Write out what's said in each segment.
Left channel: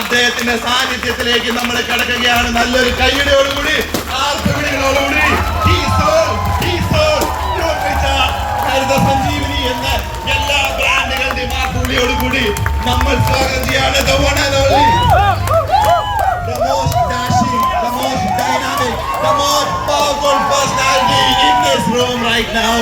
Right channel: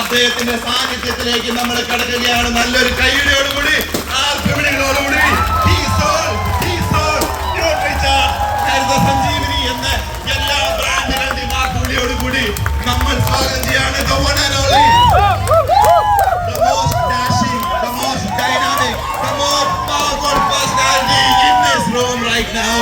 അദ്ദേഹത്തിന്റെ സാന്നിധ്യത്തിലേക്ക് നമ്മൾ കടക്കുകയാണ്. നല്ലൊരു കൈയുടെയോടുകൂടി സഞ്ജീവനി എന്ന എല്ലാ ബ്രാൻഡുകളുടെയും ആ കൂടിയോടുകൂടി നമ്മൾ സ്വാഗതം ചെയ്യാണ്. The one and only, the most dashing, the most dynamic, the most powerful personality in this room right now.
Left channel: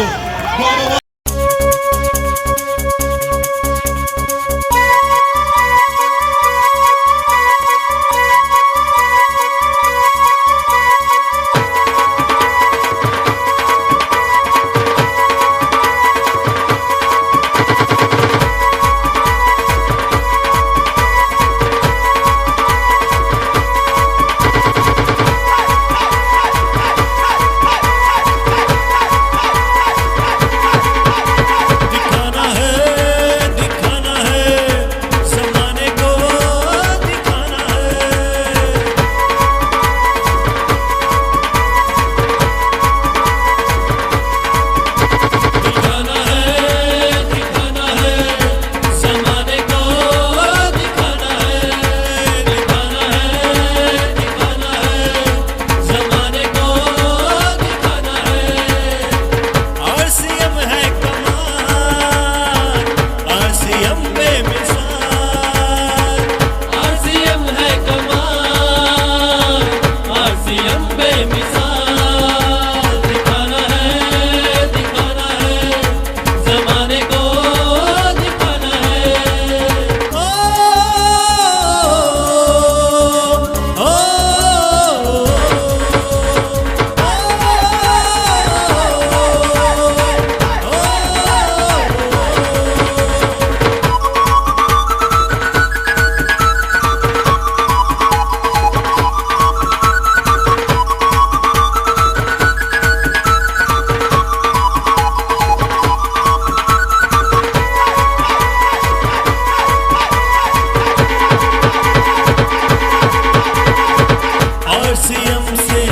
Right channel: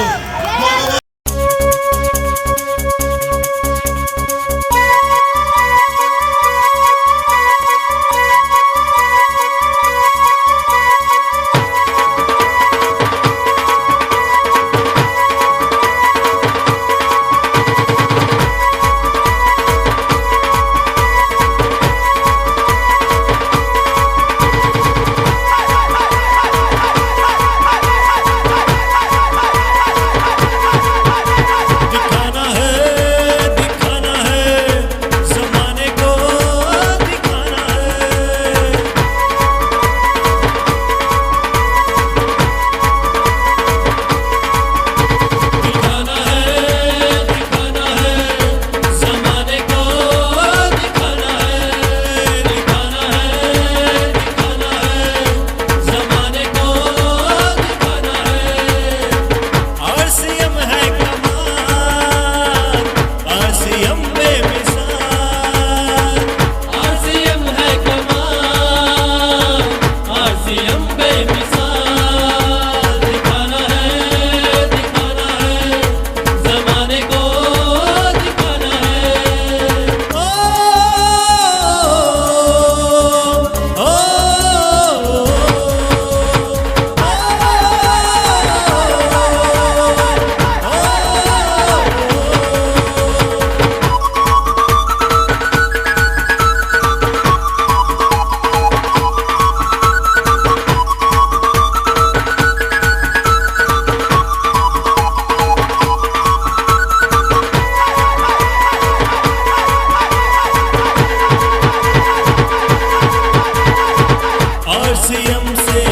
RCM से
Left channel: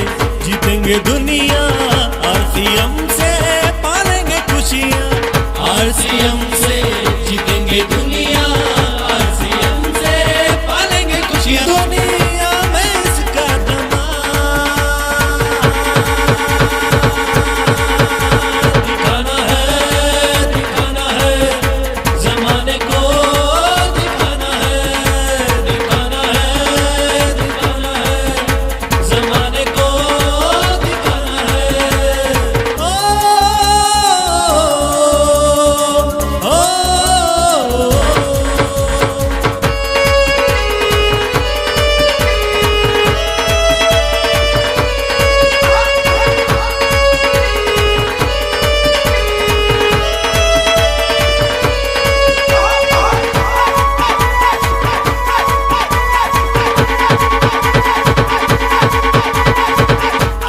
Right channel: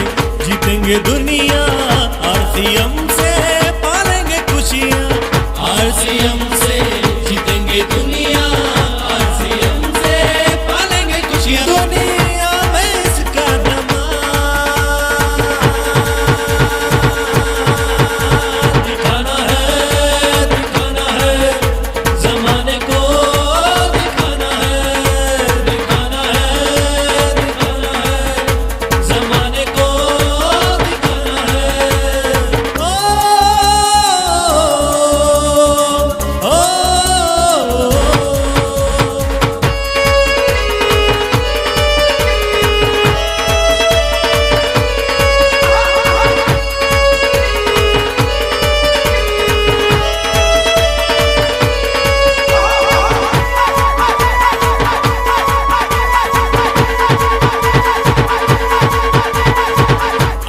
जीतेंगे दुनिया, आरसीएम से पालेंगे खुशियाँ, आरसीएम से जीतेंगे दुनिया, आरसीएम से पालेंगे खुशियाँ। दुनिया में इसका दमाम दिखाना है जमाने को, दिखाना है जमाने को, दिखाना है। ओ, ओ, ओ,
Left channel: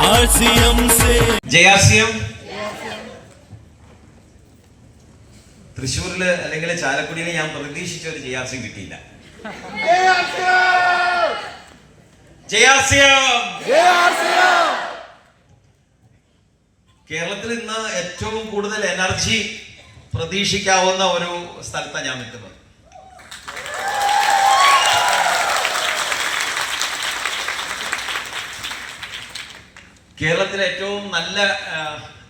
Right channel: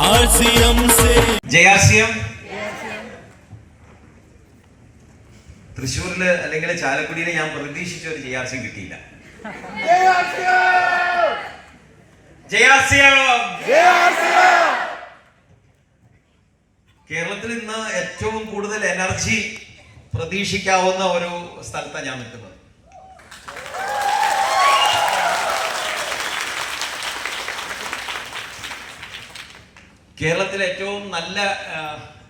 आरसीएम से JRCM തൃശ്ശൂരില് അല്ലെങ്കിൽ ചാലക്കുടിയിൽ ഞാൻ പ്രതീക്ഷിച്ച ഒരു JRCM കിട്ടിയില്ല. കേരളത്തിൽ ഇന്ന് ഏറ്റവും കൂടുതൽ എനർജി പ്രതീക്ഷിക്കാവുന്ന ഒരു സ്ഥലത്താണ് ഞാൻ നിൽക്കുന്നത്. കേരളത്തിലെ ഏറ്റവും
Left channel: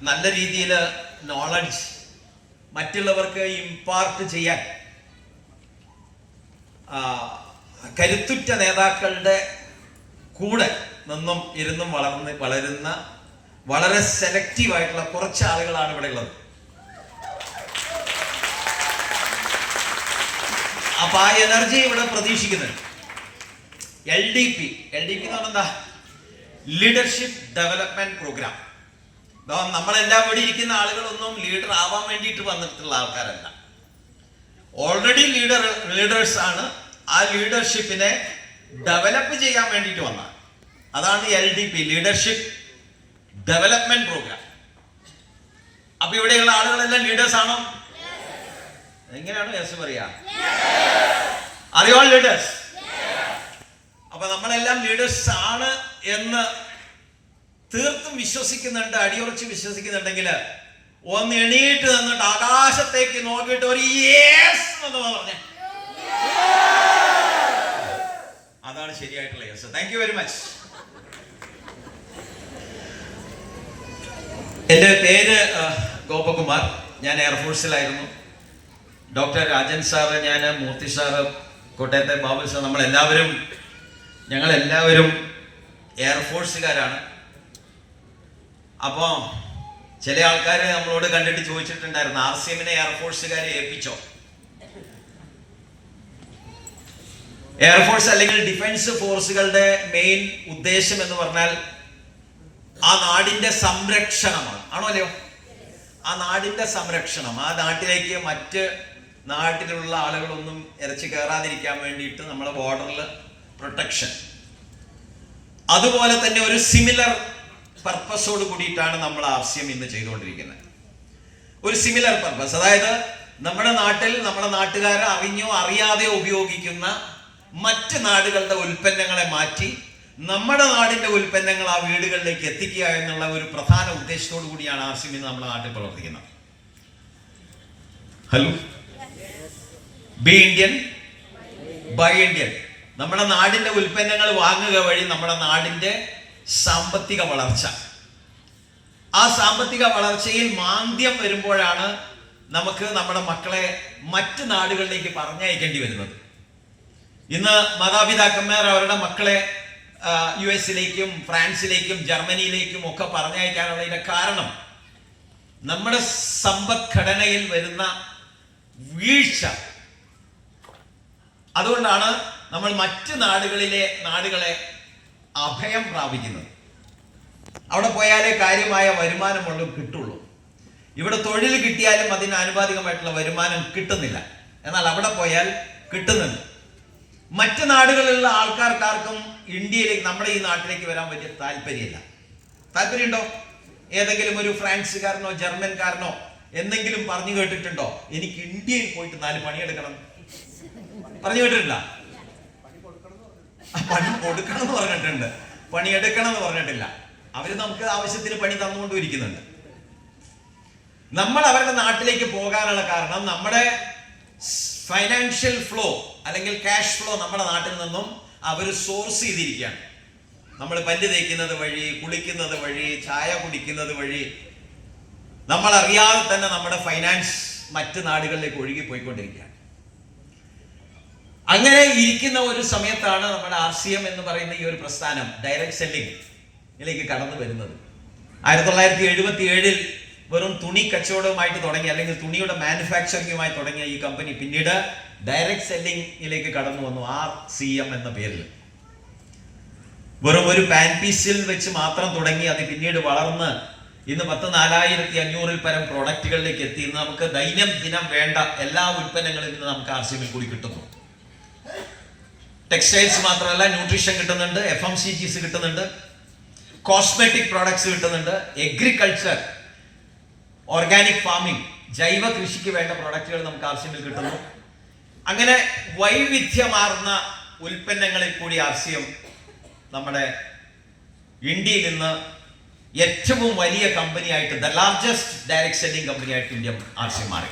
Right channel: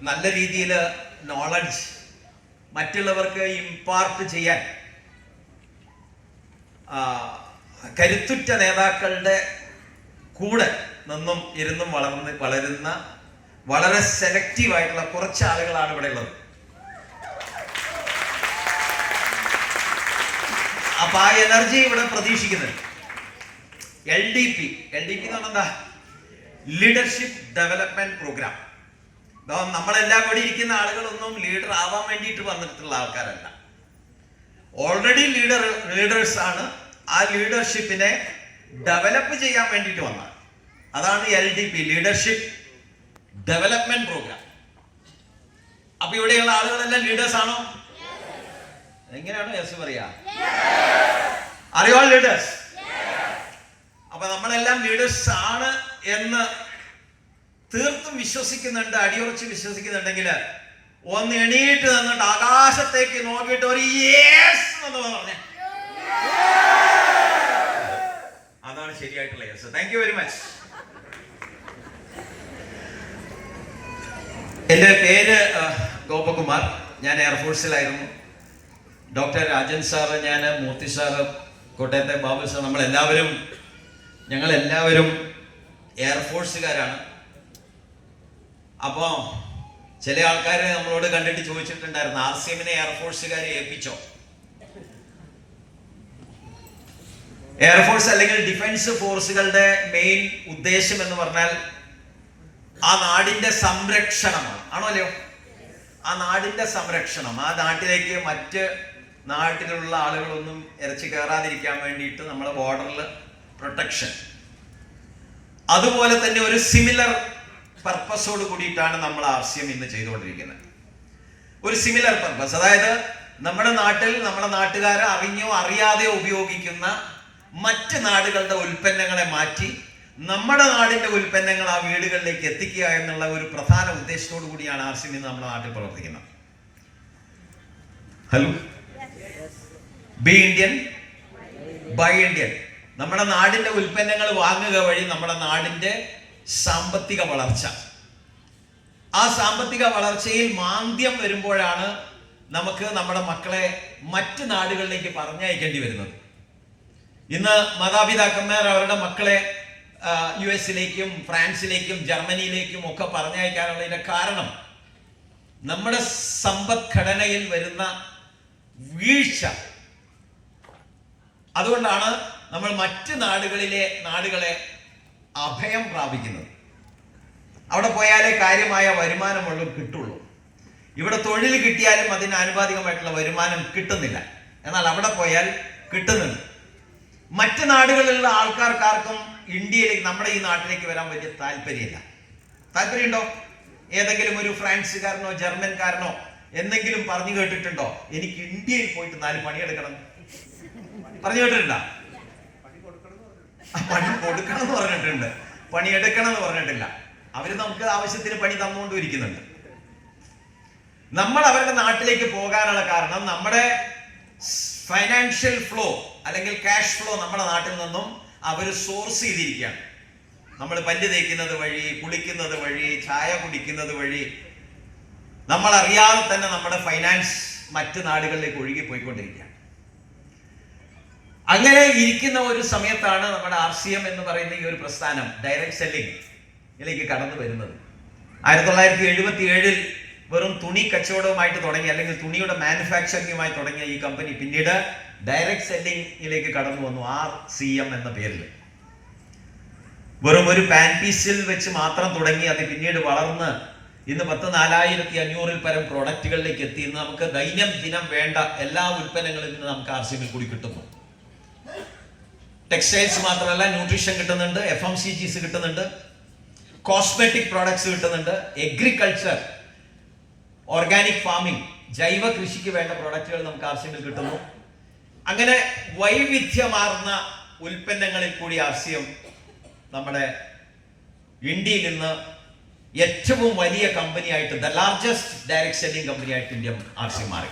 നല്ല രീതിയിൽ നോളജ് മറ്റുള്ളവർക്ക് ഇമ്പാർട്ട് ചെയ്യാൻ കരുത്തുറ്റ നേതാക്കളുടെ കൂടെ നിന്നും ഇരുന്നും വളരുന്ന വളരെ സെലക്റ്റീവ് ആയിട്ടുള്ള കുറച്ച് ആളുകളാണ് ഇവിടെ ഉള്ളത്. അപ്പൊ ആ എനർജി ഇവിടെ പ്രതീക്ഷിക്കുന്നുണ്ട്. LDP എന്ന് പറഞ്ഞാൽ എന്താ? Leadership development programme. നമ്മളെല്ലാം ഇവിടെ ഇരിക്കുന്ന ആളുകളൊന്നും ലീഡർ ആവാൻ വേണ്ടിയിട്ട് വന്നിട്ടുള്ള ആൾക്കാരല്ല. ഓൾറെഡി ലീഡേഴ്സ് ആണ്. ആ ലീഡർഷിപ്പിനെ ഡെവലപ്പ് ചെയ്യാൻ വേണ്ടിയിട്ട് വന്നത്. അതാണ് LDP, ലീഡർഷിപ്പ് ഡെവലപ്മെന്റ് പ്രോഗ്രാം. അപ്പൊ ഇവിടെയുള്ള ആളുകളെല്ലാം ലീഡേഴ്സ് ആണോ? എങ്ങനെയാണ് യെസ് പറയാ? Are you all leaders? അപ്പൊ നമ്മളെല്ലാം ലീഡേഴ്സ് ആണ് എന്ന് തീർത്തും വിശ്വസിക്കുന്നുണ്ട്, അടിയുറച്ച് വിശ്വസിക്കുന്നുണ്ടെങ്കിൽ ഒന്ന് എണീറ്റ് നിന്നിട്ട് ആകാശത്തേക്ക് നോക്കിയിട്ട് ഒരു യേസ് എന്ന് പറഞ്ഞേ. അതാണ് ശരിയായിട്ടുള്ള yes. Thank you very much. എൻ്റെ പേര് ഗോപകുമാർ. ഞാൻ എയർഫോഴ്സിലായിരുന്നു. ഡോക്ടർ രാജൻ സാറ്, ഞാൻ മൂർത്തി സാറ്, കോട്ടയത്തെ ബാബു സാർ, ഞങ്ങളെല്ലാവരും എയർഫോഴ്സുകാരാണ്. അപ്പോൾ ചില ആൾക്കാർ നമ്മളോട് കണ്ടിട്ട് ചോദിച്ചിട്ടുണ്ടായിരുന്നു, RCMനെ എയർഫോഴ്സുകാരെ ഏൽപ്പിച്ചോ? എയർഫോഴ്സ് അല്ലെങ്കിൽ ഡിഫൻസ് ഫോഴ്സുകളുടെ മെയിൻ ഉദ്ദേശം എന്ന് പറഞ്ഞാൽ ആ നാടിന്റെ സംരക്ഷണമാണ്. ആണോ അല്ലയോ? ആ നാടിന്റെ സംരക്ഷണം, ആ നാട്ടിലേക്ക് മറ്റ് നാട്ടിലുള്ള ആളുകളൊന്നും ഇറച്ചി കയറാതിരിക്കാൻ വേണ്ടിയിട്ട് നമ്മളെ ബോർഡറിൽ പ്രൊട്ടക്ഷൻ. അതുപോലെ തന്നെ ഒരു സിമിലർ പർപ്പസോട് കൂടിയിട്ടാണ് നമ്മൾ RCM ഇന്ന് ചെയ്തുകൊണ്ടിരിക്കുന്നത്. ഒരു സിമിലർ പർപ്പസ്, അതായത് നമ്മുടെ നാട്ടിൽ നമ്മുടെ നാട്ടുകാരെ അറിഞ്ഞോ അറിയാതെയോ ഉപയോഗിക്കുന്ന മറ്റ് നാടുകളുടെ ഉൽപ്പന്നങ്ങളെ മാറ്റി നമ്മുടെ നാടിന്റെ ഉൽപ്പന്നങ്ങൾ ആ വീടുകളിലേക്ക് എത്തിക്കുക എന്നുള്ള ഒരു പ്രധാന ഉദ്ദേശത്തോടു കൂടിയാണ് RCM ഇന്ന് നമ്മുടെ നാട്ടിൽ പ്രവർത്തിക്കുന്നത്. Hello, be Indian buy Indian. നമ്മുടെ നാടിന്റെ ഉൽപ്പന്നങ്ങൾ വാങ്ങുക വഴി നമ്മുടെ നാടിന്റെ സാമ്പത്തിക വളർച്ച, ആ സാമ്പത്തിക വളർച്ചയിൽ മാന്ദ്യം വരുമ്പോഴാണ് നമുക്ക് നമ്മുടെ മക്കളെ മറ്റ് നാടുകളിലേക്ക് പറഞ്ഞയക്കേണ്ടി വരുന്നത്. ഇന്ന് മാതാപിതാക്കന്മാർ അവരുടെ മക്കളെ US-ലേക്കും ഫ്രാൻസിലേക്കും ജർമ്മനിയിലേക്കും ഒക്കെ പറഞ്ഞയക്കാനുള്ളതിന്റെ കാരണം നമ്മുടെ സമ്പദ്ഘടനയിൽ വരുന്ന വീഴ്ച. അതുകൊണ്ടാണ് നമ്മൾ മറ്റ് നാടുകളെ അഭയം പ്രാപിക്കുന്നത്. അവിടെ പോയാലേ കാര്യമായ വരുമാനമുള്ളൂ കിട്ടുള്ളൂ. ഇവിടെ തൊഴിൽ കിട്ടിയാലും അതിന് ആനുപാതികമായിട്ടുള്ള വരുമാനം കിട്ടുന്നില്ല. എന്നാൽ അവിടെ പോയാൽ കിട്ടുന്നുണ്ട്. മറ്റ് നാടുകളിലുള്ള ആൾക്കാർക്കാർക്കും ഇന്ത്യയിലേക്ക്, നമ്മുടെ ഈ നാട്ടിലേക്ക് വരാൻ വലിയ താല്പര്യമില്ല. താല്പര്യമുണ്ടോ? ഏതെങ്കിലും ഒരു ഫ്രാൻസുകാരനോ ജർമ്മൻകാരനോ എന്തെങ്കിലും പറഞ്ഞു കേട്ടിട്ടുണ്ടോ എനിക്ക് ഇന്ത്യയിൽ പോയിട്ട് 4 പണിയെടുക്കണം? പറഞ്ഞു കേട്ടിട്ടില്ല. പണി കൊടുക്കണം എന്ന് പറഞ്ഞിട്ടുണ്ട്, പണിയെടുക്കണം എന്ന് പറഞ്ഞിട്ടില്ല. അവര് നമുക്ക് ആവശ്യത്തിന് പണി തന്നുകൊണ്ടിരിക്കുന്നുണ്ട്. നമ്മൾ അവരുടെ നാട്ടിലേക്ക് പോകാനുള്ള കാരണം നമ്മുടെ ഫൈനാൻഷ്യൽ ഫ്ലോ അല്ലെങ്കിൽ ക്യാഷ് ഫ്ലോ നമ്മുടെ നാട്ടിൽ നിന്നും അവർ സോഴ്സ് ചെയ്തിരിക്കുകയാണ്. നമ്മൾ പല്ല് തേക്കുന്നത് വഴി, കുളിക്കുന്നത് വഴി, ചായ കുടിക്കുന്നത് വഴി നമ്മൾ അറിയാതെ തന്നെ നമ്മുടെ ഫൈനാൻസ് മറ്റ് നാടുകളിലേക്ക് ഒഴുകി പോയിക്കൊണ്ടിരിക്കുകയാണ്. അങ്ങനെ ഇരിക്കുന്ന ഒരു സമയത്താണ് നമ്മുടെ RCM എന്ന് പറയുന്ന ഈ ഒരു പ്രസ്ഥാനം ഡയറക്റ്റ് സെല്ലിംഗിലേക്ക് കടന്നു വരുന്നത്. 1977 വെറും തുണി കച്ചവടവുമായിട്ട് തുടങ്ങി, അല്ലെങ്കിൽ തുണിയുടെ മാനുഫാക്ചറിങ്ങുമായി തുടങ്ങിയ ഈ കമ്പനി പിന്നീട് ഡയറക്റ്റ് സെല്ലിംഗിലേക്ക് കടന്നു വന്നു. RCM എന്ന പേരിൽ വെറും ഒരു പാൻ പീസിൽ വെച്ച് മാത്രം തുടങ്ങി. അത് പിന്നീട് വളർന്ന് ഇന്ന് 4,500 പരം പ്രോഡക്റ്റുകളിലേക്ക് എത്തി. ഇന്ന് നമുക്ക് ദൈനംദിനം വേണ്ട എല്ലാ ഉൽപ്പന്നങ്ങളും ഇന്ന് നമുക്ക് RCM കൂടി കിട്ടുന്നു. ടെക്സ്റ്റൈൽസ് മാത്രമല്ല, ന്യൂട്രീഷൻ കിട്ടുന്നുണ്ട്, FMCGs കിട്ടുന്നുണ്ട്, കോസ്മെറ്റിക് പ്രോഡക്ട്സ് കിട്ടുന്നുണ്ട്, എഗ്രികൾച്ചർ, ഓർഗാനിക് ഫാമിംഗ്, ജൈവ കൃഷിക്ക് വേണ്ട പ്രോഡക്റ്റുകൾ നമുക്ക് RCM കിട്ടുന്നു. അങ്ങനെ വൈവിധ്യമാർന്ന ഉൽപ്പന്നങ്ങളിൽ കൂടി RCM നമ്മുടെ ഇന്ത്യയിൽ നിന്ന് ഏറ്റവും വലിയ കമ്പനിയായിട്ട്, ദ ലാർജസ്റ്റ് ഡയറക്റ്റ് സെല്ലിംഗ് കമ്പനിയായിട്ട് ഇന്ത്യ RCM മാറി.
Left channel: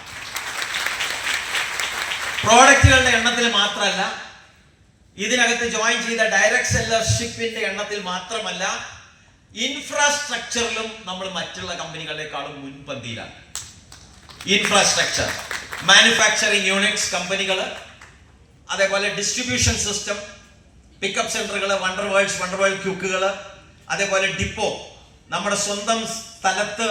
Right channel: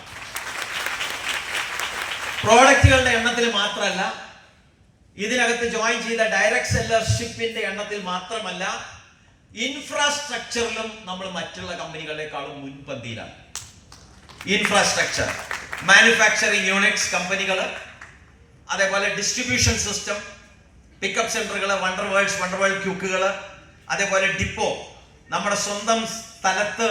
പ്രോഡക്റ്റുകളുടെ എണ്ണത്തിൽ മാത്രമല്ല, ഇതിനകത്ത് ജോയിൻ ചെയ്ത ഡയറക്റ്റ് സെല്ലർഷിപ്പിന്റെ എണ്ണത്തിൽ മാത്രമല്ല, ഇൻഫ്രാസ്ട്രക്ചറിലും നമ്മൾ മറ്റുള്ള കമ്പനികളെക്കാളും മുൻപന്തിയിലാണ്. ഇൻഫ്രാസ്ട്രക്ചർ, മാനുഫാക്ചറിങ് യൂണിറ്റ്സ് കമ്പനികൾ, അതേപോലെ ഡിസ്ട്രിബ്യൂഷൻ സിസ്റ്റം, പിക്കപ്പ് സെന്ററുകൾ, വണ്ടർ വേൾഡ് ക്യൂക്കുകൾ, അതേപോലെ ഡിപ്പോ, നമ്മുടെ സ്വന്തം സ്ഥലത്ത്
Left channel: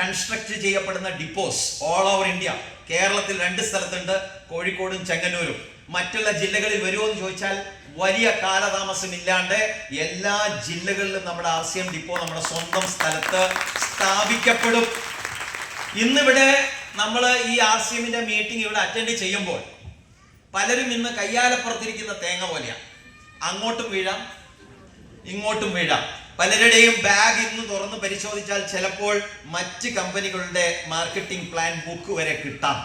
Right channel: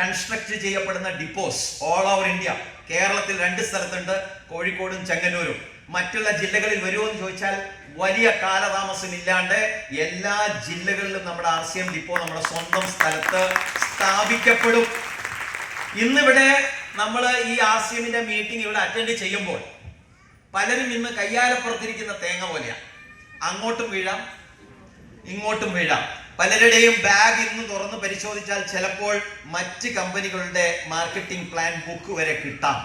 കൺസ്ട്രക്ട് ചെയ്യപ്പെടുന്ന ഡിപ്പോസ് ഓൾ ഓവർ ഇന്ത്യ. കേരളത്തിൽ 2 സ്ഥലത്തുണ്ട്, കോഴിക്കോടും ചെങ്ങന്നൂരും. മറ്റുള്ള ജില്ലകളിൽ വരുമോ എന്ന് ചോദിച്ചാൽ വലിയ കാലതാമസമില്ലാണ്ട് എല്ലാ ജില്ലകളിലും നമ്മുടെ RCM ഡിപ്പോ നമ്മുടെ സ്വന്തം സ്ഥലത്ത് സ്ഥാപിക്കപ്പെടും. ഇന്നിവിടെ നമ്മൾ ഈ RCMന്റെ മീറ്റിംഗ് ഇവിടെ അറ്റൻഡ് ചെയ്യുമ്പോൾ പലരും ഇന്ന് കയ്യാലപ്പുറത്തിരിക്കുന്ന തേങ്ങ പോലെയാണ്. അങ്ങോട്ടും വീഴാം, ഇങ്ങോട്ടും വീഴാം. പലരുടെയും ബാഗ് ഇന്ന് തുറന്ന് പരിശോധിച്ചാൽ ചിലപ്പോൾ മറ്റ് കമ്പനികളുടെ മാർക്കറ്റിംഗ് പ്ലാൻ ബുക്ക് വരെ കിട്ടാം.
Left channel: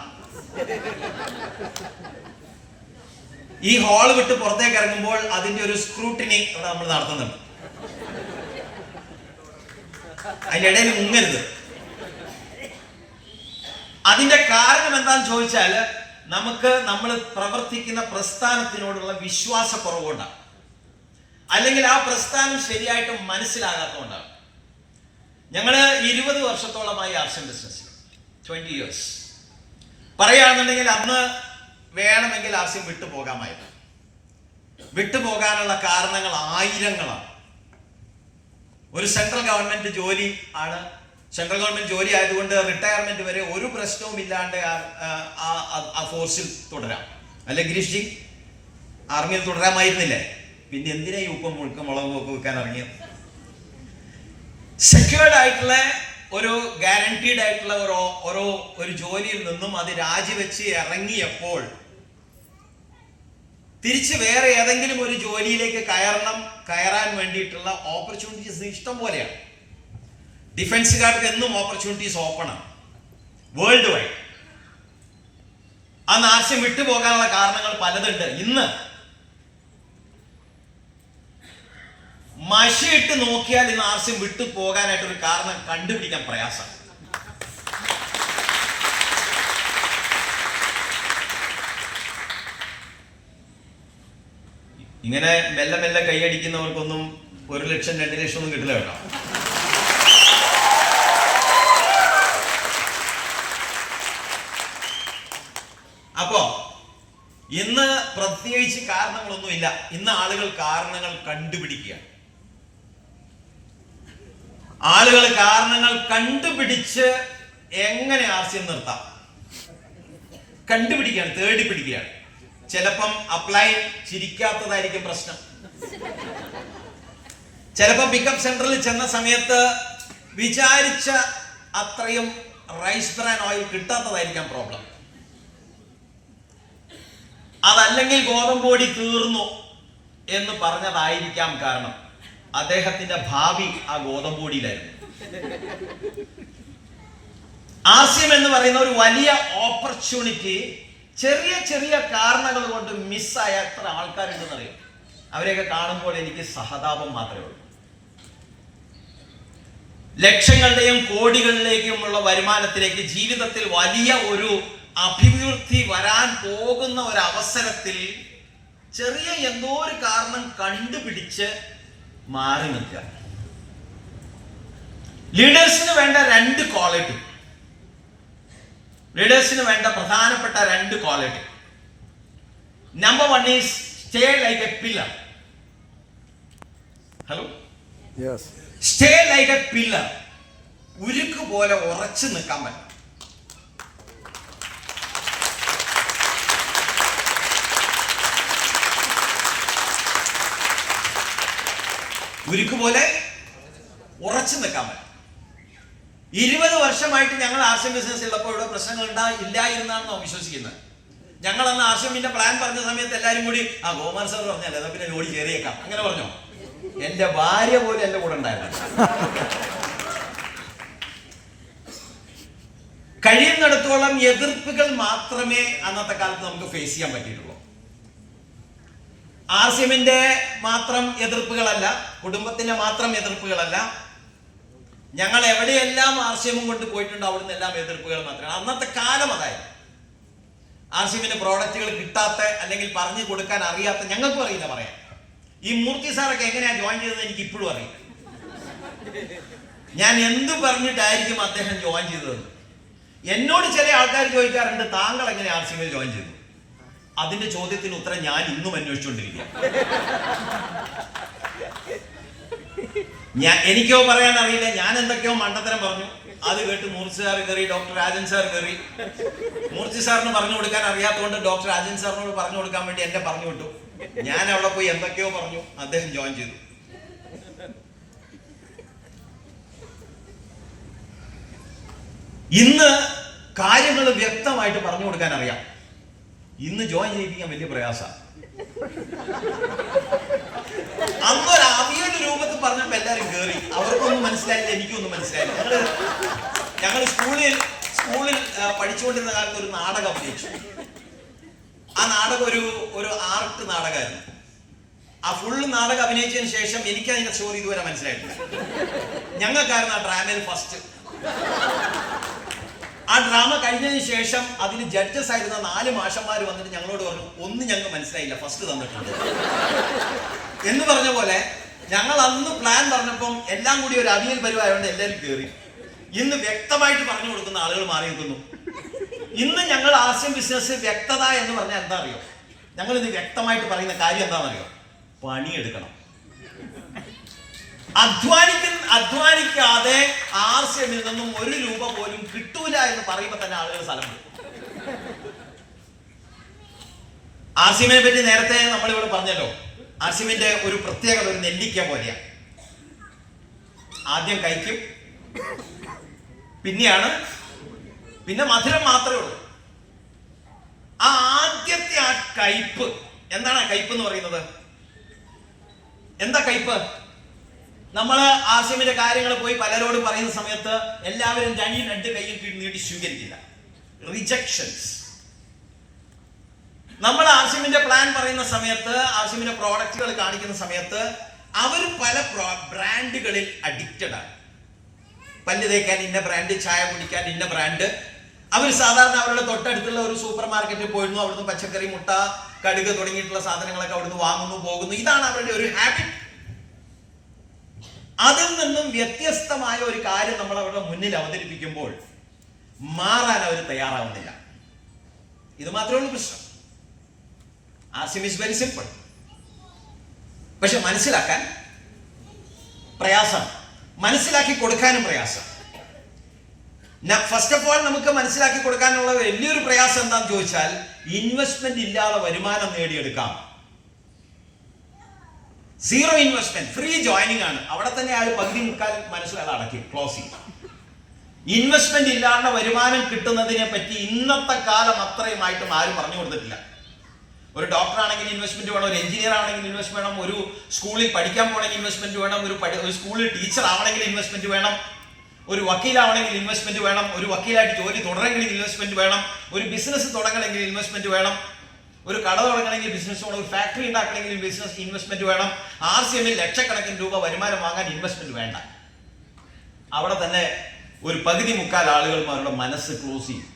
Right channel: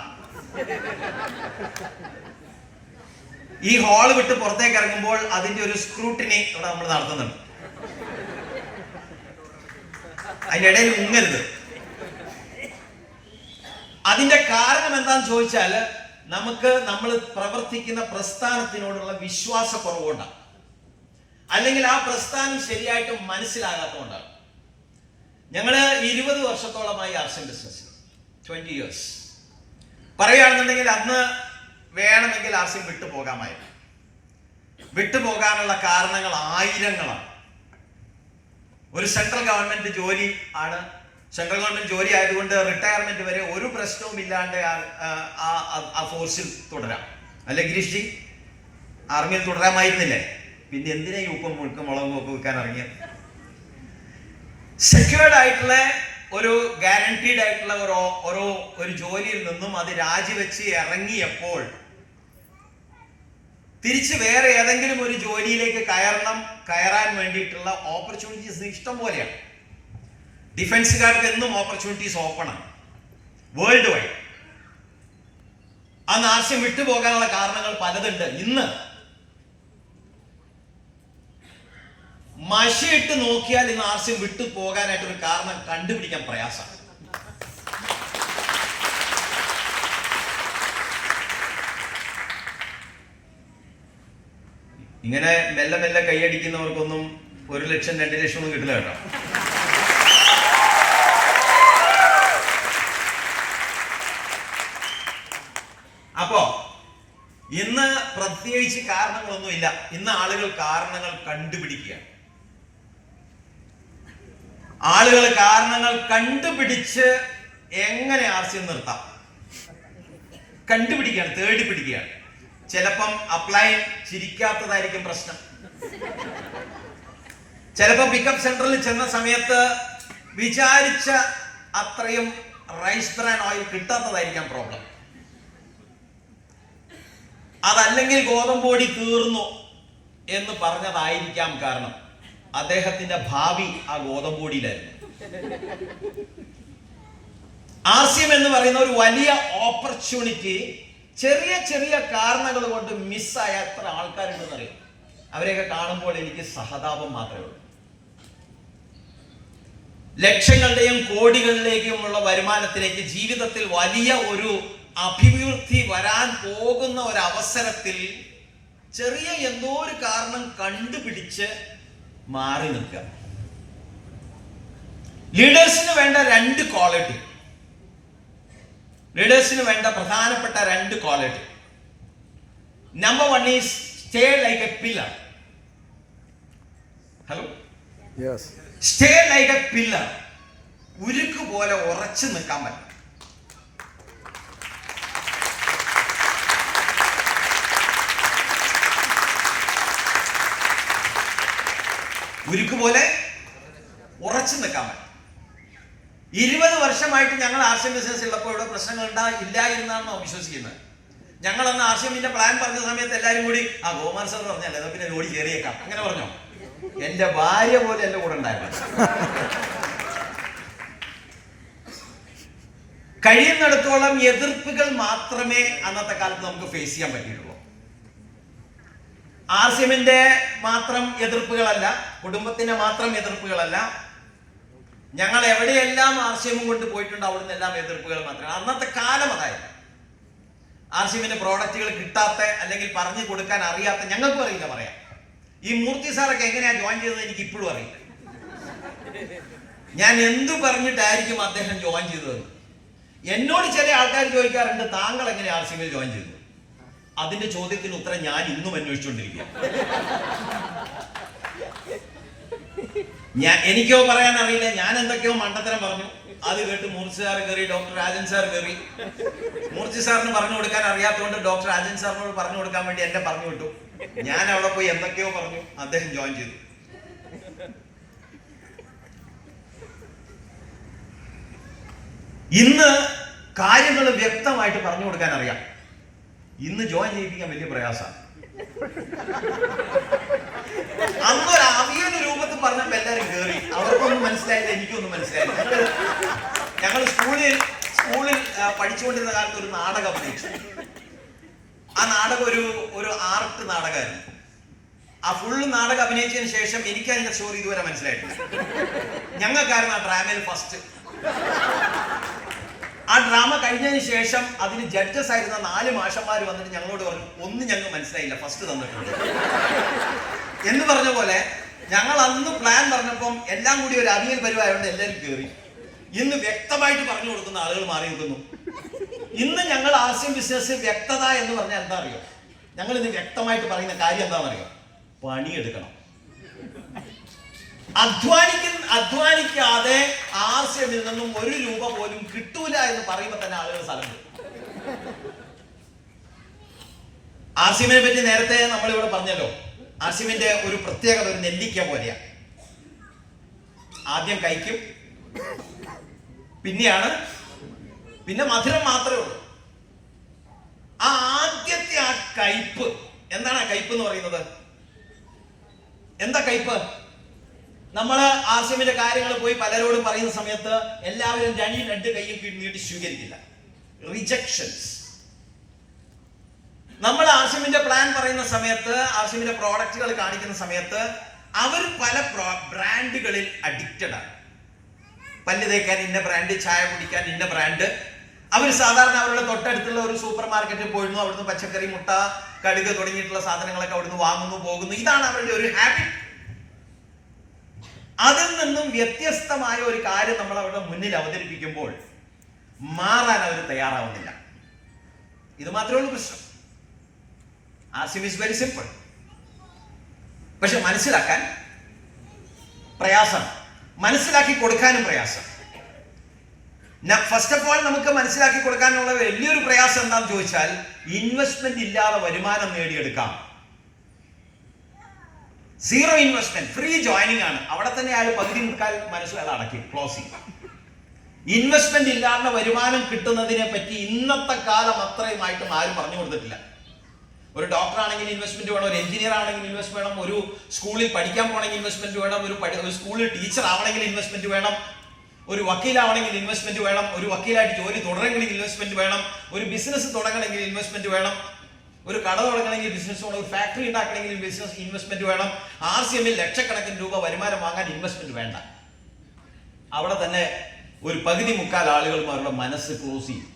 ഈ ഹാള് വിട്ട് പുറത്തേക്ക് ഇറങ്ങുമ്പോൾ അതിന്റെ ഒരു സ്ക്രൂട്ടിനി ഇവിടെ നമ്മൾ നടത്തുന്നുണ്ട്. അതിന്റെ ഇടയിൽ മുങ്ങരുത്. അതിന്റെ കാരണം എന്താന്ന് ചോദിച്ചാൽ നമ്മൾ പ്രവർത്തിക്കുന്ന പ്രസ്ഥാനത്തിനോടുള്ള വിശ്വാസക്കുറവുകൊണ്ടാണ്. അല്ലെങ്കിൽ ആ പ്രസ്ഥാനം ശരിയായിട്ട് മനസ്സിലാകാത്തതുകൊണ്ടാണ്. ഞങ്ങള് 20 വർഷത്തോളമായി ആർസിഎം ബിസിനസ്, 20 years. പറയുകയാണെന്നുണ്ടെങ്കിൽ അന്ന് വേണമെങ്കിൽ ആർസിഎം വിട്ടുപോകാമായിരുന്നു. വിട്ടുപോകാനുള്ള കാരണങ്ങൾ ആയിരങ്ങളാണ്. ഒരു സെൻട്രൽ ഗവൺമെന്റ് ജോലി ആണ്. സെൻട്രൽ ഗവൺമെന്റ് ജോലി ആയതുകൊണ്ട് റിട്ടയർമെന്റ് വരെ ഒരു പ്രശ്നവും ഇല്ലാണ്ട് ആ ഫോഴ്സിൽ തുടരാം. അല്ലെ ഗിരീഷ് ജി, ആർമിയിൽ തുടരാമായിരുന്നില്ലേ? പിന്നെ എന്തിനാ ഈ ഉപ്പും മുഴുക്കും മുളകും ഒക്കെ വെക്കാൻ ഇറങ്ങിയത്? സെക്യൂർഡ് ആയിട്ടുള്ള ഒരു ഗ്യാരണ്ടീഡ് ആയിട്ടുള്ള ഒരു ജോലിയിൽ നിന്നും അത് രാജിവെച്ച് ഇറങ്ങിയപ്പോൾ തിരിച്ച് വേറെ ഏതെങ്കിലും ഒരു ജോലിയിലേക്ക് കയറാൻ വേണ്ടിയിട്ടുള്ള ഓപ്പർച്യൂണിറ്റീസ് ഇഷ്ടം പോലെയാണ്. ഡിഫൻസുകാർക്ക് എന്നും ഓപ്പർച്യൂണിറ്റീസ് ഓപ്പൺ ആണ്, വേൾഡ് വൈഡ്. ആ ആർസിഎം വിട്ടുപോകാനുള്ള കാരണങ്ങൾ പലതുണ്ട്. ഇന്ന് മഷിയിട്ട് നോക്കിയാൽ ഇന്ന് ആർസിഎം വിട്ടു പോകാനായിട്ടൊരു കാരണം കണ്ടുപിടിക്കാൻ പ്രയാസമാണ്. ഇങ്ങനെ മെല്ലെ മെല്ലെ കൈയടിക്കുന്നവർക്കൊന്നും 1 ലക്ഷം 2 ലക്ഷം ഒന്നും കിട്ടില്ല കേട്ടോ. അപ്പോ ഇന്ന് പ്രത്യേകിച്ച് കാരണങ്ങളൊന്നുമില്ല. ഇന്ന് ആളുകൾ കാരണങ്ങൾ കണ്ടുപിടിക്കുകയാണ്. ആളുകൾ കാരണങ്ങൾ കണ്ടുപിടിച്ച് എങ്ങനെ ആർസിഎം നിർത്താം കണ്ടുപിടിക്കുകയാണ്, തേടി പിടിക്കുകയാണ്. ചിലപ്പം അപ്ലൈൻ ചിരിക്കാത്തതായിരിക്കും പ്രശ്നം. ചിലപ്പോൾ പിക്കപ്പ് സെന്ററിൽ ചെന്ന സമയത്ത് വിചാരിച്ച അത്രയും റൈസ് ബ്രാൻ ഓയിൽ കിട്ടാത്തതായിരിക്കാം പ്രോബ്ലം. അതല്ലെങ്കിൽ ഗോതമ്പ് പൊടി തീർന്നു എന്ന് പറഞ്ഞതായിരിക്കാം കാരണം. അദ്ദേഹത്തിന്റെ ഭാവി ആ ഗോതമ്പ് പൊടിയിലായിരുന്നു. ആർസിഎം എന്ന് പറയുന്ന ഒരു വലിയ ഓപ്പർച്യൂണിറ്റി ചെറിയ ചെറിയ കാരണങ്ങൾ കൊണ്ട് മിസ്സായ എത്ര ആൾക്കാരുണ്ടെന്ന് അറിയാം. അവരെയൊക്കെ കാണുമ്പോൾ എനിക്ക് സഹതാപം മാത്രമേ ഉള്ളൂ. ലക്ഷങ്ങളുടെയും കോടികളിലേക്കുമുള്ള വരുമാനത്തിലേക്ക് ജീവിതത്തിൽ വലിയ ഒരു അഭിവൃദ്ധി വരാൻ പോകുന്ന ഒരു അവസരത്തിൽ ചെറിയ എന്തോ ഒരു കാരണം കണ്ടുപിടിച്ച് മാറി നിൽക്കുക. ലീഡേഴ്സിന് വേണ്ട 2 ക്വാളിറ്റി, ലീഡേഴ്സിന് വേണ്ട പ്രധാനപ്പെട്ട 2 quality. Number 1 is stay like A pillar. Hello, stay like A pillar. ഉരുക്ക് പോലെ ഉറച്ചു നിൽക്കാൻ പറ്റും. ഉരുക്ക് പോലെ ഉറച്ചു നിൽക്കാൻ പറ്റും. 20 വർഷമായിട്ട് ഞങ്ങൾ ആർസിഎം ബിസിനസ് ഉള്ളപ്പോൾ ഇവിടെ പ്രശ്നങ്ങൾ ഇല്ലായിരുന്നാണ് വിശ്വസിക്കുന്നത്. ഞങ്ങൾ അന്ന് ആർസിഎമ്മിന്റെ പ്ലാൻ പറഞ്ഞ സമയത്ത് എല്ലാവരും കൂടി ഗോമാർ സാർ പറഞ്ഞല്ലേ പിന്നെ ജോലി കയറിയേക്കാം അങ്ങനെ പറഞ്ഞോ. എന്റെ ഭാര്യ പോലും എന്റെ കൂടെ ഉണ്ടായിരുന്നു. കഴിയുന്നിടത്തോളം എതിർപ്പുകൾ മാത്രമേ അന്നത്തെ കാലത്ത് നമുക്ക് ഫേസ് ചെയ്യാൻ പറ്റിയിട്ടുള്ളൂ. ആർസിഎമ്മിന്റെ മാത്രം എതിർപ്പുകളല്ല, കുടുംബത്തിന്റെ മാത്രം എതിർപ്പുകളല്ല, ഞങ്ങൾ എവിടെയെല്ലാം ആർസിഎമ്മും കൊണ്ട് പോയിട്ടുണ്ട് അവിടുന്ന് എല്ലാം എതിർപ്പുകൾ മാത്രമാണ്. അന്നത്തെ കാലം അതായത് ആർസിഎമ്മിന്റെ പ്രോഡക്റ്റുകൾ കിട്ടാത്ത അല്ലെങ്കിൽ പറഞ്ഞു കൊടുക്കാൻ അറിയാത്ത, ഞങ്ങൾക്കും അറിയില്ല പറയാൻ. ഈ മൂർത്തി സാറൊക്കെ എങ്ങനെയാ ജോയിൻ ചെയ്തത് എനിക്ക് ഇപ്പോഴും അറിയില്ല. ഞാൻ എന്തു പറഞ്ഞിട്ടായിരിക്കും അദ്ദേഹം ജോയിൻ ചെയ്തത്. എന്നോട് ചില ആൾക്കാർ ചോദിക്കാറുണ്ട്, താങ്കൾ എങ്ങനെ ആർസിഎമ്മിൽ ജോയിൻ ചെയ്തു? അതിന്റെ ചോദ്യത്തിന് ഉത്തരം ഞാൻ ഇന്നും അന്വേഷിച്ചുകൊണ്ടിരിക്കുക. എനിക്കോ പറയാൻ അറിയില്ല. ഞാൻ എന്തൊക്കെയോ മണ്ടത്തരം പറഞ്ഞു. അത് കേട്ട് മൂർത്തി സാർ കയറി, ഡോക്ടർ രാജൻ സാർ കയറി. മൂർത്തി സാറിന് പറഞ്ഞു കൊടുക്കാൻ അറിയാത്തതുകൊണ്ട് ഡോക്ടർ രാജൻ സാറിനോട് പറഞ്ഞു കൊടുക്കാൻ വേണ്ടി എന്നെ പറഞ്ഞു വിട്ടു. ഞാൻ അവിടെ പോയി എന്തൊക്കെയോ പറഞ്ഞു, അദ്ദേഹം ജോയിൻ ചെയ്തു. ഇന്ന് കാര്യങ്ങൾ വ്യക്തമായിട്ട് പറഞ്ഞു കൊടുക്കാൻ അറിയാം. ഇന്ന് ജോയിൻ ചെയ്യിപ്പിക്കാൻ വലിയ പ്രയാസമാണ്. അന്നൊരു അവിയൽ രൂപത്തിൽ പറഞ്ഞപ്പോ എല്ലാരും കേറി. അവർക്കൊന്നും മനസ്സിലായില്ല, എനിക്കൊന്നും മനസ്സിലായില്ല. ഞങ്ങൾ സ്കൂളിൽ പഠിച്ചുകൊണ്ടിരുന്ന കാലത്ത് ഒരു നാടകം അഭിനയിച്ചു. ആ നാടകം ഒരു ആർട്ട് നാടകമായിരുന്നു. ആ ഫുള്ള് നാടകം അഭിനയിച്ചതിന് ശേഷം എനിക്ക് അതിന്റെ സ്റ്റോറി ഇതുവരെ മനസ്സിലായിട്ടില്ല. ഞങ്ങൾക്കായിരുന്നു ആ ഡ്രാമയിൽ ഫസ്റ്റ്. ആ ഡ്രാമ കഴിഞ്ഞതിന് ശേഷം അതിന് ജഡ്ജസ് ആയിരുന്ന 4 മാഷന്മാർ വന്നിട്ട് ഞങ്ങളോട് പറഞ്ഞു, ഒന്നും ഞങ്ങൾക്ക് മനസ്സിലായില്ല, ഫസ്റ്റ് തന്നിട്ടുണ്ട്. എന്ന് പറഞ്ഞ പോലെ ഞങ്ങൾ അന്ന് പ്ലാൻ പറഞ്ഞപ്പം എല്ലാം കൂടി ഒരു അവിയൽ പരിവായതുകൊണ്ട് എല്ലാവരും കയറി. ഇന്ന് വ്യക്തമായിട്ട് പറഞ്ഞു കൊടുക്കുന്ന ആളുകൾ മാറി നിൽക്കുന്നു. ഇന്ന് ഞങ്ങൾ ആർസിഎം ബിസിനസ് വ്യക്തത എന്ന് പറഞ്ഞാൽ എന്താ അറിയോ? ഞങ്ങൾ ഇന്ന് വ്യക്തമായിട്ട് പറയുന്ന കാര്യം എന്താണെന്നറിയോ? പണിയെടുക്കണം. അധ്വാനിക്കാതെ ആർസിഎമ്മിൽ നിന്നും 1 രൂപ പോലും കിട്ടൂല എന്ന് പറയുമ്പോൾ തന്നെ ആളുകൾ സ്ഥലം വിടും. ആർസിഎമ്മിനെ പറ്റി നേരത്തെ നമ്മളിവിടെ പറഞ്ഞല്ലോ. ആർസിഎമ്മിന്റെ ഒരു പ്രത്യേകത ഒരു നെല്ലിക്ക പോലെയാണ്. ആദ്യം കഴിക്കും, പിന്നെ മധുരം മാത്രമേ ഉള്ളൂ. ആ ആദ്യത്തെ ആ കയ്പ്, എന്താണ് ആ കയ്പ് എന്ന് പറയുന്നത്? എന്താ കയ്പ്? നമ്മൾ ആർസിഎമ്മിന്റെ കാര്യങ്ങൾ പോയി പലരോടും പറയുന്ന സമയത്ത് എല്ലാവരും 2 കൈയും നീട്ടി സ്വീകരിക്കില്ല. റിജക്ഷൻസ്. നമ്മൾ ആർസിഎമ്മിന്റെ പ്ലാൻ പറയുന്ന സമയത്ത്, ആർസിഎമ്മിന്റെ പ്രോഡക്റ്റുകൾ കാണിക്കുന്ന സമയത്ത് അവർ പല ബ്രാൻഡുകളിൽ അഡിക്റ്റഡ് ആണ്. പല്ല് തേക്കാൻ ഇന്ന ബ്രാൻഡ്, ചായ കുടിക്കാൻ ഇന്ന ബ്രാൻഡ്. അവർ സാധാരണ അവരുടെ തൊട്ടടുത്തുള്ള ഒരു സൂപ്പർ മാർക്കറ്റിൽ പോയിരുന്നു. അവിടുന്ന് പച്ചക്കറി, മുട്ട, കടുക് തുടങ്ങിയിട്ടുള്ള സാധനങ്ങളൊക്കെ അവിടുന്ന് വാങ്ങുന്നു, പോകുന്നു. ഇതാണ് അവരുടെ ഒരു ഹാബിറ്റ്. അതിൽ നിന്നും വ്യത്യസ്തമായ ഒരു കാര്യം നമ്മൾ അവരുടെ മുന്നിൽ അവതരിപ്പിക്കുമ്പോൾ മാറാൻ അവർ തയ്യാറാവുന്നില്ല. ഇത് മാത്രമേ ഉള്ളൂ പ്രശ്നം. RCM is very simple. പക്ഷെ മനസ്സിലാക്കാൻ പ്രയാസം, മനസ്സിലാക്കി കൊടുക്കാനും പ്രയാസം. ഫസ്റ്റ് ഓഫ് ഓൾ നമുക്ക് മനസ്സിലാക്കി കൊടുക്കാനുള്ള വലിയൊരു പ്രയാസം എന്താണെന്ന് ചോദിച്ചാൽ, ഇൻവെസ്റ്റ്മെന്റ് ഇല്ലാതെ വരുമാനം നേടിയെടുക്കാം. 0 ഇൻവെസ്റ്റ്മെന്റ്, ഫ്രീ ജോയിനിങ് ആണ്. അവിടെ തന്നെ അയാൾ പകുതി മുക്കാൽ മനസ്സിലാൾ അടക്കി ക്ലോസ് ചെയ്യും. ഇൻവെസ്റ്റ്മെന്റ് ഇല്ലാതെ വരുമാനം കിട്ടുന്നതിനെ പറ്റി ഇന്നത്തെ കാലം അത്രയുമായിട്ടും ആരും പറഞ്ഞു കൊടുത്തിട്ടില്ല. ഒരു ഡോക്ടർ ആണെങ്കിൽ ഇൻവെസ്റ്റ്മെന്റ് വേണം, ഒരു എഞ്ചിനീയർ ആണെങ്കിൽ ഇൻവെസ്റ്റ്മെന്റ് വേണം, ഒരു സ്കൂളിൽ പഠിക്കാൻ പോകണമെങ്കിൽ ഇൻവെസ്റ്റ്മെന്റ് വേണം, ഒരു സ്കൂളിൽ ടീച്ചർ ആവണമെങ്കിൽ ഇൻവെസ്റ്റ്മെന്റ് വേണം, ഒരു വക്കീലാവണമെങ്കിൽ ഇൻവെസ്റ്റ്മെന്റ് വേണം, ഒരു വക്കീലായിട്ട് ജോലി തുടരണമെങ്കിൽ ഇൻവെസ്റ്റ്മെന്റ് വേണം, ഒരു ബിസിനസ് തുടങ്ങണമെങ്കിൽ ഇൻവെസ്റ്റ്മെന്റ് വേണം, ഒരു കട തുടങ്ങണമെങ്കിൽ ബിസിനസ് വേണം, ഒരു ഫാക്ടറി ഉണ്ടാക്കണമെങ്കിൽ ബിസിനസ് ഇൻവെസ്റ്റ്മെന്റ് വേണം. ആർസിഎമ്മിൽ ലക്ഷക്കണക്കിന് രൂപ വരുമാനം വാങ്ങാൻ ഇൻവെസ്റ്റ്മെന്റ് വേണ്ട. അവിടെ തന്നെ ഒരു പകുതി മുക്കാൽ ആളുകൾ അവരുടെ മനസ്സ് ക്ലോസ് ചെയ്യും.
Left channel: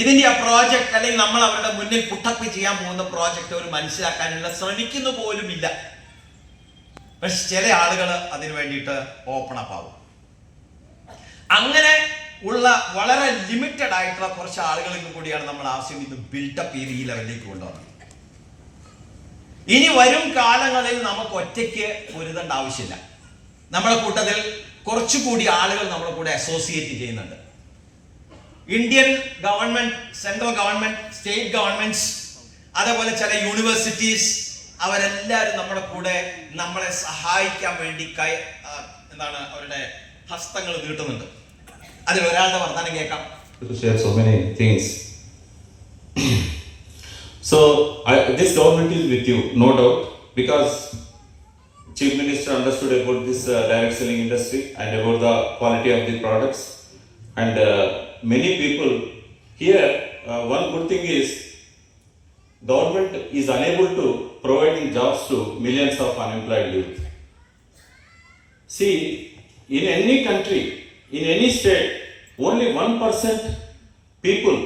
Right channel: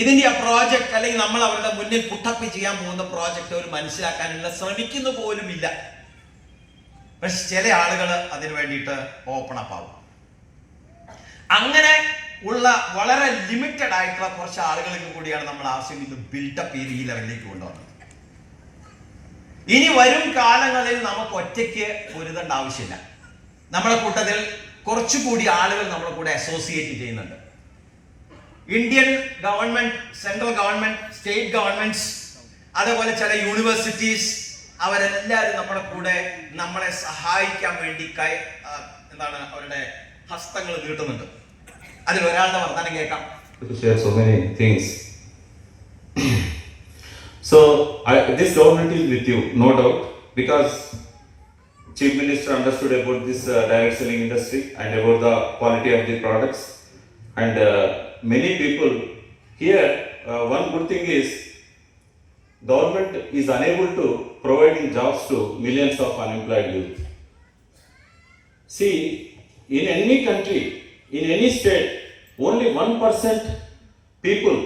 ഇതിന്റെ ആ പ്രോജക്റ്റ് അല്ലെങ്കിൽ നമ്മൾ അവരുടെ മുന്നിൽ പുട്ടപ്പ് ചെയ്യാൻ പോകുന്ന പ്രോജക്റ്റ് അവർ മനസ്സിലാക്കാനുള്ള ശ്രമിക്കുന്ന പോലുമില്ല. പക്ഷെ ചില ആളുകൾ അതിനു വേണ്ടിയിട്ട് ഓപ്പൺ അപ്പ് ആവും. അങ്ങനെ ഉള്ള വളരെ ലിമിറ്റഡ് ആയിട്ടുള്ള കുറച്ച് ആളുകൾക്ക് കൂടിയാണ് നമ്മൾ ആർസിഎം ഇത് ബിൽഡപ്പ് ചെയ്ത് ഈ ലെവലിലേക്ക് കൊണ്ടുവന്നത്. ഇനി വരും കാലങ്ങളിൽ നമുക്ക് ഒറ്റയ്ക്ക് പൊരുതേണ്ട ആവശ്യമില്ല. നമ്മുടെ കൂട്ടത്തിൽ കുറച്ചുകൂടി ആളുകൾ നമ്മുടെ കൂടെ അസോസിയേറ്റ് ചെയ്യുന്നുണ്ട്. Indian government, central government, state governments, അതേപോലെ ചില യൂണിവേഴ്സിറ്റീസ്, അവരെല്ലാവരും നമ്മുടെ കൂടെ നമ്മളെ സഹായിക്കാൻ വേണ്ടി അവരുടെ ഹസ്തങ്ങൾ നീട്ടുന്നുണ്ട്. അതിൽ ഒരാളുടെ വർത്തമാനം കേൾക്കാം. To share so many things. So this government is with you, no doubt, because Chief Minister understood about this direct selling industry and about the quality of the products, and many people here. One good thing is government is unable to providing jobs to millions of unemployed youth. See, in any country, in any state, only 1% people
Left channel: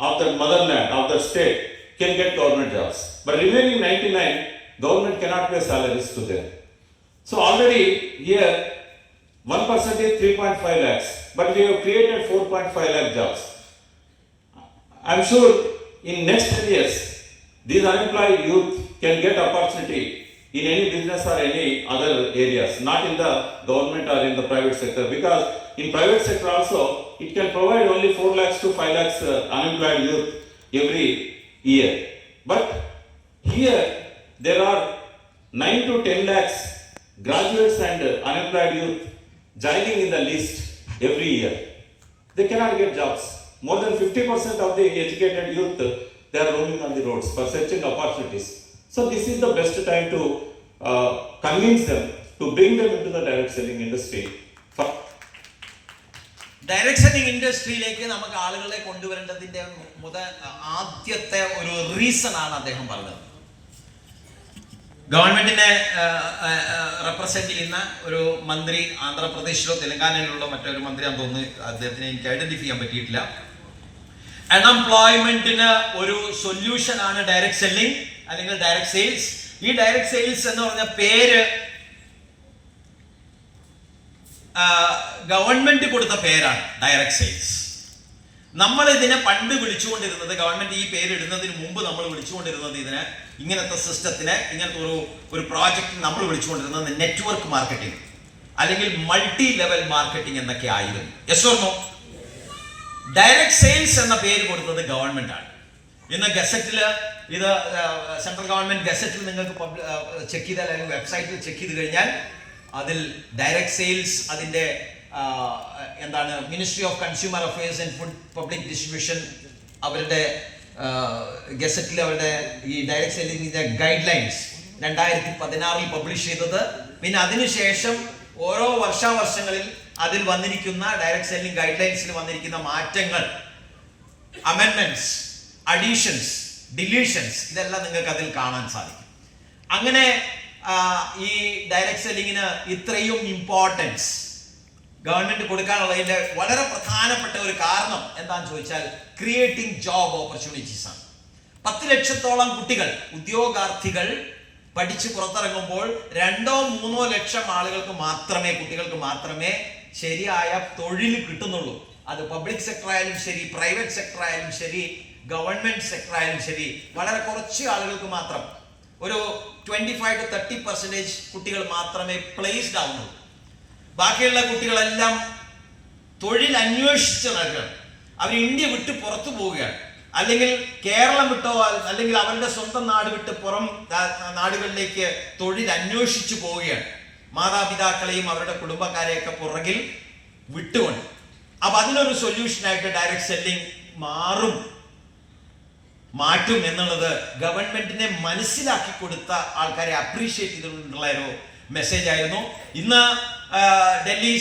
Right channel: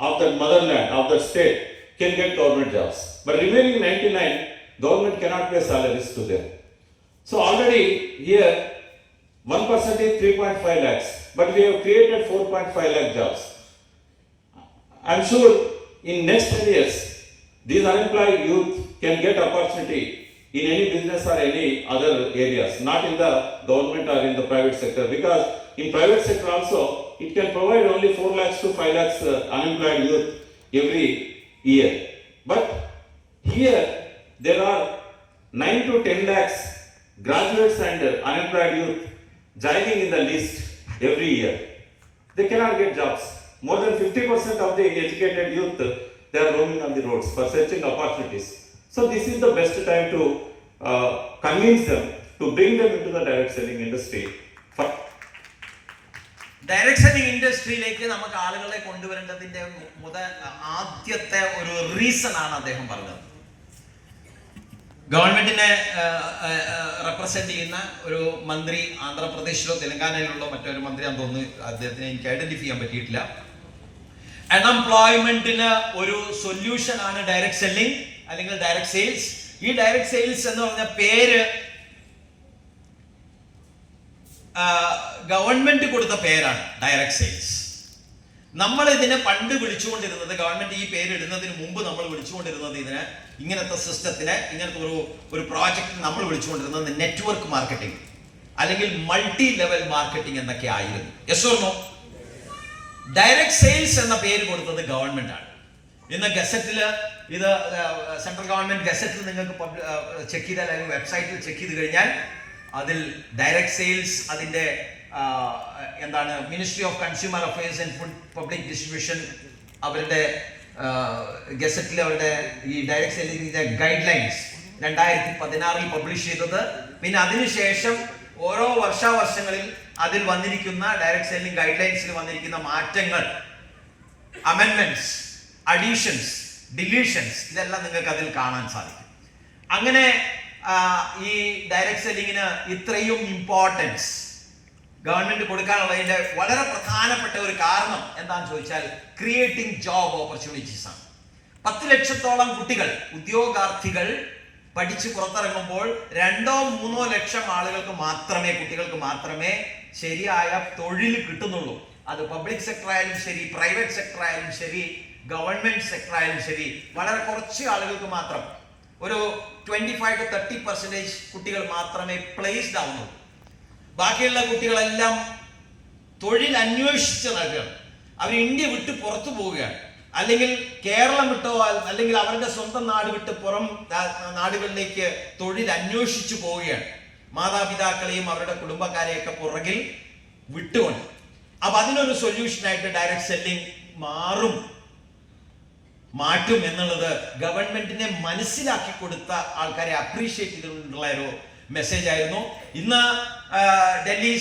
of that motherland, of that state, can get government jobs. But remaining 99, government cannot pay salaries to them. So already here, 1% is 3.5 lakhs, but we have created 4.5 lakh jobs. I'm sure in next 10 years, these unemployed youth can get opportunity in any business or any other areas, not in the government or in the private sector, because in private sector also, it can provide only 4 lakhs to 5 lakhs unemployed youth every year. But here, there are 9 to 10 lakhs graduates and unemployed youth joining in the list every year. They cannot get jobs. More than 50% of the educated youth, they are roaming on the roads for searching opportunities. So this is the best time to convince them to bring them into the direct selling industry. Direct selling ഇൻഡസ്ട്രിയിലേക്ക് നമുക്ക് ആളുകളെ കൊണ്ടുവരേണ്ടതിന്റെ ആദ്യത്തെ ഒരു reason ആണ് അദ്ദേഹം പറഞ്ഞത്. ഗവൺമെന്റിനെ represent ചെയ്യുന്ന ഒരു മന്ത്രി, ആന്ധ്രാപ്രദേശിലോ തെലങ്കാനയിലുള്ള മറ്റൊരു മന്ത്രിയാണെന്ന് തോന്നുന്നു, അദ്ദേഹത്തിനെ എനിക്ക് ഐഡന്റിഫൈ ചെയ്യാൻ പറ്റിയിട്ടില്ല. അൺഎംപ്ലോയ്മെന്റിന് ഒരു സൊല്യൂഷൻ ആണ് ഡയറക്ട് സെല്ലിംഗ്. അല്ലെങ്കിൽ ഡയറക്ട് സെയിൽസ്. ഈ ഡയറക്ട് സെയിൽസ് എന്ന് പറഞ്ഞ പേര് ഗവൺമെന്റ് കൊടുത്ത പേരാണ്, ഡയറക്ട് സെയിൽസ്. നമ്മൾ ഇതിനെ പണ്ട് വിളിച്ചുകൊണ്ടിരുന്നത്, ഗവൺമെന്റ് ഈ പേര് ഇടുന്നതിന് മുമ്പ് നമ്മൾ വിളിച്ചുകൊണ്ടിരുന്നത് ഇതിന്, ഇങ്ങനത്തെ സിസ്റ്റത്തിന്, ഇങ്ങനത്തെ ഒരു പ്രോജക്റ്റ് നമ്മൾ വിളിച്ചുകൊണ്ടിരുന്നത് നെറ്റ്വർക്ക് മാർക്കറ്റിംഗ് അല്ലെങ്കിൽ മൾട്ടി ലെവൽ മാർക്കറ്റിംഗ് എന്നൊക്കെ ആയിരുന്നു. Yes or no? Direct sales എന്ന പേര് കൊടുത്തത് ഗവൺമെന്റ് ആണ്. ഇന്ന് ഗസറ്റിൽ, ഇത് സെൻട്രൽ ഗവൺമെന്റ് ഗസറ്റിൽ നിങ്ങൾക്ക് ചെക്ക് ചെയ്താൽ, അല്ലെങ്കിൽ വെബ്സൈറ്റിൽ ചെക്ക് ചെയ്ത് കഴിഞ്ഞാൽ അതിൽ ഡയറക്ട് സെയിൽസ്, അതിന്റെ എന്താണ്, ministry of consumer affairs and food public distribution അവരുടെ ഗസറ്റിൽ അവരുടെ ഈ ഡയറക്ട് സെയിലിംഗിന്റെ ഗൈഡ് ലൈൻസ് 2016 പബ്ലിഷ് ചെയ്തത്. പിന്നെ അതിനുശേഷം ഓരോ വർഷങ്ങളിൽ അതിൽ വന്നിരിക്കുന്ന ഡയറക്ട് സെയിലിംഗ് ഗൈഡ് ലൈൻസിൽ വന്നിരിക്കുന്ന മാറ്റങ്ങൾ, അമെൻമെന്റ്സ്, അഡീഷൻസ്, ഡിലീഷൻസ്, ഇതെല്ലാം നിങ്ങൾക്ക് അതിൽ കാണാൻ സാധിക്കും. അങ്ങനെ ഈ ഡയറക്ട് സെല്ലിങ്ങിന് ഇത്രയും ഇമ്പോർട്ടൻസ് ഗവൺമെന്റ് കൊടുക്കാനുള്ളതിന്റെ വളരെ പ്രധാനപ്പെട്ട ഒരു കാരണം എന്താണെന്ന് ചോദിച്ചാൽ ക്രിയേറ്റിംഗ് ജോബ് ഓപ്പർച്യൂണിറ്റീസ് ആണ്. 10 ലക്ഷത്തോളം കുട്ടികൾ, ഉദ്യോഗാർത്ഥികൾ പഠിച്ച് പുറത്തിറങ്ങുമ്പോൾ 2-3 ലക്ഷം ആളുകൾക്ക് മാത്രമേ, കുട്ടികൾക്ക് മാത്രമേ ശരിയായ തൊഴിൽ കിട്ടുന്നുള്ളൂ. അത് പബ്ലിക് സെക്ടർ ആയാലും ശരി, പ്രൈവറ്റ് സെക്ടർ ആയാലും ശരി, ഗവൺമെന്റ് സെക്ടർ ആയാലും ശരി, വളരെ കുറച്ച് ആളുകൾക്ക് മാത്രം, ഒരു 25 to 30% കുട്ടികൾ മാത്രമേ പ്ലേസ്ഡ് ആവുന്നുള്ളൂ. ബാക്കിയുള്ള കുട്ടികളെല്ലാം തൊഴിൽ അന്വേഷിച്ച് നടക്കുകയാണ്. അവർ ഇന്ത്യ വിട്ട് പുറത്തു പോവുകയാണ്, അല്ലെങ്കിൽ കേരളം വിട്ടോ അല്ലെങ്കിൽ അവരുടെ സ്വന്തം നാട് വിട്ട് പുറം നാടുകളിലേക്ക് തൊഴിൽ അന്വേഷിച്ചു പോവുകയാണ്, മാതാപിതാക്കളെയും അവരുടെ കുടുംബക്കാരെയൊക്കെ പുറകിൽ വിട്ടുകൊണ്ട്. അപ്പൊ അതിനൊരു സൊല്യൂഷനായിട്ട് ഡയറക്ട് സെല്ലിംഗ് മാറ്റും എന്നുള്ളത് ഗവൺമെന്റിനെ മനസ്സിലാക്കി കൊടുത്ത ആൾക്കാരെ അപ്രീഷിയേറ്റ് ചെയ്തുകൊണ്ടുള്ള ഒരു മെസ്സേജ് ആയിരുന്നു. ഇന്ന് ഡൽഹി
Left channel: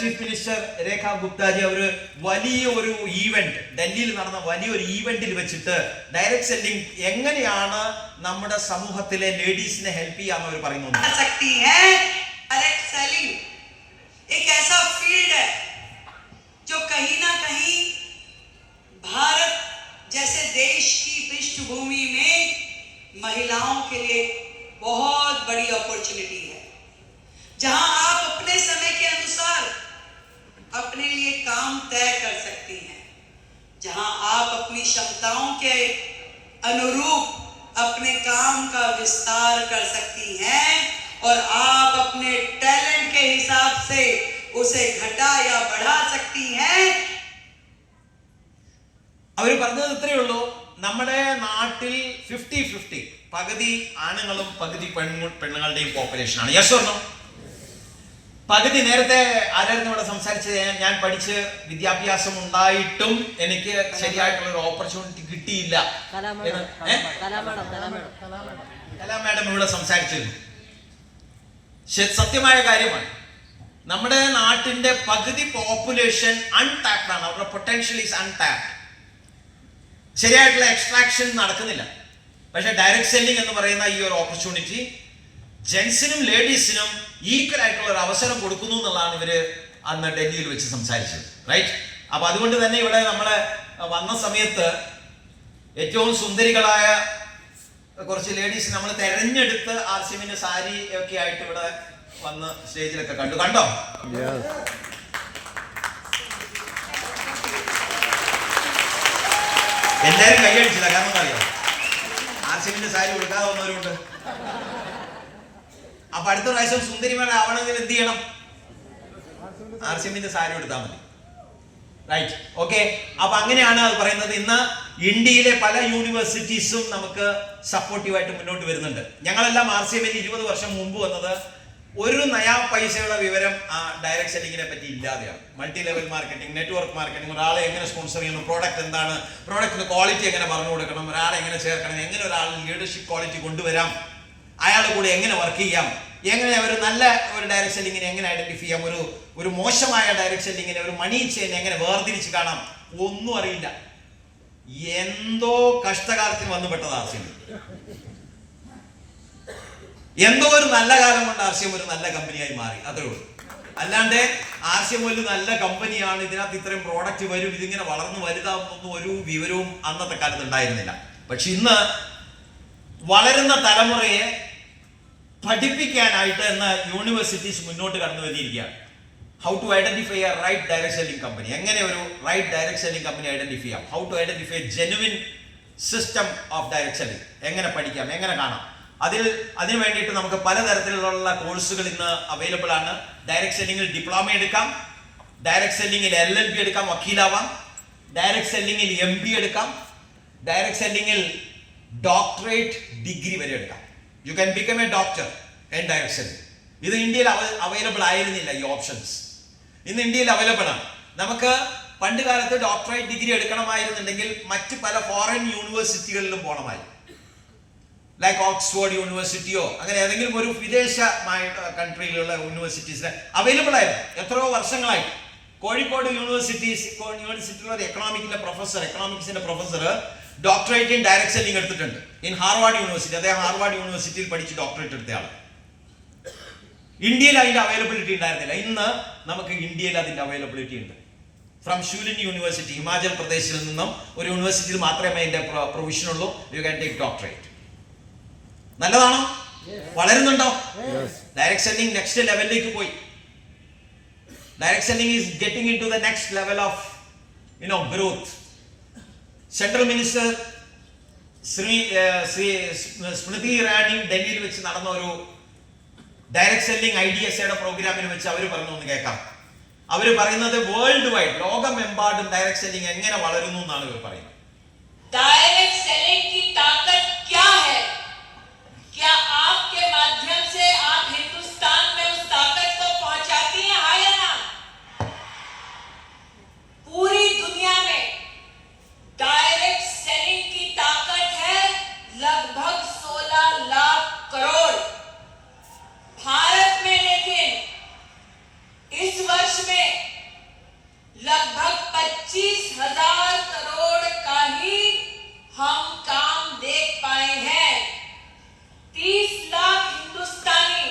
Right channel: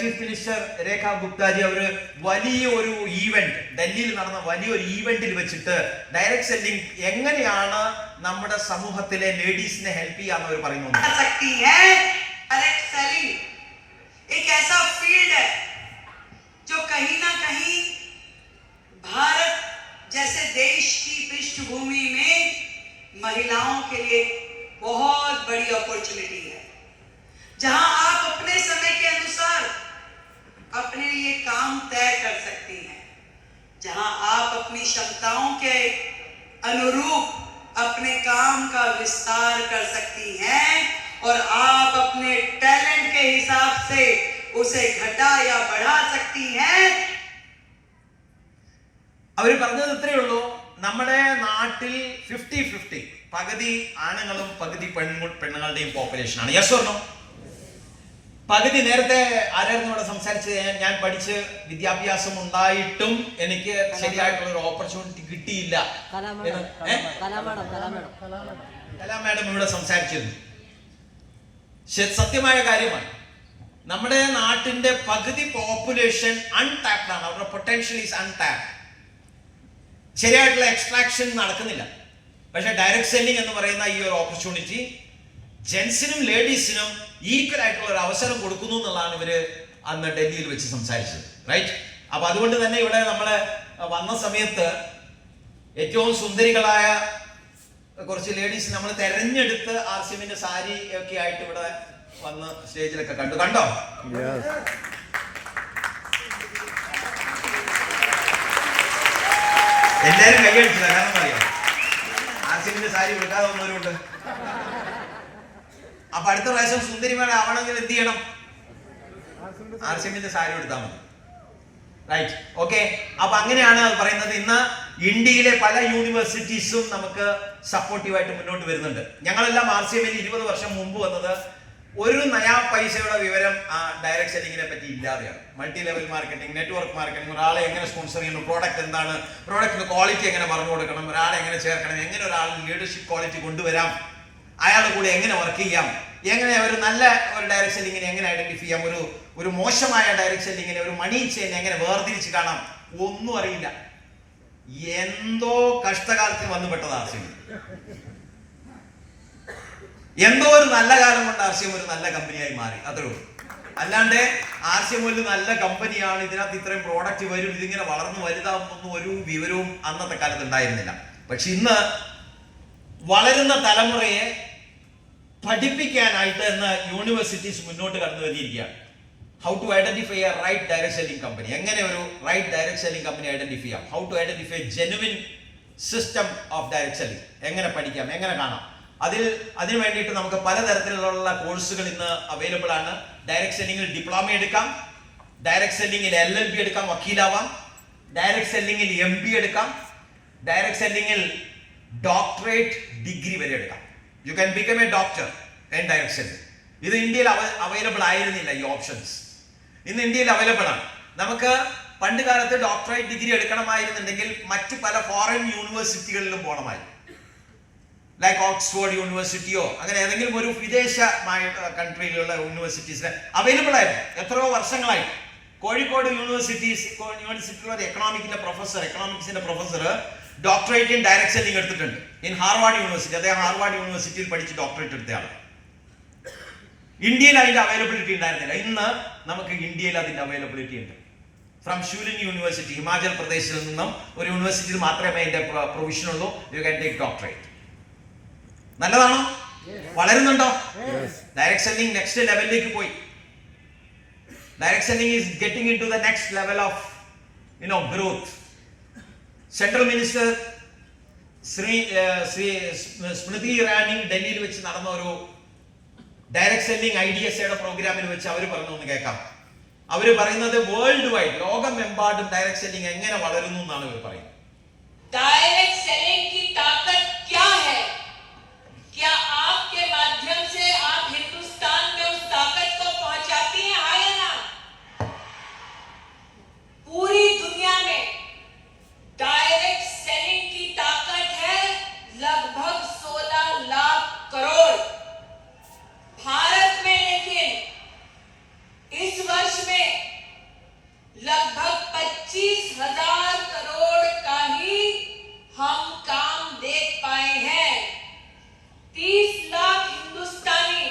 ചീഫ് മിനിസ്റ്റർ രേഖ ഗുപ്താജി അവർ വലിയൊരു ഈവന്റ്, ഡൽഹിയിൽ നടന്ന വലിയൊരു ഈവന്റിൽ വെച്ചിട്ട് ഡയറക്ട് സെല്ലിംഗ് എങ്ങനെയാണ് നമ്മുടെ സമൂഹത്തിലെ ലേഡീസിനെ ഹെൽപ്പ് ചെയ്യാന്ന് അവർ പറയുന്നു. भारत जैसे देश की पृष्ठभूमि में महिलाओं के लिए बहुत बड़ी अपॉर्चुनिटी है, जहां आप अपने समय के अनुसार अपने लिए काम तय कर सकती हैं, जहां आप अपनी क्षमताओं के अनुरूप अपने काम का विस्तार कर सकती हैं और आप अपने टैलेंट के हिसाब से उसे घटा या बढ़ा सकती हैं. അവർ പറഞ്ഞത് ഇത്രയേ ഉള്ളൂ, നമ്മുടെ നാട്ടിൽ 50-50, പകുതി ആണുങ്ങളും പകുതി പെണ്ണുങ്ങളുടെയും പോപ്പുലേഷൻ ആണ്. Yes or no? പകുതി. നേരത്തെ ആരായിരുന്നു ഇവിടെ സംസാരിച്ചത്? ഞാൻ പഠിച്ച് വിദ്യാഭ്യാസം ഉണ്ടായിട്ടും എനിക്ക് ശരിയായിട്ടുള്ള ഒരു ഓപ്പർച്യൂണിറ്റി കിട്ടിയില്ല. കലാ മാഡം ഇവിടെ സംസാരിച്ചിരുന്നു. സത്യമായ കാര്യമാണ്. നമ്മുടെ നാട്ടിന്റെ പകുതി പോപ്പുലേഷൻ അൺടാപ്ഡ് ആണ്. അവരുടെ പൊട്ടൻഷ്യൽ ഈസ് അൺടാപ്ഡ്. ശരിയായിട്ടുള്ള എക്സ്ട്രാക്ഷൻ നടക്കുന്നില്ല. പക്ഷെ ഡയറക്ട് സെല്ലിംഗ് എന്ന് പറയുന്ന ഈ ഒരു ഓപ്പർച്യൂണിറ്റി ജെൻസിനും ലേഡീസിനും ഈക്വൽ ആയിട്ടുള്ള ഒരു അവസരം കൊടുക്കുന്നു എന്നുള്ളതാണ് ഇവര് അന്ന് ഡൽഹിയിൽ വെച്ച് സംസാരിച്ചത്. റൈറ്റ്? അപ്പൊ അതുകൊണ്ട് തന്നെ ഇവിടെ നമ്മള് വന്ന സമയത്ത് ഏറ്റവും സുന്ദരികളായ കുറച്ച് ലേഡീസ് നമ്മൾ തെരഞ്ഞെടുത്ത് ആർസിഎമ്മിന്റെ സാരി ഒക്കെ ആയിട്ട് ഇവിടെ വന്ന് സ്റ്റേജിലൊക്കെ കണ്ടോ? എല്ലാരും കൈയടിച്ചില്ല. കാരണം അറിയാം, ആർസിഎമ്മിന്റെ സാരി കൊടുക്കാതെ വന്നവരുണ്ട്. അപ്പൊ അടുത്ത പ്രാവശ്യം സുന്ദരിമാരാവണമെങ്കിൽ എന്ത് ചെയ്യണം? ആർസിഎമ്മിന്റെ സാരി എടുത്താൽ മതി. റൈറ്റ്? ഓക്കെ. അപ്പൊ അങ്ങനെയാണ് അത് പറയുന്നത്. ഇന്ന് ഇന്ത്യയിലെ പല യൂണിവേഴ്സിറ്റീസും നമുക്ക് സപ്പോർട്ടീവായിട്ട് മുന്നോട്ട് വരുന്നുണ്ട്. ഞങ്ങളെല്ലാം ആർസിഎമ്മിൽ 20 വർഷം മുമ്പ് വന്നത് ഒരു നയാ പൈസയുടെ വിവരം ഡയറക്ട് സെല്ലിങ്ങിനെ പറ്റി ഇല്ലാതെയാണ്. Multi level marketing, network marketing, ഒരാളെ എങ്ങനെ സ്പോൺസർ ചെയ്യണം, പ്രോഡക്റ്റ് എന്താണ്, പ്രോഡക്റ്റിന്റെ ക്വാളിറ്റി എങ്ങനെ പറഞ്ഞു കൊടുക്കണം, ഒരാളെ എങ്ങനെ ചേർക്കണം, എങ്ങനെ ഒരാളിൽ ലീഡർഷിപ്പ് ക്വാളിറ്റി കൊണ്ടുവരാം, അയാളുടെ കൂടെ എങ്ങനെ വർക്ക് ചെയ്യാം, എങ്ങനെ ഒരു നല്ല ഒരു ഡയറക്ട് സെല്ലിങ്ങിനെ എങ്ങനെ ഐഡന്റിഫൈ ചെയ്യാം, ഒരു മോശമായ ഡയറക്ട് സെല്ലിങ്ങിനെ, ഒരു മണി ചെയിനെ എങ്ങനെ വേർതിരിച്ച് കാണാം, ഒന്നും അറിയില്ല. എന്തോ കഷ്ടകാലത്തിന് വന്നുപെട്ടത് ആർസിഎം. എന്തോ ഒരു നല്ല കാലം കൊണ്ട് ആർസിഎം ഒരു നല്ല കമ്പനിയായി മാറി, അത്രേ ഉള്ളൂ. അല്ലാണ്ട് ആർസിഎം ഒരു നല്ല കമ്പനിയാണ്, ഇതിനകത്ത് ഇത്രയും പ്രോഡക്റ്റ് വരും, ഇതിങ്ങനെ വളർന്നു വലുതാവുന്നൊന്നും ഒരു വിവരവും അന്നത്തെ കാലത്ത് ഉണ്ടായിരുന്നില്ല. പക്ഷെ ഇന്ന് വളരുന്ന തലമുറയെ പഠിപ്പിക്കാനായിട്ട് ഇന്ന് യൂണിവേഴ്സിറ്റീസ് മുന്നോട്ട് കടന്നു വരികയാണ്. How to identify a right direct selling company, എങ്ങനെ ഒരു right direct selling company identify ചെയ്യാം, how to identify genuine system of direct selling, എങ്ങനെ പഠിക്കാം, എങ്ങനെ കാണാം. അതിന് വേണ്ടിയിട്ട് നമുക്ക് പലതരത്തിലുള്ള കോഴ്സുകൾ ഇന്ന് അവൈലബിൾ ആണ്. ഡയറക്ട് സെല്ലിംഗിൽ ഡിപ്ലോമ എടുക്കാം, ഡയറക്ട് സെല്ലിംഗിൽ LLB എടുക്കാം, വക്കീലാവാം, ഡയറക്ട് സെല്ലിംഗിൽ MB എടുക്കാം, ഡയറക്ട് സെല്ലിംഗിൽ ഡോക്ടറേറ്റ് ഡിഗ്രി വരെ എടുക്കാം. You can become A doctor in direct selling. ഇത് ഇന്ത്യയിൽ അവൈലബിൾ ആയിരുന്നില്ല ഈ ഓപ്ഷൻസ്. ഇന്ന് ഇന്ത്യയിൽ അവൈലബിൾ ആണ്. നമുക്ക് പണ്ട് കാലത്ത് ഡോക്ടറേറ്റ് ഡിഗ്രി എടുക്കണമായിരുന്നുണ്ടെങ്കിൽ മറ്റ് പല ഫോറിൻ യൂണിവേഴ്സിറ്റികളിലും പോകണമായി, ലൈക്ക് ഓക്സ്ഫോർഡ് യൂണിവേഴ്സിറ്റിയോ അങ്ങനെ ഏതെങ്കിലും ഒരു വിദേശമായ കൺട്രിയിലുള്ള യൂണിവേഴ്സിറ്റീസിന് അവൈലബിൾ ആയിരുന്നു എത്രയോ വർഷങ്ങളായി. കോഴിക്കോട് യൂണിവേഴ്സിറ്റിയിലെ ഒരു എക്കണോമിക്സിന്റെ professor doctorate in direct selling എടുത്തിട്ടുണ്ട് ഇൻ ഹാർവാർഡ് യൂണിവേഴ്സിറ്റി. അദ്ദേഹം ഹാർവാർഡ് യൂണിവേഴ്സിറ്റിയിൽ പഠിച്ച് ഡോക്ടറേറ്റ് എടുത്തയാളാണ്. ഇന്ത്യയിൽ അതിന്റെ അവൈലബിലിറ്റി ഉണ്ടായിരുന്നില്ല. ഇന്ന് നമുക്ക് ഇന്ത്യയിൽ അതിന്റെ അവൈലബിലിറ്റി ഉണ്ട്. ഫ്രം ഷൂലിൻ യൂണിവേഴ്സിറ്റി, ഹിമാചൽ പ്രദേശിൽ നിന്നും ഒരു യൂണിവേഴ്സിറ്റിയിൽ മാത്രമേ അതിന്റെ പ്രൊവിഷൻ ഉള്ളൂ. You can take doctorate. നല്ലതാണോ? വളരുന്നുണ്ടോ? ഡയറക്ട് സെല്ലിംഗ് നെക്സ്റ്റ് ലെവലിലേക്ക് പോയി. Direct selling is getting in to the next level of growth. Central minister Smriti Irani ഡൽഹിയിൽ വെച്ച് നടന്ന ഒരു ഡയറക്ട് സെല്ലിംഗ് IDSAയുടെ പ്രോഗ്രാമിൽ വെച്ച് അവർ പറഞ്ഞു ഒന്ന് കേൾക്കാം. അവർ പറയുന്നത് വേൾഡ് വൈഡ്, ലോകമെമ്പാടും ഡയറക്ട് സെല്ലിംഗ് എങ്ങനെ വളരുന്നു എന്നാണ് ഇവർ പറയുന്നത്. डायरेक्ट सेलिंग की ताकत क्या है? क्या आपके माध्यम से आप हिंदुस्तान में उस ताकत को पहुंचाती हैं, हाँ या ना? पूरी दुनिया में डायरेक्ट सेलिंग की ताकत है लगभग 16 लाख करोड़. भारत में लेकिन इस वर्ष में लगभग 25,000 करोड़ का ही हम काम देख पाए हैं. 30 लाख हिंदुस्तानी,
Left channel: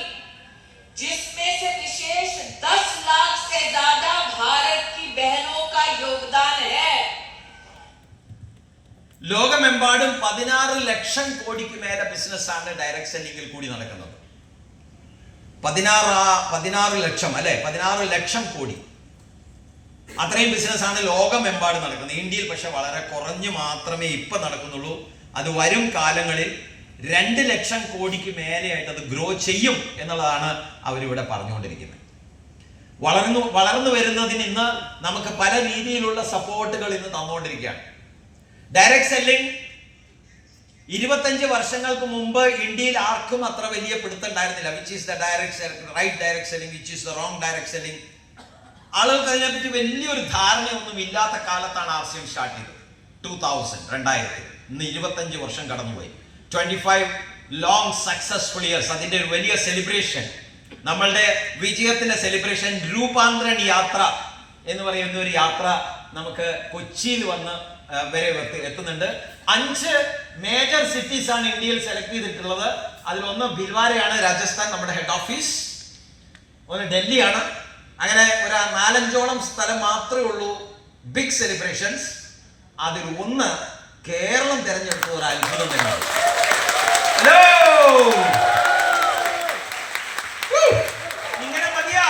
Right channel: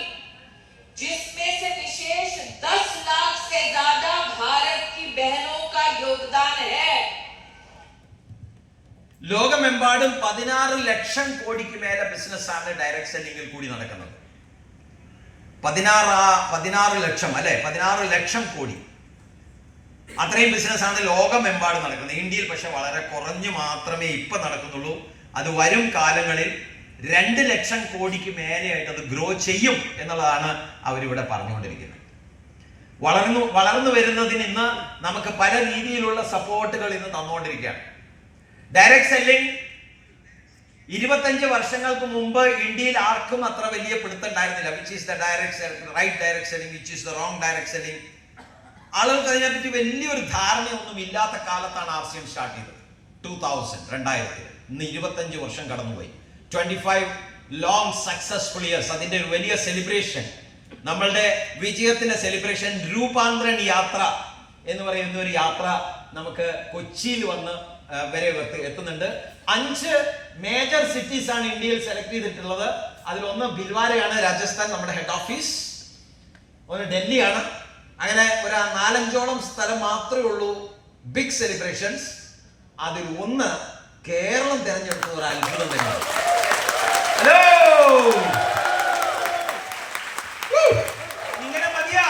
जिसमें से विशेष 10 लाख से ज्यादा भारत की बहनों का योगदान है. ലോകമെമ്പാടും 16 ലക്ഷം കോടിക്ക് മേലെ ബിസിനസ് ആണ് ഡയറക്ട് സെല്ലിംഗിൽ കൂടി നടക്കുന്നത്. 16 ലക്ഷം അല്ലെ, 16 ലക്ഷം കോടി, അത്രയും ബിസിനസ് ആണ് ലോകമെമ്പാടും നടക്കുന്നത്. ഇന്ത്യയിൽ പക്ഷെ വളരെ കുറഞ്ഞു മാത്രമേ ഇപ്പൊ നടക്കുന്നുള്ളൂ. അത് വരും കാലങ്ങളിൽ 2 ലക്ഷം കോടിക്ക് മേലെയായിട്ട് അത് ഗ്രോ ചെയ്യും എന്നുള്ളതാണ് അവരിവിടെ പറഞ്ഞുകൊണ്ടിരിക്കുന്നത്. വളർന്നു വരുന്നതിന് ഇന്ന് നമുക്ക് പല രീതിയിലുള്ള സപ്പോർട്ടുകൾ ഇന്ന് തന്നുകൊണ്ടിരിക്കുകയാണ്. ഡയറക്ട് സെല്ലിംഗ് 25 വർഷങ്ങൾക്ക് മുമ്പ് ഇന്ത്യയിൽ ആർക്കും അത്ര വലിയ പിടുത്തുണ്ടായിരുന്നില്ല. Which is the right direct selling, which is the wrong direct selling. ആളുകൾക്ക് അതിനെപ്പറ്റി വലിയൊരു ധാരണയൊന്നും ഇല്ലാത്ത കാലത്താണ് RCM സ്റ്റാർട്ട് ചെയ്തത്. 2000 ഇന്ന് 25 വർഷം കടന്നുപോയി. 25 ലോങ് സക്സസ്ഫുൾ ഇയേഴ്സ്. അതിന്റെ ഒരു വലിയ സെലിബ്രേഷൻ, നമ്മളുടെ വിജയത്തിന്റെ സെലിബ്രേഷൻ, രൂപാന്തരൻ യാത്ര എന്ന് പറയുന്ന ഒരു യാത്ര നമുക്ക് കൊച്ചിയിൽ വന്ന് വരെ എത്തുന്നുണ്ട്. 5 മേജർ സിറ്റീസ് ആണ് ഇന്ത്യയിൽ സെലക്ട് ചെയ്തിട്ടുള്ളത്. അതിലൊന്ന് ഭിൽവാരയാണ്, രാജസ്ഥാൻ, നമ്മുടെ ഹെഡ് ഓഫീസ്. ഒന്ന് ഡൽഹിയാണ്. അങ്ങനെ ഒരു 4-5ഓളം സ്ഥലം മാത്രമേ ഉള്ളൂ ബിഗ് സെലിബ്രേഷൻസ്. അതിൽ ഒന്ന് കേരളം തെരഞ്ഞെടുത്തത് ഒരു അത്ഭുതം തന്നെയാണ്. ഹലോ, ഇങ്ങനെ മതിയാ?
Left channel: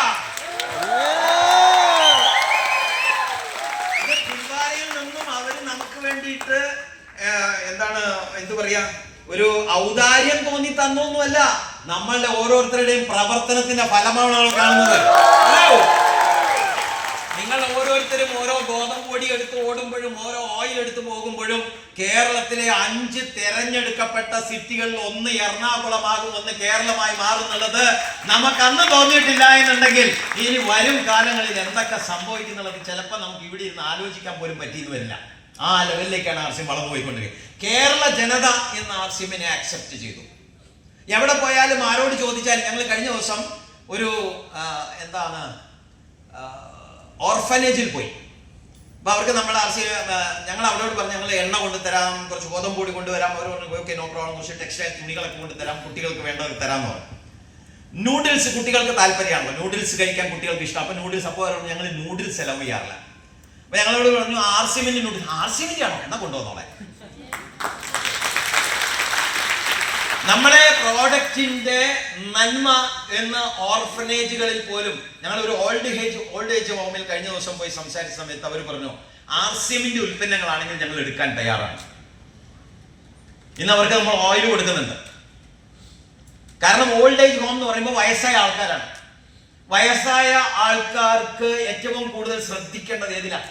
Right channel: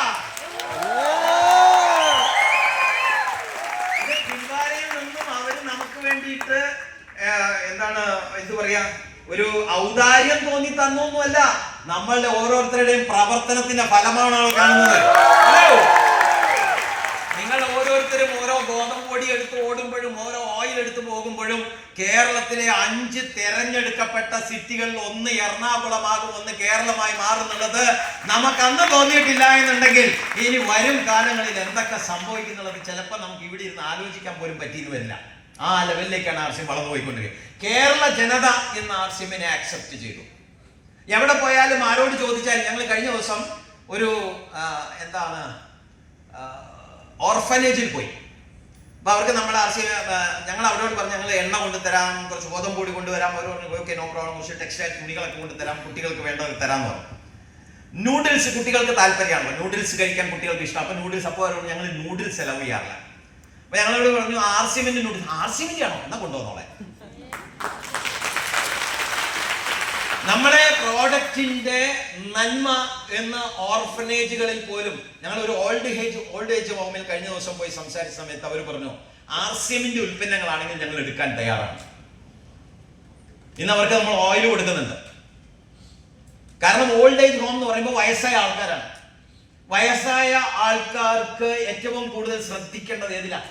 ഭിൽവാരയിൽ നിന്നും അവര് നമുക്ക് വേണ്ടിയിട്ട് എന്ത് പറയാ, ഒരു ഔദാര്യം തോന്നി തന്നൊന്നുമല്ല, നമ്മളുടെ ഓരോരുത്തരുടെയും പ്രവർത്തനത്തിന്റെ ഫലമാണ് കാണുന്നത്. നിങ്ങൾ ഓരോരുത്തരും ഓരോ ഗോതമ്പ് പൊടി എടുത്ത് ഓടുമ്പോഴും ഓരോ ഓയിൽ എടുത്ത് പോകുമ്പോഴും കേരളത്തിലെ 5 തെരഞ്ഞെടുക്കപ്പെട്ട സിറ്റികളിൽ ഒന്ന് എറണാകുളമാകും, ഒന്ന് കേരളമായി മാറുന്നുള്ളത് നമുക്ക് അന്ന് തോന്നിയിട്ടില്ല എന്നുണ്ടെങ്കിൽ ഇനി വരും കാലങ്ങളിൽ എന്തൊക്കെ സംഭവിക്കുന്നുള്ളത് ചിലപ്പോൾ നമുക്ക് ഇവിടെ ഇരുന്ന് ആലോചിക്കാൻ പോലും പറ്റിയെന്ന് വരില്ല. ആ ലെവലിലേക്കാണ് RCM വളർന്നു പോയിക്കൊണ്ടിരിക്കുന്നത്. കേരള ജനത ഇന്ന് RCMനെ ആക്സെപ്റ്റ് ചെയ്തു. എവിടെ പോയാലും ആരോട് ചോദിച്ചാലും, ഞങ്ങൾ കഴിഞ്ഞ ദിവസം ഒരു ഓർഫനേജിൽ പോയി. അപ്പൊ അവർക്ക് നമ്മൾ ഞങ്ങൾ അവരോട് പറഞ്ഞു, ഞങ്ങൾ എണ്ണ കൊണ്ടുതരാം, കുറച്ച് ഗോതമ്പ് പൊടി കൊണ്ടുവരാം. അവർ പറഞ്ഞു ഓക്കെ, നോ പ്രോബ്ലം, കുറച്ച് ടെക്സ്റ്റൈൽ തുണികളൊക്കെ കൊണ്ടുതരാം, കുട്ടികൾക്ക് വേണ്ടത് തരാമെന്ന് പറഞ്ഞു. നൂഡിൽസ് കുട്ടികൾക്ക് താല്പര്യമാണല്ലോ, നൂഡിൽസ് കഴിക്കാൻ കുട്ടികൾക്ക് ഇഷ്ടം. അപ്പൊ നൂഡിൽസ്, അപ്പോൾ അവരോട് ഞങ്ങൾ നൂഡിൽസ് അലവ് ചെയ്യാറില്ല. അപ്പൊ ഞങ്ങളോട് പറഞ്ഞു RCMന്റെ നൂഡിൽസ്. RCMന്റെ ആണോ? എന്നാ കൊണ്ടുവന്നോളെ. നമ്മുടെ പ്രോഡക്റ്റിന്റെ നന്മ എന്ന് ഓർഫനേജുകളിൽ പോലും ഞങ്ങൾ ഒരു ഓൾഡ് ഏജ് ഹോമിൽ കഴിഞ്ഞ ദിവസം പോയി സംസാരിച്ച സമയത്ത് അവർ പറഞ്ഞു RCMന്റെ ഉൽപ്പന്നങ്ങളാണെങ്കിൽ ഞങ്ങൾ എടുക്കാൻ തയ്യാറാണ്. ഇന്ന് അവർക്ക് നമ്മൾ ഓയിൽ കൊടുക്കുന്നുണ്ട്. കാരണം ഓൾഡ് ഏജ് ഹോം എന്ന് പറയുമ്പോൾ വയസ്സായ ആൾക്കാരാണ്. വയസ്സായ ആൾക്കാർക്ക് ഏറ്റവും കൂടുതൽ ശ്രദ്ധിക്കേണ്ടത് ഏതിലാണ്?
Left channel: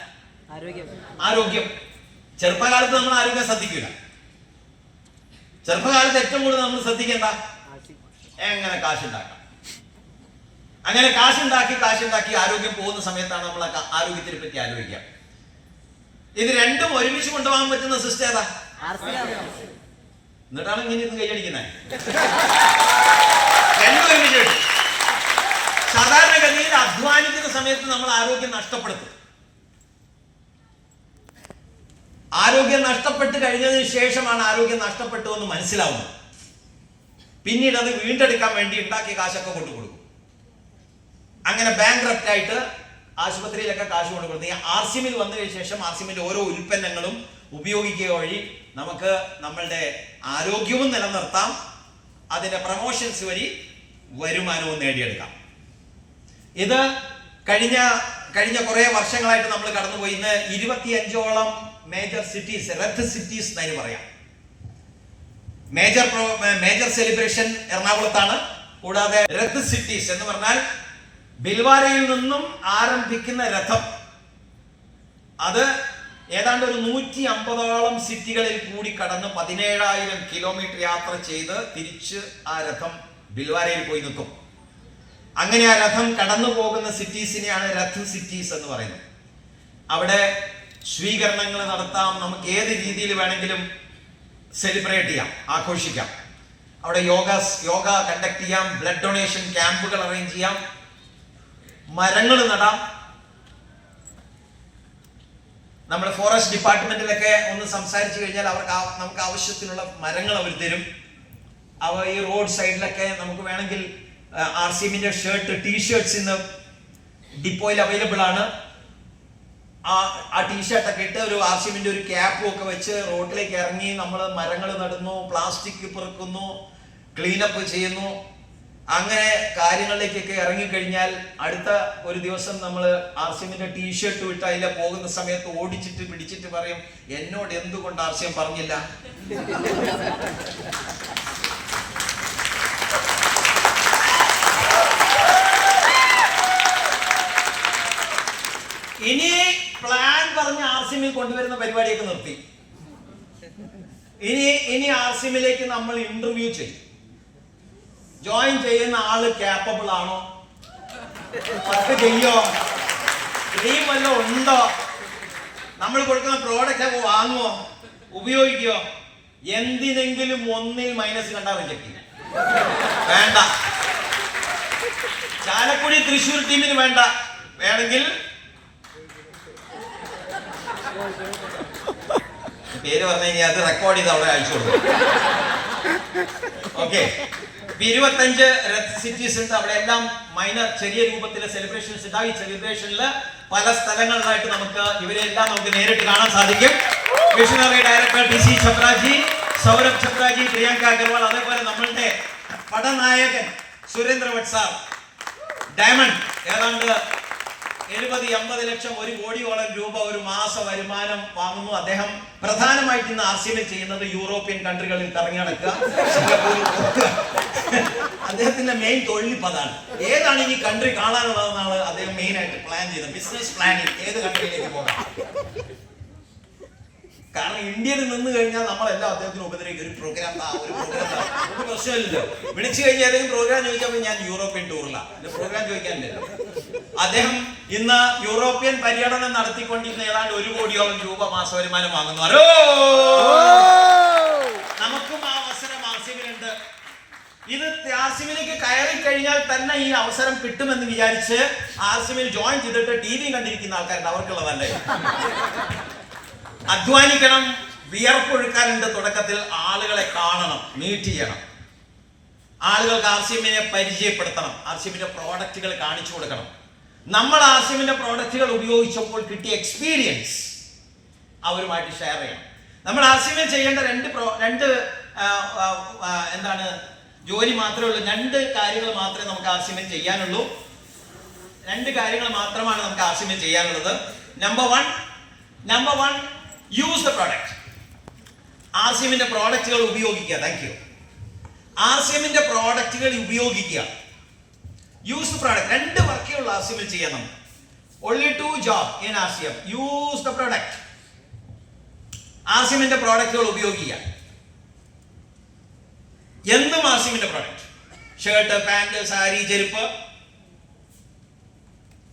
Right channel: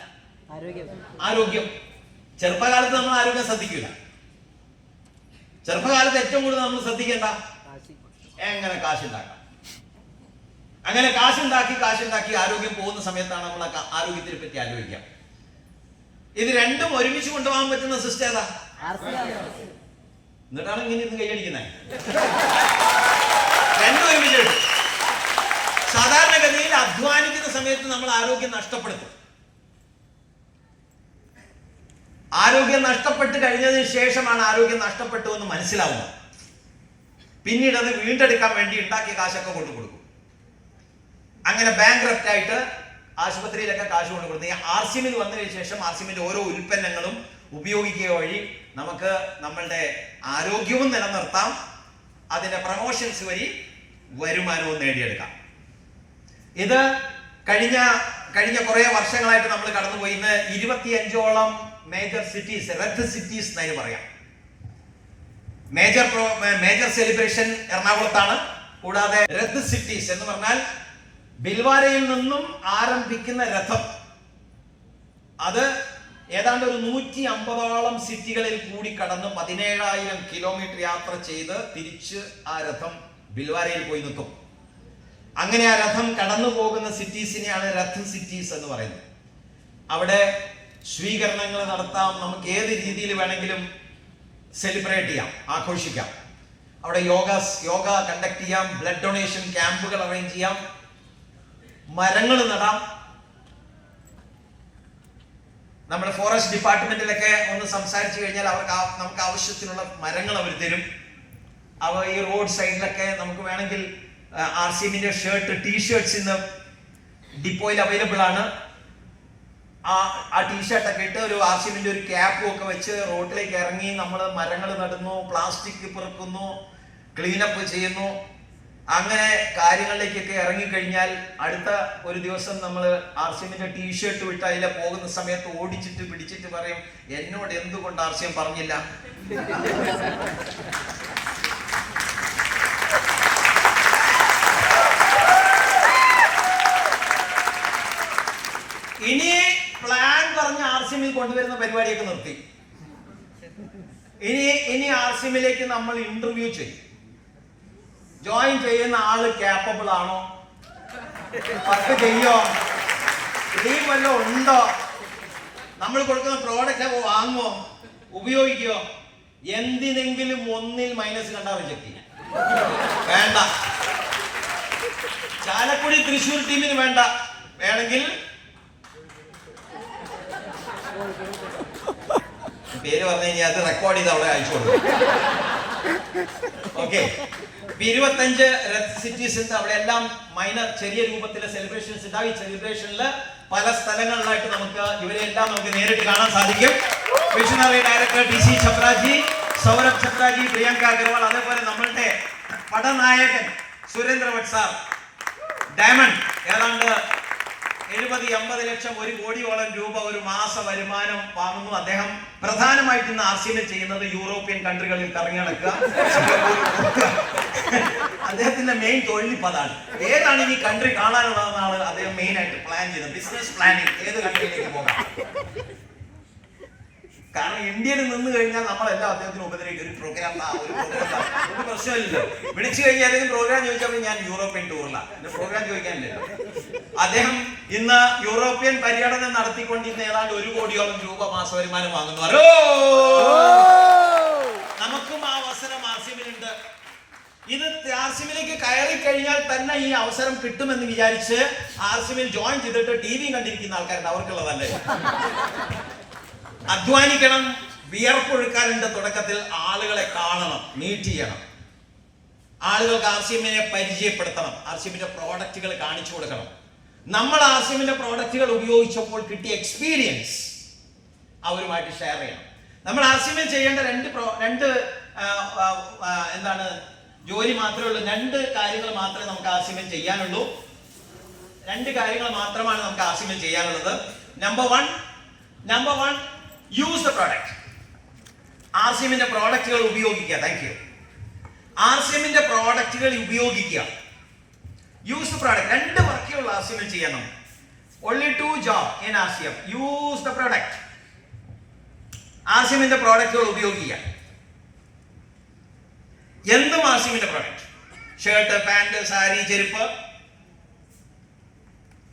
ആരോഗ്യം. ചെറുപ്പകാലത്ത് നമ്മൾ ആരോഗ്യം ശ്രദ്ധിക്കില്ല. ചെറുപ്പകാലത്ത് ഏറ്റവും കൂടുതൽ നമ്മൾ ശ്രദ്ധിക്കേണ്ട എങ്ങനെ കാശുണ്ടാക്കാം. അങ്ങനെ കാശുണ്ടാക്കി ആരോഗ്യം പോകുന്ന സമയത്താണ് നമ്മൾ ആരോഗ്യത്തിനെ പറ്റി ആലോചിക്കുക. ഇത് രണ്ടും ഒരുമിച്ച് കൊണ്ടുപോകാൻ പറ്റുന്ന സിസ്റ്റം ഏതാ? എന്നിട്ടാണ് ഇങ്ങനെ ഇന്ന് കൈയടിക്കുന്നത്. രണ്ടും ഒരുമിച്ച്. സാധാരണഗതിയിൽ അധ്വാനിക്കുന്ന സമയത്ത് നമ്മൾ ആരോഗ്യം നഷ്ടപ്പെടുത്തും. ആരോഗ്യം നഷ്ടപ്പെട്ട് കഴിഞ്ഞതിന് ശേഷമാണ് ആരോഗ്യം നഷ്ടപ്പെട്ടു എന്ന് മനസ്സിലാവുന്നത്. പിന്നീട് അത് വീണ്ടെടുക്കാൻ വേണ്ടി ഉണ്ടാക്കിയ കാശൊക്കെ കൊണ്ടു കൊടുക്കും. അങ്ങനെ ബാങ്ക്രപ്റ്റ് ആയിട്ട് ആശുപത്രിയിലൊക്കെ കാശ് കൊണ്ടു കൊടുക്കും. ഈ RCMൽ വന്നതിന് ശേഷം RCMന്റെ ഓരോ ഉൽപ്പന്നങ്ങളും ഉപയോഗിക്കുക വഴി നമുക്ക് നമ്മളുടെ ആരോഗ്യവും നിലനിർത്താം, അതിന്റെ പ്രമോഷൻസ് വഴി വരുമാനവും നേടിയെടുക്കാം. ഇത് കഴിഞ്ഞ കുറെ വർഷങ്ങളായിട്ട് നമ്മൾ കടന്നുപോയി. ഇന്ന് 25ഓളം മേജർ സിറ്റീസ്, റെഡ് സിറ്റീസ് എന്നതിന് പറയാം. മേജർ സെലിബ്രേഷൻ എറണാകുളത്താണ്. കൂടാതെ റെഡ് സിറ്റീസ് എന്ന് പറഞ്ഞാൽ ബിൽവാരയിൽ നിന്നും ആരംഭിക്കുന്ന രഥം, അത് ഏതാണ്ട് ഒരു 150ഓളം സിറ്റികളിൽ കൂടി കടന്ന് 17,000 കിലോമീറ്റർ യാത്ര ചെയ്ത് തിരിച്ച് ആ രഥം ബിൽവാരയിൽ പോയി നിൽക്കും. അങ്ങനെ ആ രഥം കടന്നു പോകുന്ന സിറ്റീസിനെയാണ് റെഡ് സിറ്റീസ് എന്ന് പറയുന്നത്. അവിടെ സ്വീകരണങ്ങൾ നടത്താം, നമുക്ക് ഏത് രീതിയിൽ വേണമെങ്കിലും സെലിബ്രേറ്റ് ചെയ്യാം, ആഘോഷിക്കാം. അവിടെ യോഗ കണ്ടക്ട് ചെയ്യാം, ബ്ലഡ് ഡൊണേഷൻ ക്യാമ്പുകൾ അറേഞ്ച് ചെയ്യാം, മരങ്ങൾ നടാം. നമ്മുടെ ഫോറസ്റ്റ് ഡിപ്പാർട്ട്മെന്റിലൊക്കെ ഒന്ന് സംസാരിച്ചു കഴിഞ്ഞാൽ നമുക്ക് ആവശ്യത്തിനുള്ള മരങ്ങൾ അവർ തരും. ഈ റോഡ് സൈഡിലൊക്കെ നമുക്ക് വേണമെങ്കിൽ RCMന്റെ ടീഷർട്ട്സ് ഇന്ന് ഡിപ്പോയിൽ അവൈലബിൾ ആണ്. ആ ടീഷർട്ടൊക്കെ ഇട്ട് ഒരു RCMന്റെ ഒരു ക്യാപ്പും ഒക്കെ വെച്ച് റോഡിലേക്ക് ഇറങ്ങി നമ്മൾ മരങ്ങൾ നടുന്നു, പ്ലാസ്റ്റിക് പെറുക്കുന്നു, ക്ലീനപ്പ് ചെയ്യുന്നു. അങ്ങനെ കാര്യങ്ങളിലേക്കൊക്കെ ഇറങ്ങിക്കഴിഞ്ഞാൽ അടുത്ത ഒരു ദിവസം നമ്മൾ RCMന്റെ ടീഷർട്ട് വിട്ട് അതിലെ പോകുന്ന സമയത്ത് ഓടിച്ചിട്ട് പിടിച്ചിട്ട് പറയും, എന്നോട് എന്തുകൊണ്ട് RCM പറഞ്ഞില്ല? ഇനി പ്ലാൻ പറഞ്ഞ് RCMൽ കൊണ്ടുവരുന്ന പരിപാടിയൊക്കെ നിർത്തി. ഇനി RCMലേക്ക് നമ്മൾ ഇന്റർവ്യൂ ചെയ്യും. ജോയിൻ ചെയ്യുന്ന ആള് ക്യാപ്പബിൾ ആണോ, വർക്ക് ചെയ്യോ, ടീം വല്ലതും ഉണ്ടോ, നമ്മൾ കൊടുക്കുന്ന പ്രോഡക്റ്റ് വാങ്ങുമോ, ഉപയോഗിക്കോ, എന്തിനെങ്കിലും ഒന്നിൽ മൈനസ് കണ്ടാ റിജക്ട് ചെയ്യും. വേണ്ട. ചാലക്കുടി തൃശ്ശൂർ ടീമിന് വേണ്ട. വേണമെങ്കിൽ പേര് പറഞ്ഞു കഴിഞ്ഞാൽ അത് റെക്കോർഡ് ചെയ്ത് അവിടെ അയച്ചു കൊടുക്കും. ഓക്കെ. 25 റെഡ് സിറ്റീസ് ഉണ്ട്. അവിടെ എല്ലാം മൈനർ ചെറിയ രൂപത്തിലെ സെലിബ്രേഷൻസ് ഉണ്ടാവും. ഈ സെലിബ്രേഷനിൽ പല സ്ഥലങ്ങളിലായിട്ട് ഇവരെല്ലാം നമുക്ക് നേരിട്ട് കാണാൻ സാധിക്കും. Visionary director DC Chhabraji, Saurabh Chhabraji, Priyanka Agarwal, അതേപോലെ നമ്മളുടെ പടനായകൻ സുരേന്ദ്ര ഭട്ട് സാർ, ഡയമണ്ട്, ഏതാണ്ട് 70-80 ലക്ഷം, 1 കോടിയോളം രൂപ ഒരു മാസ വരുമാനം വാങ്ങുന്നു. അദ്ദേഹം പ്രധാനമായിട്ട് ഇന്ന് RCMൽ ചെയ്യുന്നത് യൂറോപ്യൻ കൺട്രികളിൽ കറങ്ങി നടക്കുക, സിംഗപ്പൂരിൽ പോകുക. അദ്ദേഹത്തിന്റെ മെയിൻ തൊഴിലിപ്പ് അതാണ്. ഏതാണ് ഇനി കൺട്രി കാണാനുള്ളതെന്നാണ് അദ്ദേഹം മെയിൻ ആയിട്ട് പ്ലാൻ ചെയ്യുന്നത്. ബിസിനസ് പ്ലാനിങ്, ഏത് കൺട്രിയിലേക്ക് പോകാം. കാരണം ഇന്ത്യയിൽ നിന്ന് കഴിഞ്ഞാൽ നമ്മളെല്ലാം അദ്ദേഹത്തിന് ഉപദ്രവിക്കും. ഒരു പ്രോഗ്രാം ഒരു പ്രശ്നമില്ലല്ലോ. വിളിച്ചു കഴിഞ്ഞാൽ ഏതെങ്കിലും പ്രോഗ്രാം ചോദിച്ചപ്പോൾ ഞാൻ യൂറോപ്യൻ ടൂറിലാണ്, എന്റെ പ്രോഗ്രാം ചോദിക്കാനില്ലല്ലോ. അദ്ദേഹം ഇന്ന് യൂറോപ്യൻ പര്യടനം നടത്തിക്കൊണ്ടിരുന്ന ഏതാണ്ട് 1 കോടിയോളം രൂപ മാസ വരുമാനം വാങ്ങുന്നു. നമുക്കും ആ അവസരം RCMലുണ്ട്. ഇത് RCMലേക്ക് കയറി കഴിഞ്ഞാൽ തന്നെ ഈ അവസരം കിട്ടുമെന്ന് വിചാരിച്ച് RCMൽ ജോയിൻ ചെയ്തിട്ട് TV കണ്ടിരിക്കുന്ന ആൾക്കാരുണ്ട്. അവർക്കുള്ളതല്ലേ. അധ്വാനിക്കണം, വിയർപ്പൊഴുക്കാനുണ്ട്. തുടക്കത്തിൽ ആളുകളെ കാണണം, മീറ്റ് ചെയ്യണം, ആളുകൾക്ക് RCMനെ പരിചയപ്പെടുത്തണം, RCMന്റെ പ്രോഡക്റ്റുകൾ കാണിച്ചു കൊടുക്കണം. നമ്മൾ RCMന്റെ പ്രോഡക്റ്റുകൾ ഉപയോഗിച്ചപ്പോൾ കിട്ടിയ എക്സ്പീരിയൻസ് അവരുമായിട്ട് ഷെയർ ചെയ്യണം. നമ്മൾ RCMൽ ചെയ്യേണ്ട രണ്ട് എന്താണ് ജോലി മാത്രമേ ഉള്ളൂ. 2 കാര്യങ്ങൾ മാത്രമേ നമുക്ക് ആർസിഎമ്മിൽ ചെയ്യാനുള്ളൂ. 2 കാര്യങ്ങൾ മാത്രമാണ് നമുക്ക് ആർസിഎമ്മിൽ ചെയ്യാനുള്ളത്. Number one use the product. ആർസിഎമ്മിന്റെ പ്രോഡക്റ്റുകൾ ഉപയോഗിക്കുക. Thank you. ആർസിഎമ്മിന്റെ പ്രോഡക്റ്റുകൾ ഉപയോഗിക്കുക. Use the product. 2 വർക്കുകൾ ആർസിഎമ്മിൽ ചെയ്യാൻ നമുക്ക്. Only 2 jobs in RCM. Use the product. ആർസിഎമ്മിന്റെ പ്രോഡക്റ്റുകൾ ഉപയോഗിക്കുക. എന്തും ആർസിഎമ്മിന്റെ പ്രോഡക്റ്റ്. ഷർട്ട്, പാന്റ്, സാരി, ചെരുപ്പ്.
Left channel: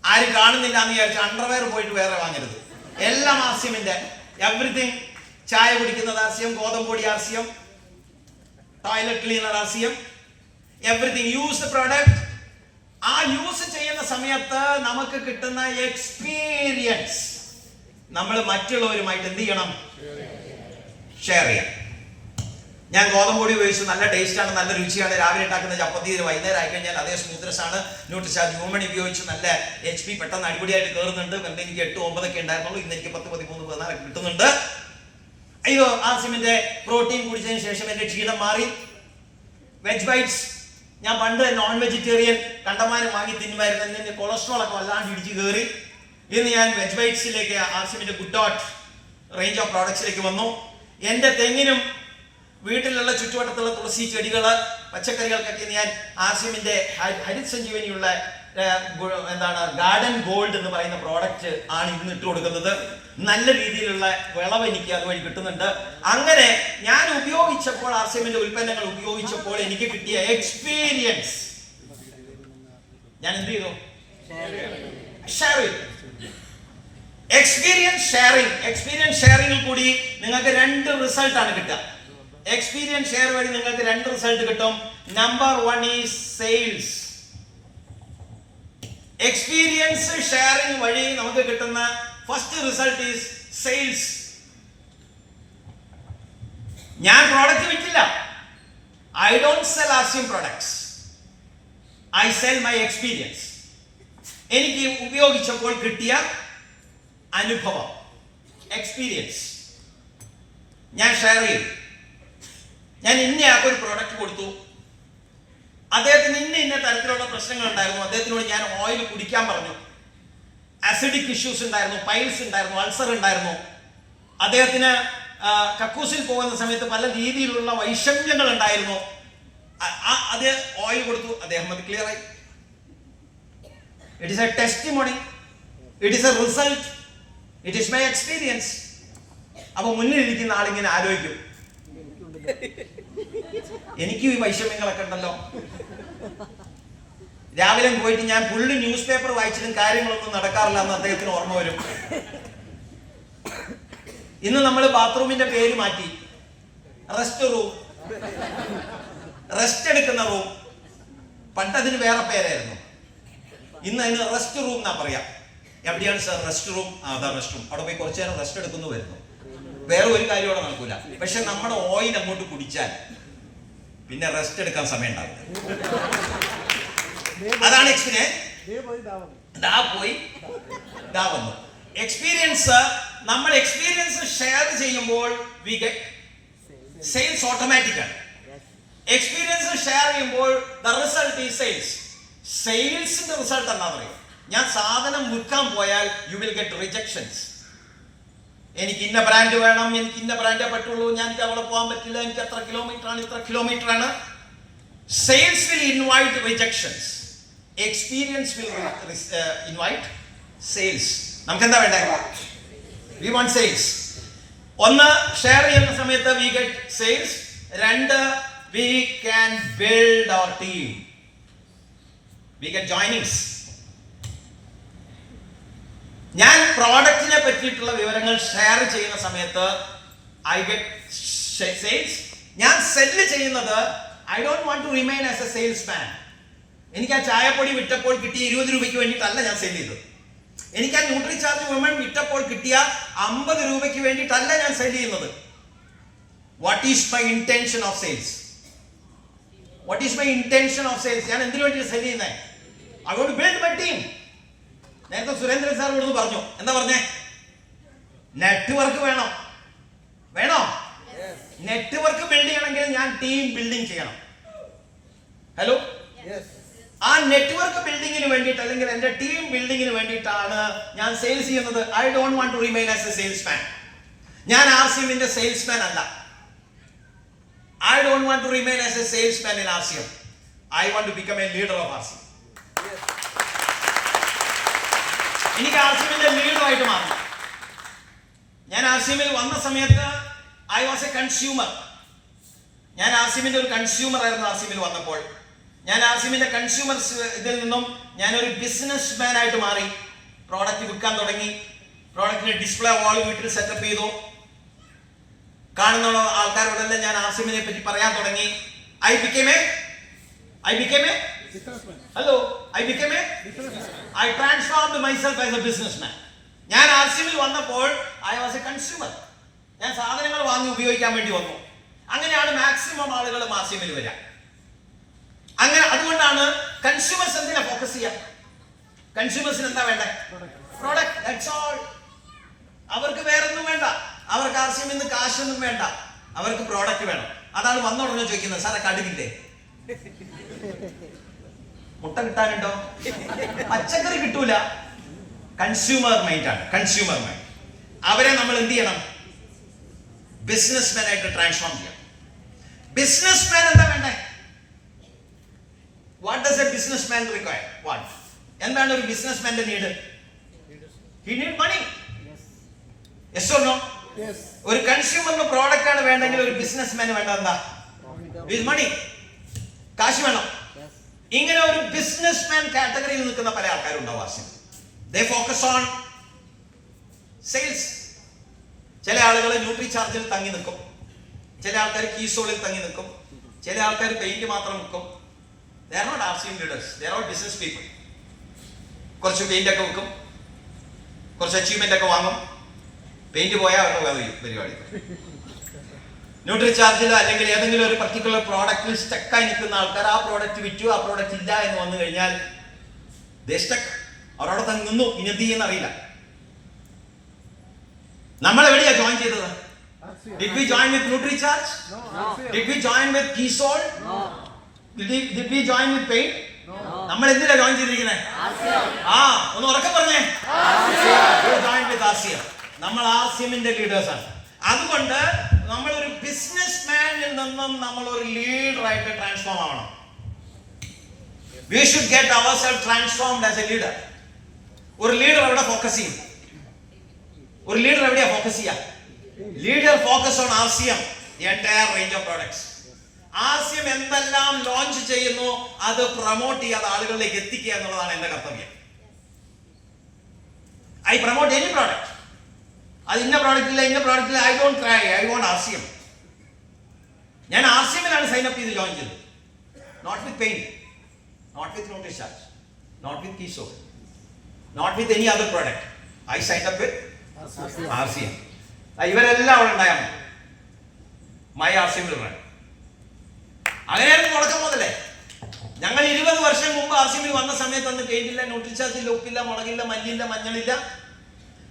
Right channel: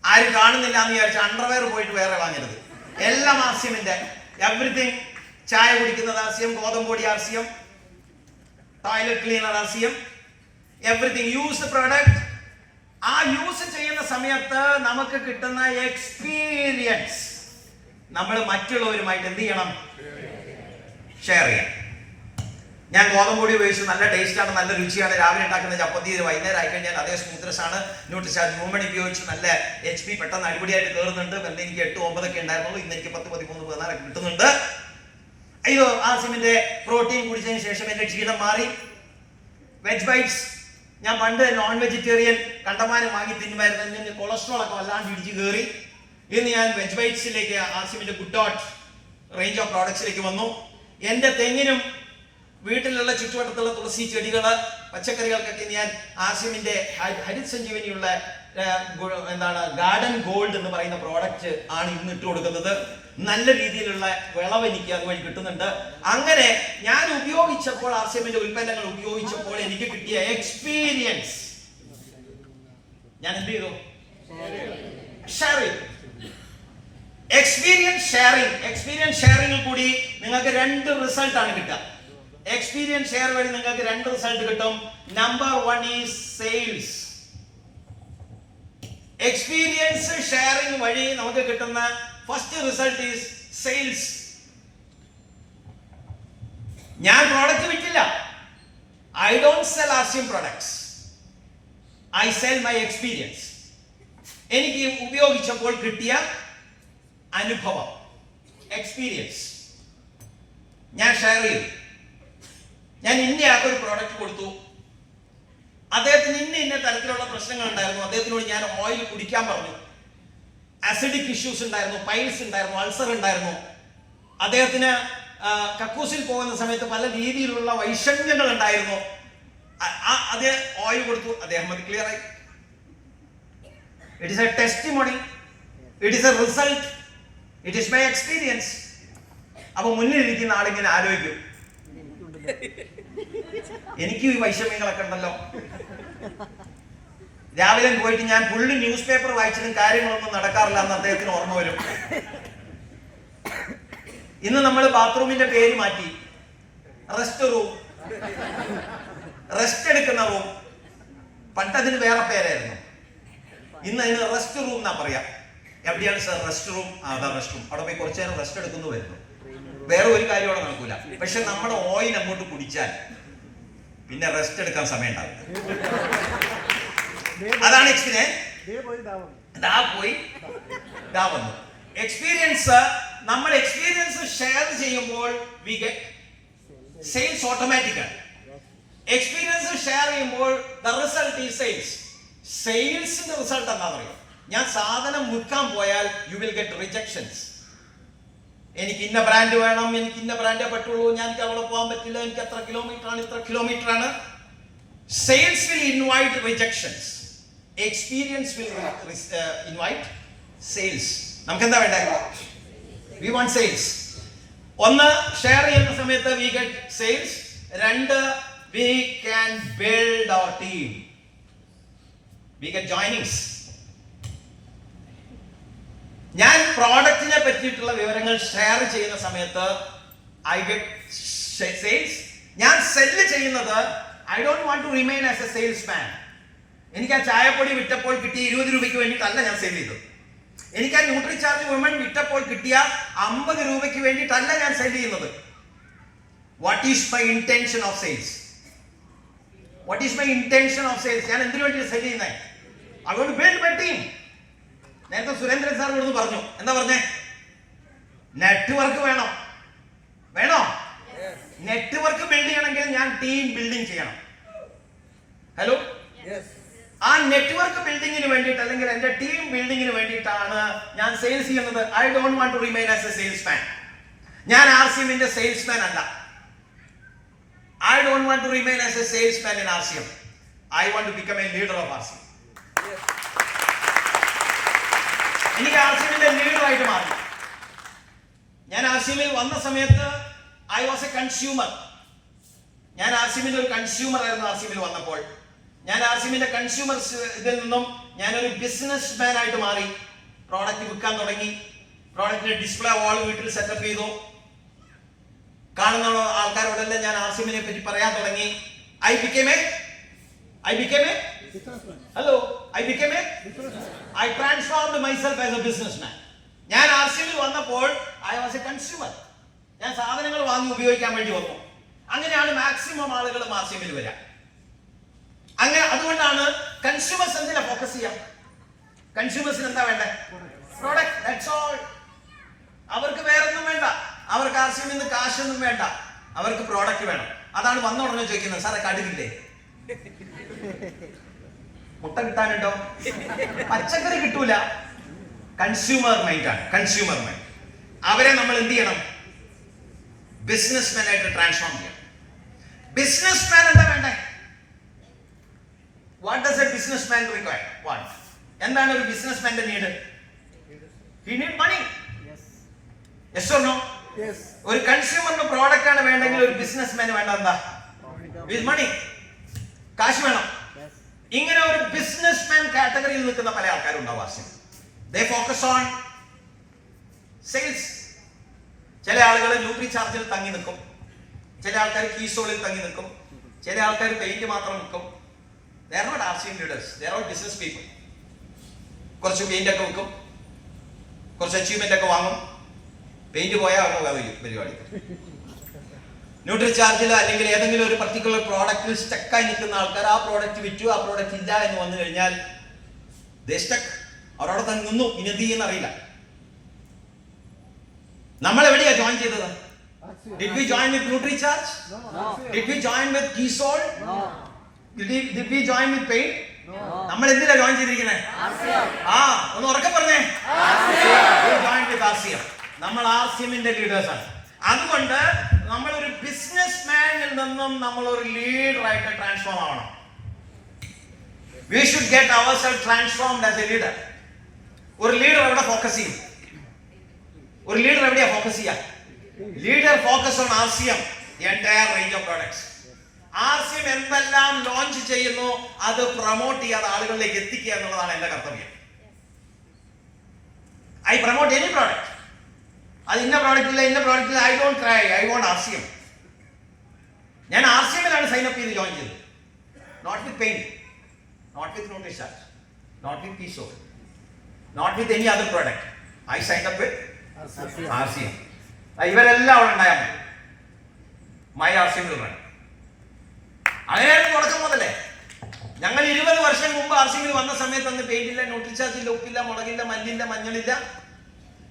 ആരും കാണുന്നില്ല എന്ന് വിചാരിച്ച് അണ്ടർവെയർ പോയിട്ട് വേറെ വാങ്ങരുത്. എല്ലാം ആർസിഎമ്മിന്റെ. എവറിത്തിങ്. ചായ കുടിക്കുന്നത് ആർസിഎം, ഗോതമ്പൊടി RCM, toilet cleaner RCM, everything. Use the product. ആ യൂസ് ചെയ്യുന്ന സമയത്ത് നമുക്ക് കിട്ടുന്ന എക്സ്പീരിയൻസ് നമ്മൾ മറ്റുള്ളവരുമായിട്ട് എന്ത് ചെയ്യണം? ഷെയർ ചെയ്യാം. ഞാൻ ഗോതമ്പൊടി ഉപയോഗിച്ച് നല്ല ടേസ്റ്റാണ്, നല്ല രുചിയാണ്. രാവിലെ ഉണ്ടാക്കുന്ന ചപ്പത്തി വൈകുന്നേരം ആയിക്കഴിഞ്ഞാൽ അതേ സ്മൂത്ത്നെസ് ആണ്. ന്യൂട്രിഷാർജ് ഹ്യൂമൺ ഉപയോഗിച്ച് നല്ല HP പെട്ടെന്ന് അടിപൊളിയായിട്ട് കയറുന്നുണ്ട്. വെറുതെ എനിക്ക് 8-9 ഒക്കെ ഉണ്ടായിരുന്നുള്ളൂ. ഇന്ന് എനിക്ക് 10, 13, 14 കിട്ടുന്നുണ്ട്. അയ്യോ, ആർസിഎമ്മിന്റെ പ്രോട്ടീൻ കുടിച്ചതിന് ശേഷം എന്റെ ക്ഷീണം മാറി. Veg bites. ഞാൻ പണ്ട് നോൺ വെജിറ്റേറിയൻ കണ്ടമാനം വാങ്ങി തിന്നുമായിരുന്നു. എന്റെ കൊളസ്ട്രോൾ ഒക്കെ വല്ലാണ്ട് ഇടിച്ചു കയറി. ഇന്ന് ഞാൻ വെജ് ബൈറ്റ്സിലേക്ക്, ആർസിഎമ്മിന്റെ ഗുഡ് ഡോട്ട് റേഞ്ച് ഓഫ് പ്രോഡക്ട്സിലേക്ക് വന്നു. എന്റെ തെങ്ങിനും വീട്ടിലുള്ള ചുറ്റുവട്ടത്തുള്ള തുളസി ചെടികള്, പച്ചക്കറികൾക്കൊക്കെ ഞാൻ ആർസിഎമ്മിന്റെ ഹരിത് സഞ്ജീവനിയുള്ള എന്താണ് ഗാർഡൻ ഗോൾഡ് എന്ന് പറയുന്ന പ്രോഡക്റ്റ് ആണ് ഇന്ന് ഇട്ട് കൊടുക്കുന്നത്. നല്ല രീതിയിലുള്ള വിളവ് എനിക്ക് അതുവഴി കിട്ടുന്നുണ്ട്. അങ്ങനെ ഞാൻ ഉപയോഗിച്ചപ്പോൾ, ആർസിഎമ്മിന്റെ ഉൽപ്പന്നങ്ങൾ ഉപയോഗിച്ചപ്പോൾ എനിക്ക് കിട്ടിയ എക്സ്പീരിയൻസ് ഞാൻ എന്ത് ചെയ്തു? ഷെയർ ചെയ്തു. എക്സ്പീരിയൻസ് ഷെയറിംഗിൽ കൂടി നിങ്ങൾക്ക് 2 റിസൾട്ട് ആണ് കിട്ടുക. എക്സ്പീരിയൻസ് ഷെയർ വഴി നിങ്ങൾക്ക് 2 റിസൾട്ട് കിട്ടും. Number 1 is sales. Experience sharing വഴി നമുക്ക് കിട്ടുന്ന ഫസ്റ്റ് റിസൾട്ട് ഈസ് സെയിൽസ്. ഞാൻ പ്രോഡക്റ്റ് വിറ്റില്ല. I don't sell RCM products. I sell my experience. എനിക്ക് ഉപയോഗിച്ചപ്പോൾ കിട്ടിയ അനുഭവം, എക്സ്പീരിയൻസ് ഞാൻ ഷെയർ ചെയ്തു. ഞാൻ ഇന്നയാൾക്കൊരു പ്രോഡക്റ്റ് കൊടുത്തു. അദ്ദേഹത്തിന് ഇന്ന തരത്തിലുള്ള പ്രശ്നങ്ങൾ ഉണ്ടായിരുന്നു. അദ്ദേഹത്തിനോട് ഞാൻ ഓയിൽ കുടിക്കാൻ പറഞ്ഞു. അസിഡിക് ഇഷ്യൂസ് ഉണ്ടായിരുന്നു, പൈൽസ് ഉണ്ടായിരുന്നു, അൾസർ ഉണ്ടായിരുന്നു. അദ്ദേഹത്തിന് കക്കൂസിൽ പോകുന്ന സമയത്ത് പല രീതിയിലുള്ള വൈഷമ്യങ്ങൾ ഉണ്ടായിരുന്നു. അത് ഓയിൽ കൊടുത്തു. അദ്ദേഹം അത് ക്ലിയർ ആയി. It is A testimony. It is A result. It is my experience. അപ്പൊ മുന്നിലിരിക്കുന്ന ആളിങ്ങനെ ആലോചിക്കും, എനിക്കും ഈ വൈഷമ്യങ്ങളൊക്കെ ഉണ്ടല്ലോ. രാവിലെ പോയിട്ട് ഞാൻ ഫുള്ള് ന്യൂസ് പേപ്പർ വായിച്ചിട്ടും കാര്യങ്ങളൊന്നും നടക്കാറില്ല എന്ന് അദ്ദേഹത്തിന് ഓർമ്മ വരും. ഇന്ന് നമ്മൾ ബാത്റൂമിന്റെ പേര് മാറ്റി. റെസ്റ്റ് റൂം, റെസ്റ്റ് എടുക്കുന്ന റൂം. പണ്ട് അതിന് വേറെ പേരായിരുന്നു. ഇന്ന് അതിന് റെസ്റ്റ് റൂം എന്നാ പറയാ. എവിടെയാണ് സാർ റെസ്റ്റ് റൂം? അതാ റെസ്റ്റ് റൂം. അവിടെ പോയി കുറച്ചു നേരം റെസ്റ്റ് എടുക്കുന്നു വരുന്നു. വേറെ ഒരു കാര്യം അവിടെ നടക്കൂല. പക്ഷെ നമ്മുടെ ഓയിൽ അങ്ങോട്ട് കുടിച്ചാൽ പിന്നെ റെസ്റ്റ് എടുക്കാൻ സമയം ഉണ്ടാവില്ല. അതാണ് എക്സ്പീരിയൻസ്. ദാ വന്നു എക്സ്പീരിയൻസ്. നമ്മൾ എക്സ്പീരിയൻസ് ഷെയർ ചെയ്യുമ്പോൾ വി ഗെറ്റ് സെയിൽസ് ഓട്ടോമാറ്റിക്കാണ്. എക്സ്പീരിയൻസ് ഷെയർ ചെയ്യുമ്പോൾ ദ റിസൾട്ട് ഈസ് സെയിൽസ്. സെയിൽസിന്റെ റിസൾട്ട് എന്താ പറയുക? ഞാൻ സാധനം വിൽക്കാൻ പോയാൽ യു വിൽ ഗെറ്റ് റിജക്ഷൻസ്. എനിക്ക് ഇന്ന ബ്രാൻഡ് വേണം, എനിക്ക് ഇന്ന ബ്രാൻഡേ പറ്റുള്ളൂ, ഞാൻ എനിക്ക് അവിടെ പോകാൻ പറ്റില്ല, എനിക്ക് എത്ര കിലോമീറ്റർ ആണ്, ഇത്ര കിലോമീറ്റർ ആണ്. Sales will invite rejections. Experience will invite sales. നമുക്ക് എന്താ വേണ്ടേ? We want sales. ഒന്ന്, ഷെയർ ചെയ്യുന്ന സമയത്ത് we get sales. 2, we can build our team. We get joinings. ഞാൻ പ്രോഡക്റ്റിനെ പറ്റിയിട്ടുള്ള വിവരങ്ങൾ ഷെയർ ചെയ്യുന്ന സമയത്ത് ഐ ഗെറ്റ് സെയിൽസ്. ഞാൻ സെല്ല് ചെയ്യുന്നത് I don't want to remain as a salesman. എനിക്ക് ആ ചായപ്പൊടി വിറ്റപ്പോൾ കിട്ടിയ 20 രൂപയ്ക്ക് വേണ്ടിയിട്ടല്ല ഞാൻ സെയിൽ ചെയ്തത്. എനിക്ക് ആ ന്യൂട്രിചാർജ് വുമൺ വിറ്റപ്പോൾ കിട്ടിയ 50 രൂപയ്ക്ക് വേണ്ടിയിട്ടല്ല ഞാൻ സെയിൽ ചെയ്യുന്നത്. What is my intention of sales? What is my intention of sales? ഞാൻ എന്തിനു വേണ്ടി സെയിൽ ചെയ്യുന്നത്? I want to build my team. നേരത്തെ സുരേന്ദ്രൻ സാർ ഇവിടുന്ന് പറഞ്ഞു. എന്താ പറഞ്ഞേ? നെറ്റ്വർക്ക് വേണോ? നെറ്റ്വർക്ക് ബിൽഡ് ചെയ്യണമെങ്കിൽ ഞാൻ ടീം ബിൽഡിംഗ് ചെയ്യണം. ഹലോ, ആ നെറ്റ്വർക്ക് ബിൽഡിങ്ങിന് വേണ്ടിയിട്ട് അല്ലെങ്കിൽ എന്റെ ടീം ബിൽഡിങ്ങിന് വേണ്ടിയിട്ടാണ് ഞാൻ സെയിൽസ് ചെയ്യുന്നത്. I don't want to remain as a salesman. ഞാൻ ആർസിഎമ്മിന്റെ സെയിൽസ്മാൻ അല്ല. I don't want to remain as a salesman in RCM. I want to become a leader of RCM. എനിക്ക് ആർസിഎമ്മിന്റെ ലീഡറായിട്ട് മാറണം. ഞാൻ ആർസിഎമ്മിൽ വന്ന സമയത്ത് ഐ വാസ് എ കൺസ്യൂമർ. ഞാൻ ആർസിഎമ്മിന്റെ ഒരു കൺസ്യൂമർ ആയിരുന്നു. ആർസിഎമ്മിൽ വന്നപ്പോൾ ഞാൻ ആർസിഎമ്മിന്റെ കൺസ്യൂമർ ഇതിൽ നിന്നും ഞാനൊരു ബിസിനസ് മാൻ ആയിട്ട് മാറി. പ്രോഡക്റ്റ് വിൽക്കാൻ തുടങ്ങി. പ്രോഡക്റ്റിന്റെ ഡിസ്പ്ലേ വാൾ വീട്ടിൽ സെറ്റപ്പ് ചെയ്തു. കാണുന്ന ആൾക്കാരോടെല്ലാം ഞാൻ ആർസിഎമ്മിനെ പറ്റി പറയാൻ തുടങ്ങി. I became a I transformed myself as a businessman. ഞാൻ ആർസിഎമ്മിൽ വന്നപ്പോൾ ഐ വാസ് എ കൺസ്യൂമർ. ഞാൻ സാധനങ്ങൾ വാങ്ങി ഉപയോഗിക്കാൻ വേണ്ടി വന്നു. അങ്ങനെയാണ് മാക്സിമം ആളുകൾ ആർസിഎമ്മിൽ വരിക. അങ്ങനെ അതുകൊണ്ടാണ് കൺസ്യൂമേഴ്സ് എന്തിനാ ഫോക്കസ് ചെയ്യാം? കൺസ്യൂമേഴ്സിന് എന്താ വേണ്ടേ? പ്രോഡക്റ്റ്. That's all. അവർക്ക് വേറൊന്നും വേണ്ട. അവർക്ക് ആർസിഎമ്മിൽ നിന്ന് കാശൊന്നും വേണ്ട. അവർക്ക് പ്രോഡക്റ്റ് വേണം. അതാണ് വന്ന ഉടനെ ചോദിക്കുന്നത്, സാറേ കടുകില്ലേ? മുട്ട കിട്ടാനുണ്ടോ? പച്ചക്കറി കിട്ടൂല. കൺസ്യൂമർ മൈൻഡ് ആണ്. Consumer mind. അവരെ നമ്മൾ എന്ത് ചെയ്യണം? ബിസിനസ്മാൻ ആയിട്ട് ട്രാൻസ്ഫോം ചെയ്യണം. ബിസിനസ്മാൻ എന്താ വേണ്ടേ? What does a businessman require? What? എന്താണ് ഒരു ബിസിനസ്മാന്റെ need? He need money. Yes or no? ഒരു കൺസ്യൂമറിന് പ്രോഡക്റ്റ് ആണ് വേണ്ടെങ്കിൽ ഒരു ബിസിനസ്മാന് വേണ്ട എന്താ? വിത്ത് മണി. കാശ് വേണം. ഇങ്ങനെ ഒരു ബിസിനസ്മാൻ കാറ്റഗറിയിൽ നിൽക്കുന്ന പല ആൾക്കാരുണ്ടാവും. They focus on sales. ചില ആളുകൾ ന്യൂട്രി ചാർജിൽ തങ്ങി നിൽക്കും. ചില ആൾക്കാർ കീസോളിൽ തങ്ങി നിൽക്കും. ചില ആൾക്കാർ പെയിന്റ് മാത്രം വിൽക്കും. They are not RCM leaders. They are all business people. കുറച്ച് പെയിന്റ് ഒക്കെ വിൽക്കും. കുറച്ച് അച്ചീവ്മെന്റ് ഒക്കെ വാങ്ങും. പെയിന്റ് പോയാൽ അവരുടെ പരിപാടി. ന്യൂട്രി ചാർജിൽ അല്ലെങ്കിൽ ഏതെങ്കിലും ഒരു പർട്ടിക്കുലർ പ്രോഡക്റ്റിൽ സ്റ്റക്കായി നിൽക്കുന്ന ആൾക്കാർ ആ പ്രോഡക്റ്റ് വിറ്റു, ആ പ്രോഡക്റ്റ് ഇല്ല എന്ന് വന്നു കഴിഞ്ഞാൽ അവരവിടെ തന്നെ നിന്നു. ഇനി എന്ത് ചെയ്യുന്ന അറിയില്ല. നമ്മൾ എവിടെയാ ജോയിൻ ചെയ്തത്? Did we join with NutriCharge? No. Did we join with Keysol? No. Did we join with Paint? No. നമ്മൾ എന്തിനാ ജോയിൻ ചെയ്തിരിക്കുന്നത്? ഒന്ന് ഉറക്കെ പറഞ്ഞേ. Join with RCM. നമ്മൾ ആർസിഎമ്മിന്റെ ലീഡേഴ്സ് ആണ്. അതുകൊണ്ട് നമ്മൾ ഒരു ബിസിനസ് മാനിൽ നിന്നും നമ്മൾ ഒരു ലീഡർ ആയിട്ട് ട്രാൻസ്ഫോം ആവണം. We should get ourselves transformed as a leader. ഒരു ലീഡർ എവിടെ ഫോക്കസ് ചെയ്യും? ഒരു ലീഡർ എവിടെയാ ഫോക്കസ് ചെയ്യുക? Leader focus on RCM, the entire range of products. RCM എന്തെല്ലാം ലോഞ്ച് ചെയ്യുന്നു അത് പ്രൊമോട്ട് ചെയ്യാതെ ആളുകളിലേക്ക് എത്തിക്കുക എന്നുള്ളതാണ് എന്റെ കർത്തവ്യം. I promote any product. അത് ഇന്ന പ്രോഡക്റ്റ് ഇല്ല, ഇന്ന പ്രോഡക്റ്റ് ഇല്ല. I don't try. I want RCM. ഞാൻ ആർസിഎമ്മിലാണ് സൈൻ അപ്പ് ചെയ്ത് ജോയിൻ ചെയ്തത്. Not with paint, not with NutriCharge, not with Keysol, not with any other product. I sign up with RCM. ഇവരെല്ലാം അവിടെ ഉണ്ടായാൽ മതി. My RCM run. അങ്ങനെയായിരുന്നു തുടക്കം മുതലേ. ഞങ്ങൾ 20 വർഷം മുമ്പ് ആർസിഎമ്മിൽ വന്ന സമയത്ത് അന്ന് പെയിന്റില്ല, NutriCharge ഇല്ല, ഉപ്പില്ല, മുളകില്ല, മല്ലില്ല, മഞ്ഞളില്ല,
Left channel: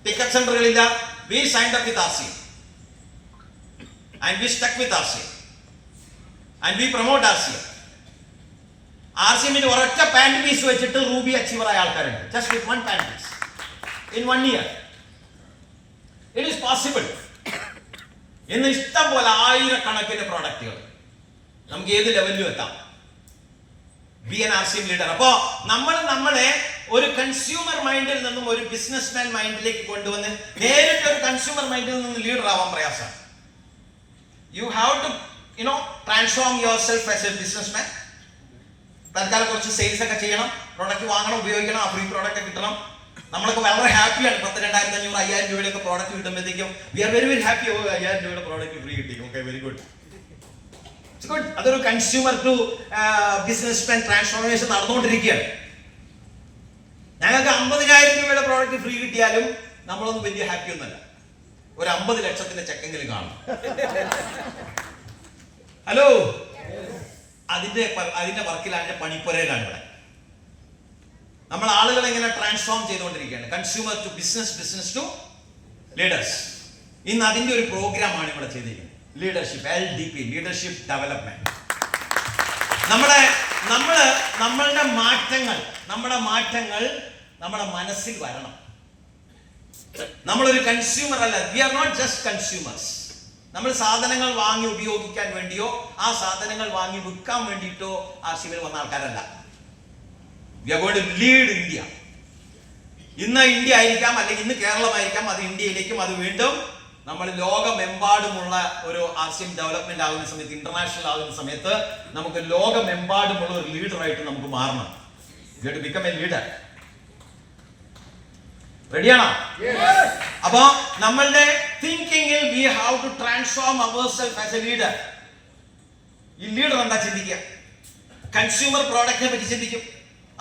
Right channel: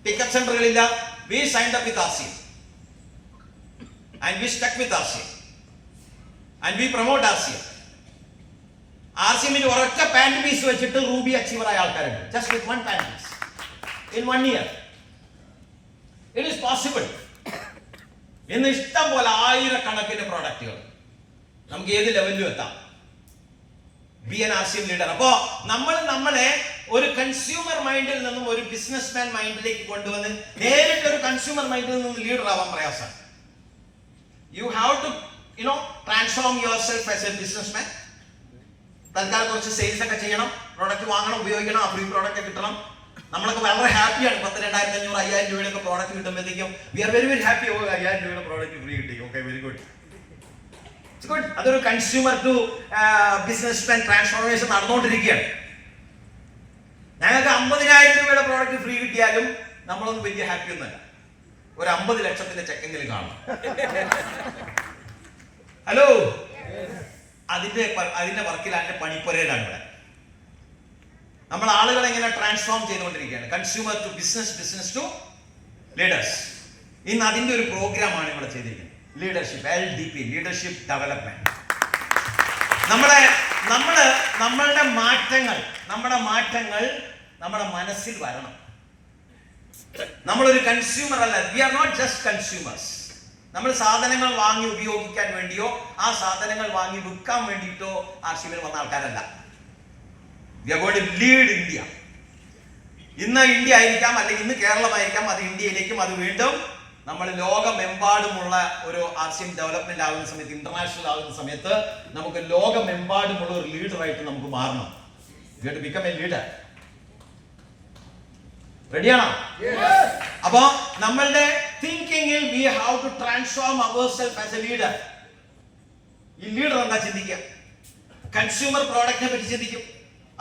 pickup സെന്ററുകളില്ല. We signed up with RCM and we stuck with RCM and we promote RCM. RCM ഒരൊറ്റ പാന്റ് പീസ് വെച്ചിട്ട് റൂബി അച്ചീവർ ആയ ആൾക്കാരുണ്ട്. Just with one pant piece in 1 year. It is possible. ഇന്ന് ഇഷ്ടം പോലെ ആയിരക്കണക്കിന് പ്രോഡക്റ്റുകൾ നമുക്ക് ഏത് ലെവലിലും എത്താം. B N RCM leader. അപ്പോ നമ്മളെ ഒരു കൺസ്യൂമർ മൈൻഡിൽ നിന്നും ഒരു ബിസിനസ്മാൻ മൈൻഡിലേക്ക് കൊണ്ടുവന്ന് നേരിട്ട് ഒരു കൺസ്യൂമർ മൈൻഡിൽ നിന്നും ലീഡർ ആവാൻ പ്രയാസമാണ്. You have to transform yourself as a businessman. തൽക്കാലം കുറച്ച് സെയിൽസ് ഒക്കെ ചെയ്യണം, പ്രോഡക്റ്റ് വാങ്ങണം, ഉപയോഗിക്കണം, ആ ഫ്രീ പ്രോഡക്റ്റ് കിട്ടണം. നമ്മളൊക്കെ വളരെ ഹാപ്പിയാണ്. 10,000, 2,500, 5,000 രൂപയുടെ പ്രോഡക്റ്റ് കിട്ടുമ്പോഴത്തേക്കും we are very very happy. 5,000 രൂപയുടെ പ്രോഡക്റ്റ് ഫ്രീ കിട്ടി. ഓക്കെ, വെരി ഗുഡ്. അതൊരു കൺസ്യൂമർ ടു ബിസിനസ്മാൻ ട്രാൻസ്ഫോർമേഷൻ നടന്നുകൊണ്ടിരിക്കുകയാണ്. ഞങ്ങൾക്ക് 50,000 രൂപയുടെ പ്രോഡക്റ്റ് ഫ്രീ കിട്ടിയാലും നമ്മളൊന്നും വലിയ ഹാപ്പി ഒന്നുമല്ല. ഒരു 50 ലക്ഷത്തിന്റെ ചെക്കെങ്കിലും കാണും. ഹലോ, അതിന്റെ വർക്കിലാണ്, അതിന്റെ പണിപ്പുരയിലാണ് ഇവിടെ. നമ്മൾ ആളുകളെ ഇങ്ങനെ ട്രാൻസ്ഫോം ചെയ്തുകൊണ്ടിരിക്കുകയാണ്. Consumer to business, business to leaders. ഇന്ന് അതിന്റെ ഒരു പ്രോഗ്രാമാണ് ഇവിടെ ചെയ്തിരിക്കുന്നത്. Leadership, LDP, leadership development. നമ്മളുടെ മാറ്റങ്ങൾ നമ്മുടെ മനസ്സിൽ വരണം. നമ്മളൊരു കൺസ്യൂമർ അല്ല. We are not just consumers. നമ്മൾ സാധനങ്ങൾ വാങ്ങി ഉപയോഗിക്കാൻ വേണ്ടിയോ ആ സാധനങ്ങൾ വാങ്ങി വിൽക്കാൻ വേണ്ടിയിട്ടോ RCBയിൽ വന്ന ആൾക്കാരല്ല. We are going to lead India. ഇന്ന് ഇന്ത്യ ആയിരിക്കാം, അല്ലെങ്കിൽ ഇന്ന് കേരളമായിരിക്കാം, അത് ഇന്ത്യയിലേക്കും, അത് വീണ്ടും നമ്മൾ ലോകമെമ്പാടുമുള്ള ഒരു RCM ഡെവലപ്മെന്റ് ആകുന്ന സമയത്ത്, ഇന്റർനാഷണൽ ആകുന്ന സമയത്ത് നമുക്ക് ലോകമെമ്പാടുമുള്ള ഒരു ലീഡറായിട്ട് നമുക്ക് മാറണം. You have to become a leader. റെഡിയാണോ? അപ്പോ നമ്മളുടെ തിങ്കിങ്ങിൽ we have to transform ourselves as a leader. ഈ ലീഡർ എന്താ ചിന്തിക്കുക? കൺസ്യൂമർ പ്രോഡക്റ്റിനെ പറ്റി ചിന്തിക്കും.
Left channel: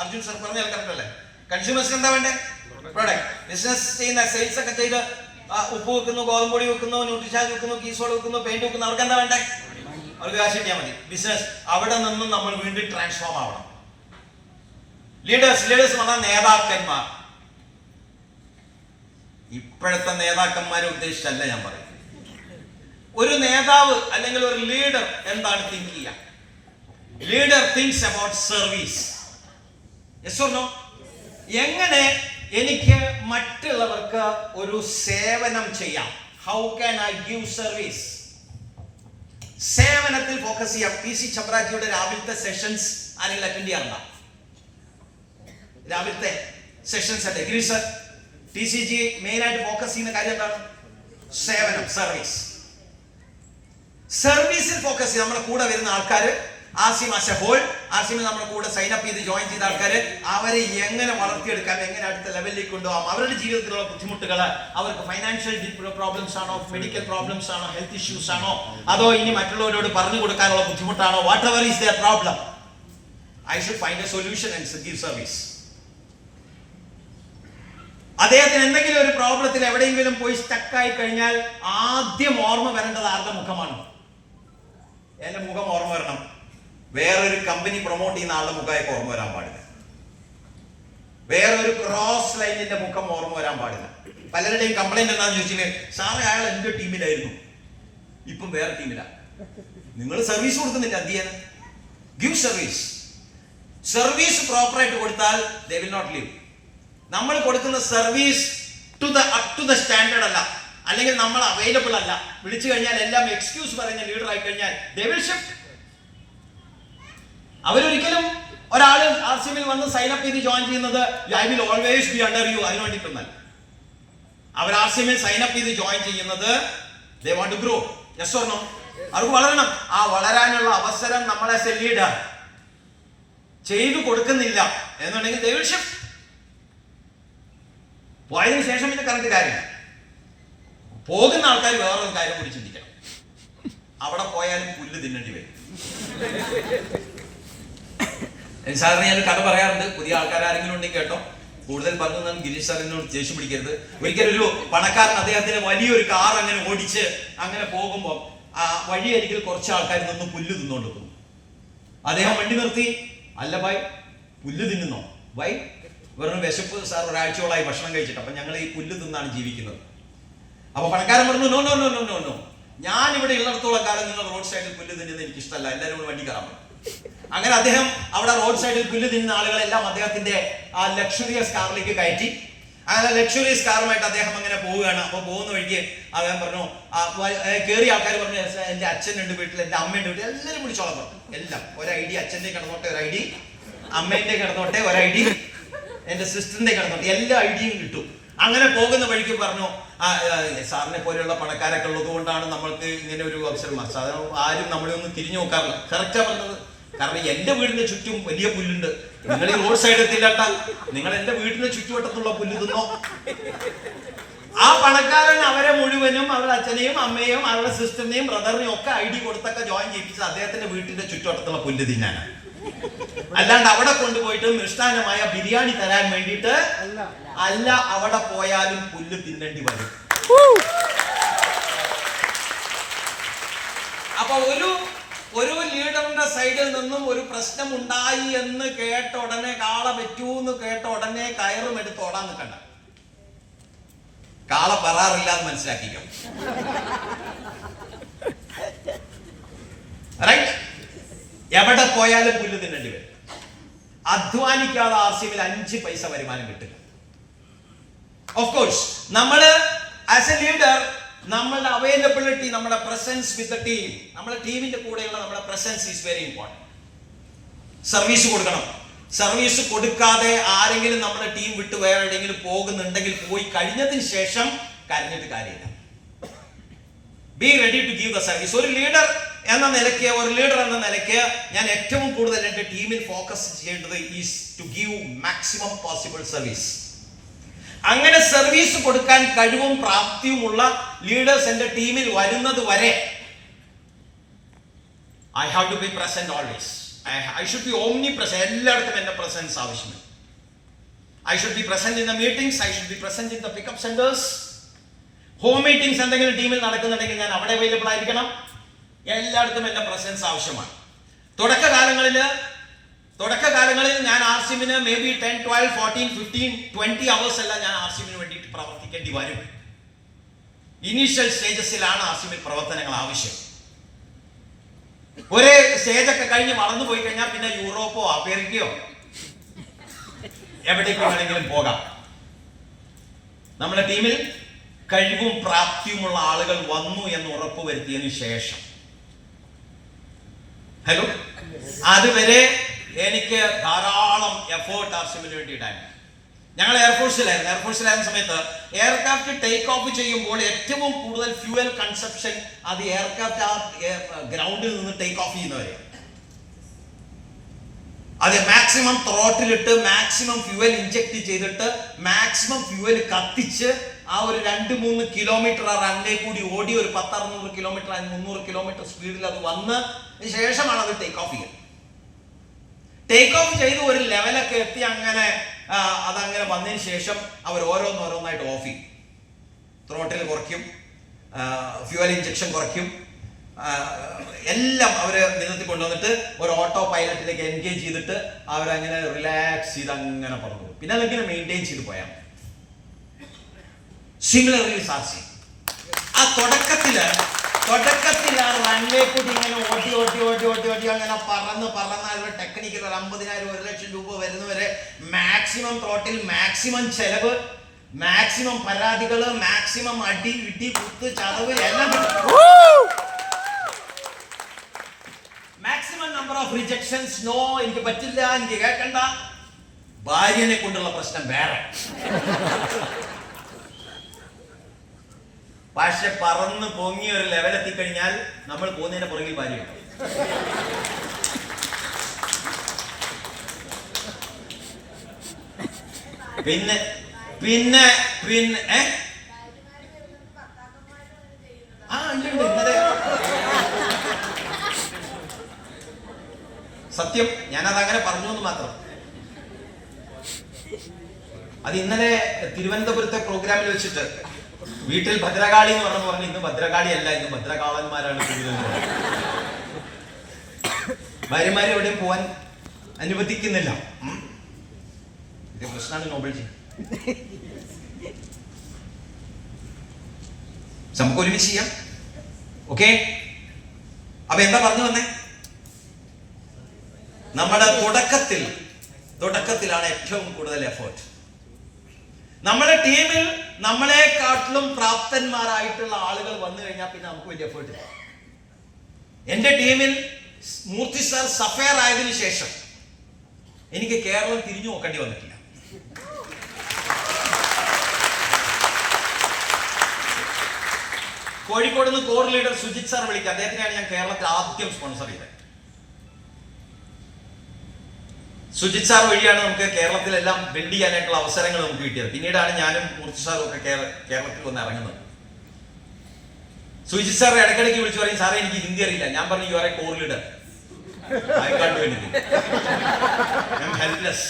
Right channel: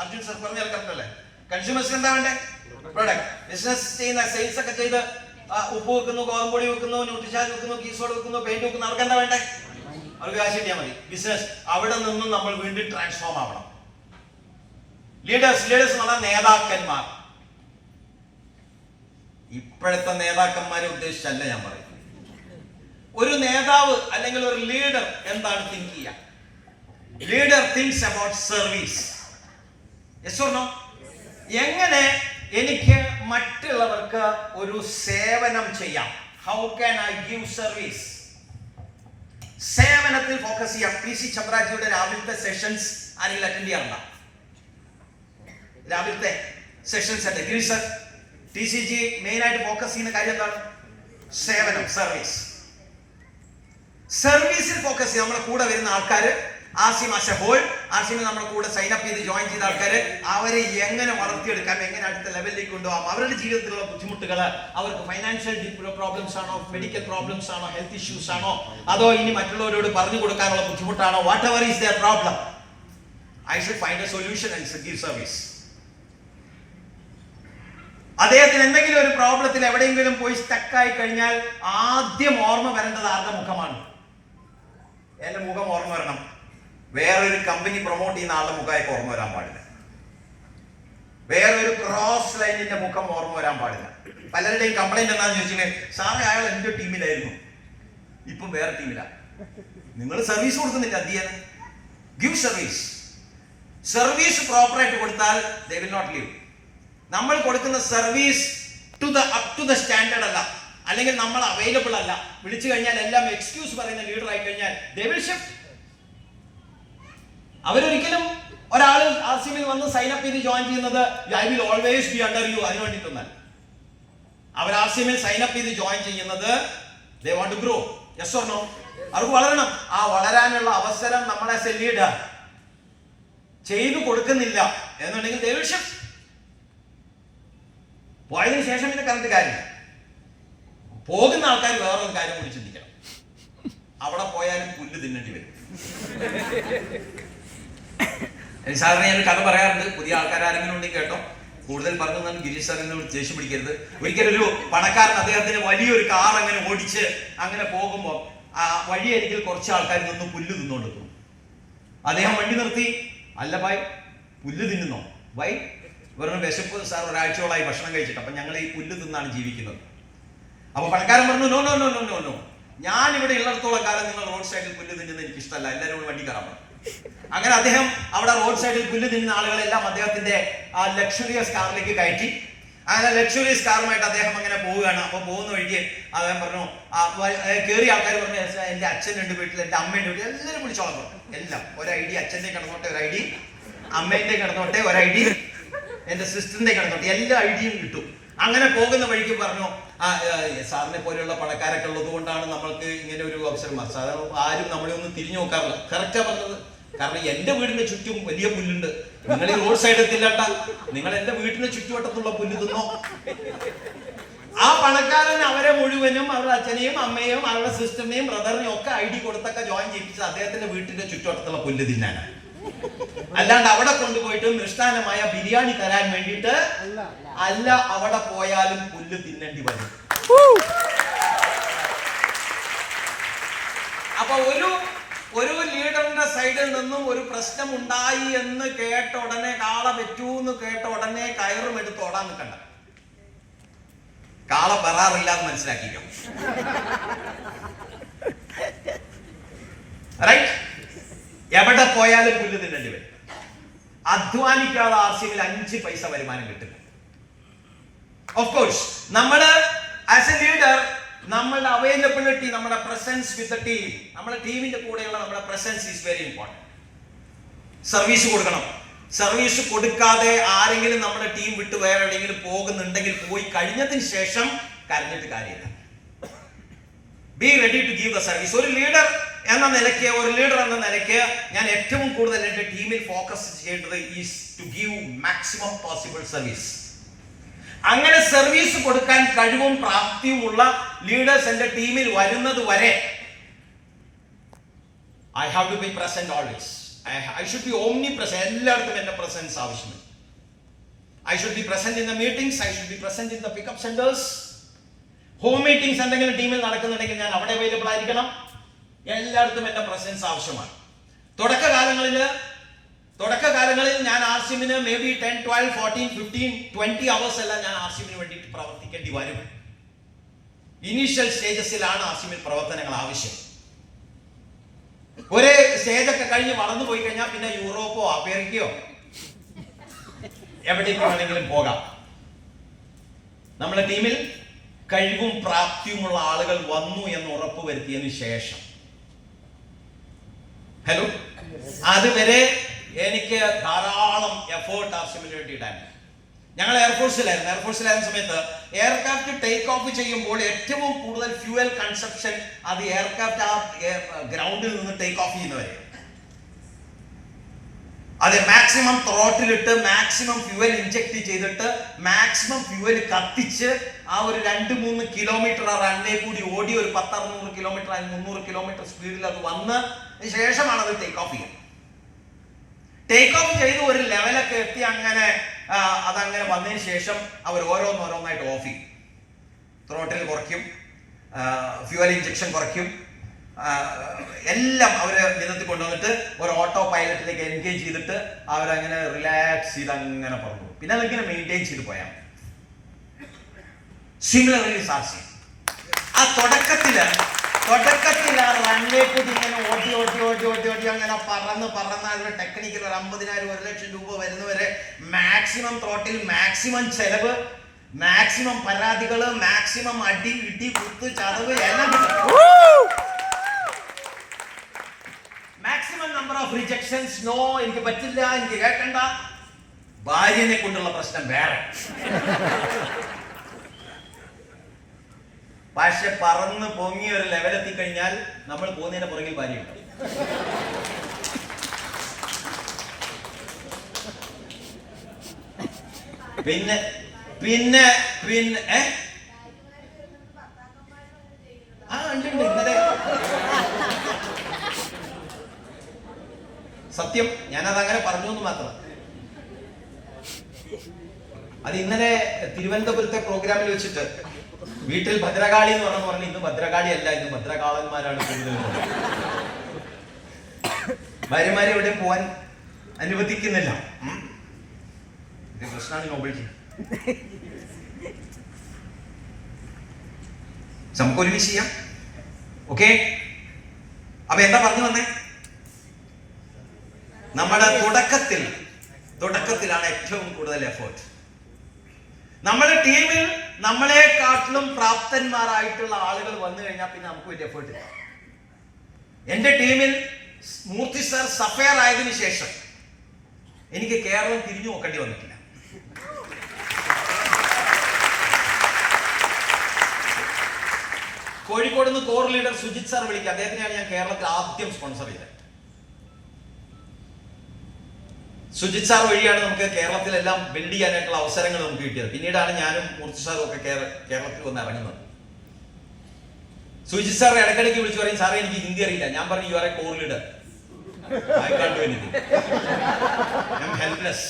അർജുൻ സർ പറഞ്ഞ കറക്റ്റല്ലേ? കൺസ്യൂമേഴ്സിന് എന്താ വേണ്ടേ? പ്രോഡക്റ്റ്. ബിസിനസ് ചെയ്യുന്ന, സെയിൽസ് ഒക്കെ ചെയ്ത് ഉപ്പ് വെക്കുന്നു, ഗോതമ്പൊടി വെക്കുന്നു, ന്യൂട്രിഷാൻ വെക്കുന്നു, കീസോട് വെക്കുന്നു, പെയിന്റ് വെക്കുന്നു, അവർക്ക് എന്താ വേണ്ടേ? അവർക്ക് കാശ് കിട്ടിയാൽ മതി. ബിസിനസ്. അവിടെ നിന്നും നമ്മൾ വീണ്ടും ട്രാൻസ്ഫോം ആവണം. ലീഡേഴ്സ് എന്ന് പറഞ്ഞാൽ നേതാക്കന്മാർ. ഇപ്പോഴത്തെ നേതാക്കന്മാരെ ഉദ്ദേശിച്ചല്ല ഞാൻ പറയും. ഒരു നേതാവ് അല്ലെങ്കിൽ ഒരു ലീഡർ എന്താണ് തിങ്ക് ചെയ്യുക? Leader thinks about service. Yes or no? എങ്ങനെ എനിക്ക് മറ്റുള്ളവർക്ക് ഒരു സേവനം ചെയ്യാം? How can I give service? സേവനത്തിൽ ഫോക്കസ് ചെയ്യാം. PC ചമ്രാജിയുടെ രാവിലത്തെ സെഷൻസ് ആരെങ്കിലും അറ്റൻഡ് ചെയ്യാറുണ്ടോ? രാവിലത്തെ സെഷൻസ് അല്ലേ ഗ്രീ സർ? TCG മെയിൻ ആയിട്ട് ഫോക്കസ് ചെയ്യുന്ന കാര്യം എന്താണ്? സേവനം, സർവീസ്. സർവീസിൽ ഫോക്കസ് ചെയ്ത് നമ്മുടെ കൂടെ വരുന്ന ആൾക്കാർ, RCM as a whole, RCM നമ്മുടെ കൂടെ സൈൻ അപ്പ് ചെയ്ത് ജോയിൻ ചെയ്ത ആൾക്കാർ, അവരെ എങ്ങനെ വളർത്തിയെടുക്കാം, എങ്ങനെ അടുത്ത ലെവലിലേക്ക് കൊണ്ടുപോകാം, അവരുടെ ജീവിതത്തിലുള്ള ബുദ്ധിമുട്ടുകൾ, അവർക്ക് ഫൈനാൻഷ്യൽ പ്രോബ്ലംസ് ആണോ, മെഡിക്കൽ പ്രോബ്ലംസ് ആണോ, ഹെൽത്ത് ഇഷ്യൂസ് ആണോ, അതോ ഇനി മറ്റുള്ളവരോട് പറഞ്ഞു കൊടുക്കാനുള്ള ബുദ്ധിമുട്ടാണോ, whatever is there problem, I should find a solution and give service. അദ്ദേഹത്തിന് എന്തെങ്കിലും ഒരു പ്രോബ്ലത്തിൽ എവിടെയെങ്കിലും പോയി സ്റ്റക്കായി കഴിഞ്ഞാൽ ആദ്യം ഓർമ്മ വരേണ്ടത് ആരുടെ മുഖമാണ്? എന്റെ മുഖം ഓർമ്മ വരണം. വേറൊരു കമ്പനി പ്രൊമോട്ട് ചെയ്യുന്ന ആളുടെ മുഖമായിട്ട് ഓർമ്മ വരാൻ പാടില്ല. വേറൊരു ക്രോസ് ലൈനിന്റെ മുഖം ഓർമ്മ വരാൻ പാടില്ല. പലരുടെയും കംപ്ലൈന്റ് എന്താണെന്ന് ചോദിച്ചാൽ, സാറേ അയാൾ എന്റെ ടീമിലായിരുന്നു, ഇപ്പം വേറെ ടീമിലാണ്. നിങ്ങൾ സർവീസ് കൊടുക്കുന്നില്ല, എന്ത് ചെയ്യാൻ? Give service. സർവീസ് പ്രോപ്പറായിട്ട് കൊടുത്താൽ ദേ വിൽ നോട്ട് ലീവ്. നമ്മൾ കൊടുക്കുന്ന service up to the standard അല്ല, അല്ലെങ്കിൽ നമ്മൾ അവൈലബിൾ അല്ല, വിളിച്ചു കഴിഞ്ഞാൽ എല്ലാം എക്സ്ക്യൂസ് പറയുന്ന ലീഡർ ആയി കഴിഞ്ഞാൽ ദേ വിൽ ഷിഫ്റ്റ്. അവരൊരിക്കലും ഒരാൾ RCMയിൽ വന്ന് സൈൻ അപ്പ് ചെയ്ത് ജോയിൻ ചെയ്യുന്നത് I will always be under you അതിന് വേണ്ടിയിട്ടൊന്നല്ല. അവർ RCMയിൽ സൈൻ അപ്പ് ചെയ്ത് ജോയിൻ ചെയ്യുന്നത് they want to grow. Yes or no? അവർക്ക് വളരണം. ആ വളരാനുള്ള അവസരം നമ്മൾ ആസ് എ ലീഡർ ചെയ്തു കൊടുക്കുന്നില്ല എന്നുണ്ടെങ്കിൽ ദേ വിൽ ഷിഫ്റ്റ്. പോയതിനു ശേഷം പിന്നെ കറണ്ട് കാര്യമില്ല. പോകുന്ന ആൾക്കാർ വേറൊരു കാര്യം കൂടി ചിന്തിക്കണം. അവിടെ പോയാലും പുല്ല് തിന്നേണ്ടി വരും. സാധാരണ ഞാൻ കഥ പറയാറുണ്ട്. പുതിയ ആൾക്കാർ ആരെങ്കിലും ഉണ്ടെങ്കിൽ കേട്ടോ, കൂടുതൽ പറഞ്ഞു ഞാൻ ഗിരീഷ് സാറിനോട് ദേഷ്യം പിടിക്കരുത്. ഒരിക്കലൊരു പണക്കാരൻ അദ്ദേഹത്തിന് വലിയൊരു കാർ അങ്ങനെ ഓടിച്ച് അങ്ങനെ പോകുമ്പോൾ വഴിയരികിൽ കുറച്ച് ആൾക്കാർ നിന്ന് പുല്ല് തിന്നുകൊണ്ടിരിക്കുന്നു. അദ്ദേഹം വണ്ടി നിർത്തി, അല്ല ഭായ് പുല്ല് തിന്നുന്നോ? വൈ? ഇവരുടെ വിശപ്പ് സാർ, ഒരാഴ്ചയോളായി ഭക്ഷണം കഴിച്ചിട്ട്, അപ്പൊ ഞങ്ങൾ ഈ പുല്ല് തിന്നാണ് ജീവിക്കുന്നത്. അപ്പൊ പണക്കാരൻ പറഞ്ഞു, no no no no no no, ഞാൻ ഇവിടെ ഉള്ളിടത്തോളം കാലം നിങ്ങൾ റോഡ് സൈഡിൽ പുല്ല് തിന്നുന്നത് എനിക്ക് ഇഷ്ടമല്ല, എല്ലാവരും കൂടി വണ്ടി കയറാൻ പറഞ്ഞു. അങ്ങനെ അദ്ദേഹം അവിടെ റോഡ് സൈഡിൽ പുല്ല് തിന്നുന്ന ആളുകളെല്ലാം അദ്ദേഹത്തിന്റെ ആ ലക്ഷറിയസ് കാറിലേക്ക് കയറ്റി. അങ്ങനെ ലക്ഷറിയസ് കാറുമായിട്ട് അദ്ദേഹം അങ്ങനെ പോവുകയാണ്. അപ്പൊ പോകുന്ന വഴിക്ക് അദ്ദേഹം പറഞ്ഞു, കയറിയ ആൾക്കാർ പറഞ്ഞു, എന്റെ അച്ഛനുണ്ട് വീട്ടിൽ, എന്റെ അമ്മയുണ്ട് വീട്ടിൽ, എല്ലാവരും വിളിച്ചോളാൻ പറഞ്ഞു. എല്ലാം ഒരു ID, അച്ഛന്റെ കിടന്നോട്ടെ ഒരു ID, അമ്മേന്റെ കിടന്നോട്ടെ ഒരു ID, എന്റെ സിസ്റ്ററിന്റെ കിടന്നോട്ടെ, എല്ലാ ഐഡിയും കിട്ടും. അങ്ങനെ പോകുന്ന വഴിക്ക് പറഞ്ഞു, സാറിനെ പോലെയുള്ള പണക്കാരൊക്കെ ഉള്ളത് കൊണ്ടാണ് നമ്മൾക്ക് ഇങ്ങനെ ഒരു അവസരം. ആരും നമ്മളെ ഒന്നും തിരിഞ്ഞു നോക്കാറില്ല. കറക്റ്റാ പറഞ്ഞത്. കാരണം എന്റെ വീടിന്റെ ചുറ്റും വലിയ പുല്ലുണ്ട്. നിങ്ങൾ ഈ റോഡ് സൈഡ് എത്തില്ലട്ട, നിങ്ങൾ എന്റെ വീടിന്റെ ചുറ്റുവട്ടത്തുള്ള പുല്ല് തിന്നോ. ആ പണക്കാരൻ അവരെ മുഴുവനും അവരുടെ അച്ഛനെയും അമ്മയെയും അവരുടെ സിസ്റ്ററിനെയും ബ്രദറിനെയും ഒക്കെ ID കൊടുത്തൊക്കെ ജോയിൻ ചെയ്യിപ്പിച്ചത് അദ്ദേഹത്തിന്റെ വീട്ടിന്റെ ചുറ്റുവട്ടത്തുള്ള പുല്ല് തിന്നാനാണ്. അല്ലാണ്ട് അവിടെ കൊണ്ടുപോയിട്ട് മൃഷ്ടാനമായ ബിരിയാണി തരാൻ വേണ്ടിയിട്ട് അല്ല. അവിടെ പോയാലും പുല്ല് തിന്നേണ്ടി വരും. അപ്പൊ ഒരു ലീഡറിന്റെ സൈഡിൽ നിന്നും ഒരു പ്രശ്നം ഉണ്ടായി എന്ന് കേട്ട ഉടനെ, കാള പറ്റൂന്ന് കേട്ട ഉടനെ കയറും എടുത്ത് ഓടാൻ നിൽക്കണ്ട. കാള പെറാറില്ല എന്ന് മനസ്സിലാക്കിക്കോ. റൈറ്റ്? എവിടെ പോയാലും പുല്ല് തിന്നേണ്ടി വരും. അധ്വാനിക്കാതെ RCMൽ 5 പൈസ വരുമാനം കിട്ടില്ല. ഓഫ് കോഴ്സ് നമ്മൾ ആസ് എ ലീഡർ നമ്മളുടെ അവൈലബിലിറ്റി, നമ്മുടെ പ്രസൻസ് വിത്ത് ദ ടീം, നമ്മുടെ ടീമിന്റെ കൂടെയുള്ള നമ്മുടെ presence is very important. Service കൊടുക്കണം. സർവീസ് കൊടുക്കാതെ ആരെങ്കിലും നമ്മുടെ ടീം വിട്ട് വേറെ എവിടെയെങ്കിലും പോകുന്നുണ്ടെങ്കിൽ പോയി കഴിഞ്ഞതിന് ശേഷം കരഞ്ഞിട്ട് കാര്യമില്ല. Be ready to give the service. ഒരു ലീഡർ എന്ന നിലയ്ക്ക് ഞാൻ ഏറ്റവും കൂടുതൽ എൻ്റെ ടീമിൽ ഫോക്കസ് ചെയ്യേണ്ടത് is to give maximum possible service. അങ്ങനെ സർവീസ് കൊടുക്കാൻ കഴിവും പ്രാപ്തിയുമുള്ള ലീഡേഴ്സ് എൻ്റെ ടീമിൽ വരുന്നത് വരെ I have to be present always. I should be omnipresent. എല്ലായിടത്തും എൻ്റെ പ്രസൻസ് ആവശ്യമാണ്. I should be present in the meetings. I should be present in the pickup centers. Home meetings എന്തെങ്കിലും ടീമിൽ നടക്കുന്നുണ്ടെങ്കിൽ ഞാൻ അവിടെ അവൈലബിൾ ആയിരിക്കണം. എല്ലായിടത്തും എൻ്റെ പ്രസൻസ് ആവശ്യമാണ്. തുടക്കകാലങ്ങളിൽ ഞാൻ RCMന് മേ ബി 10, 12, 14, 15, 20 hours എല്ലാം ഞാൻ RCMന് വേണ്ടിയിട്ട് പ്രവർത്തിക്കേണ്ടി വരും. ഇനീഷ്യൽ സ്റ്റേജസിലാണ് RCMൽ പ്രവർത്തനങ്ങൾ ആവശ്യം. ഒരു സ്റ്റേജൊക്കെ കഴിഞ്ഞ് വളർന്നു പോയി കഴിഞ്ഞാൽ പിന്നെ യൂറോപ്പോ അമേരിക്കയോ എവിടേക്ക് വേണമെങ്കിലും പോകാം. നമ്മുടെ ടീമിൽ കഴിവും പ്രാപ്തിയുമുള്ള ആളുകൾ വന്നു എന്ന് ഉറപ്പ് വരുത്തിയതിനു ശേഷം, ഹലോ, അതുവരെ എനിക്ക് ധാരാളം എഫേർട്ട് RCMന് വേണ്ടി ഇടാൻ. ഞങ്ങൾ എയർഫോഴ്സിലായിരുന്ന സമയത്ത് എയർക്രാഫ്റ്റ് ടേക്ക് ഓഫ് ചെയ്യുമ്പോൾ ഏറ്റവും കൂടുതൽ ഫ്യൂവൽ കൺസപ്ഷൻ അത് എയർക്രാഫ്റ്റ് ആ ഗ്രൗണ്ടിൽ നിന്ന് ടേക്ക് ഓഫ് ചെയ്യുന്നവരെ. അത് മാക്സിമം ത്രോട്ടിലിട്ട് മാക്സിമം ഫ്യൂവൽ ഇഞ്ചക്ട് ചെയ്തിട്ട് മാക്സിമം ഫ്യൂവൽ കത്തിച്ച് ആ ഒരു 2-3 കിലോമീറ്റർ റണ്ണേ കൂടി ഓടി ഒരു 10-600 കിലോമീറ്റർ 300 കിലോമീറ്റർ സ്പീഡിൽ അത് വന്ന് ശേഷമാണ് അത് ടേക്ക് ഓഫ് ചെയ്യുന്നത്. ടേക്ക് ഓഫ് ചെയ്ത് ഒരു ലെവലൊക്കെ എത്തി അങ്ങനെ അതങ്ങനെ വന്നതിന് ശേഷം അവർ ഓരോന്നായിട്ട് ഓഫ് ചെയ്യും. ത്രോട്ടിൽ കുറയ്ക്കും, ഫ്യൂവൽ ഇഞ്ചക്ഷൻ കുറയ്ക്കും, എല്ലാം അവർ വിധത്തിൽ കൊണ്ടുവന്നിട്ട് ഒരു ഓട്ടോ പൈലറ്റിലേക്ക് എൻഗേജ് ചെയ്തിട്ട് അവരങ്ങനെ റിലാക്സ് ചെയ്ത് അങ്ങനെ പറഞ്ഞു പോകും. പിന്നെ അതിങ്ങനെ മെയിൻറ്റെയിൻ ചെയ്ത് പോയാൽ സിമിലർലി സാക്ഷി ആ തുടക്കത്തിൽ ആ റൺവേ കൂടി ഇങ്ങനെ ഓട്ടി അങ്ങനെ പറന്ന് അതിന്റെ ടെക്നിക്കൽ ഒരു 50,000 1 ലക്ഷം രൂപ വരുന്നവരെ മാക്സിമം ത്രോട്ടിൽ, മാക്സിമം ചെലവ്, മാക്സിമം പരാതികള്, മാക്സിമം അടി ഇടി കുത്ത് ചതവ് എല്ലാം കിട്ടും. Maximum number of rejections. No, എനിക്ക് പറ്റില്ല, എനിക്ക് കേൾക്കണ്ട. ഭാര്യനെ കൊണ്ടുള്ള പ്രശ്നം വേറെ. പക്ഷെ പറന്ന് പൊങ്ങി ഒരു ലെവലെത്തി കഴിഞ്ഞാൽ നമ്മൾ പോകുന്നതിന്റെ പുറകിൽ ഭാര്യ ഉണ്ടാവും. പിന്നെ പിന്നെ പിന്നെ ഇന്നലെ സത്യം ഞാനത് അങ്ങനെ പറഞ്ഞു എന്ന് മാത്രം. അത് ഇന്നലെ തിരുവനന്തപുരത്തെ പ്രോഗ്രാമിൽ വെച്ചിട്ട് വീട്ടിൽ ഭദ്രകാളി എന്ന് പറഞ്ഞു. ഇന്ന് ഭദ്രകാളി അല്ല, ഇന്ന് ഭദ്രകാളന്മാരാണ് കൂടുതൽ. ഭാര്യമാരെ എവിടെയും പോവാൻ അനുവദിക്കുന്നില്ല. ഇത് പ്രശ്നമാണ്. നോബിൾജി, നമുക്ക് ഒരുമിച്ച് ചെയ്യാം. ഓക്കെ, അപ്പൊ എന്താ പറഞ്ഞു വന്നേ? നമ്മുടെ തുടക്കത്തിലാണ് ഏറ്റവും കൂടുതൽ എഫേർട്ട്. നമ്മുടെ ടീമിൽ നമ്മളെക്കാട്ടിലും പ്രാപ്തന്മാരായിട്ടുള്ള ആളുകൾ വന്നു കഴിഞ്ഞാൽ പിന്നെ നമുക്ക് വലിയ എഫേർട്ട് ഇല്ല. എന്റെ ടീമിൽ മൂർത്തി സാർ സഫയർ ആയതിനു ശേഷം എനിക്ക് കേരളം തിരിഞ്ഞു നോക്കേണ്ടി വന്നിട്ടില്ല. കോഴിക്കോട് നിന്ന് കോർ ലീഡർ സുജിത് സാർ വിളിക്കുക. അദ്ദേഹത്തിനെയാണ് ഞാൻ കേരളത്തിൽ ആദ്യം സ്പോൺസർ ചെയ്തത്. സുജിത് സാർ വഴിയാണ് നമുക്ക് കേരളത്തിലെല്ലാം ബിൽഡ് ചെയ്യാനായിട്ടുള്ള അവസരങ്ങൾ നമുക്ക് കിട്ടിയത്. പിന്നീടാണ് ഞാനും മൂർത്തി സാറും ഒക്കെ കേരളത്തിൽ വന്ന് ഇറങ്ങുന്നത്. സുജിത് സാർ ഇടയ്ക്കിടയ്ക്ക് വിളിച്ചു പറയും, സാറേ എനിക്ക് ഹിന്ദി അറിയില്ല. ഞാൻ പറഞ്ഞു, you are a core leader, I can't do anything, I am helpless,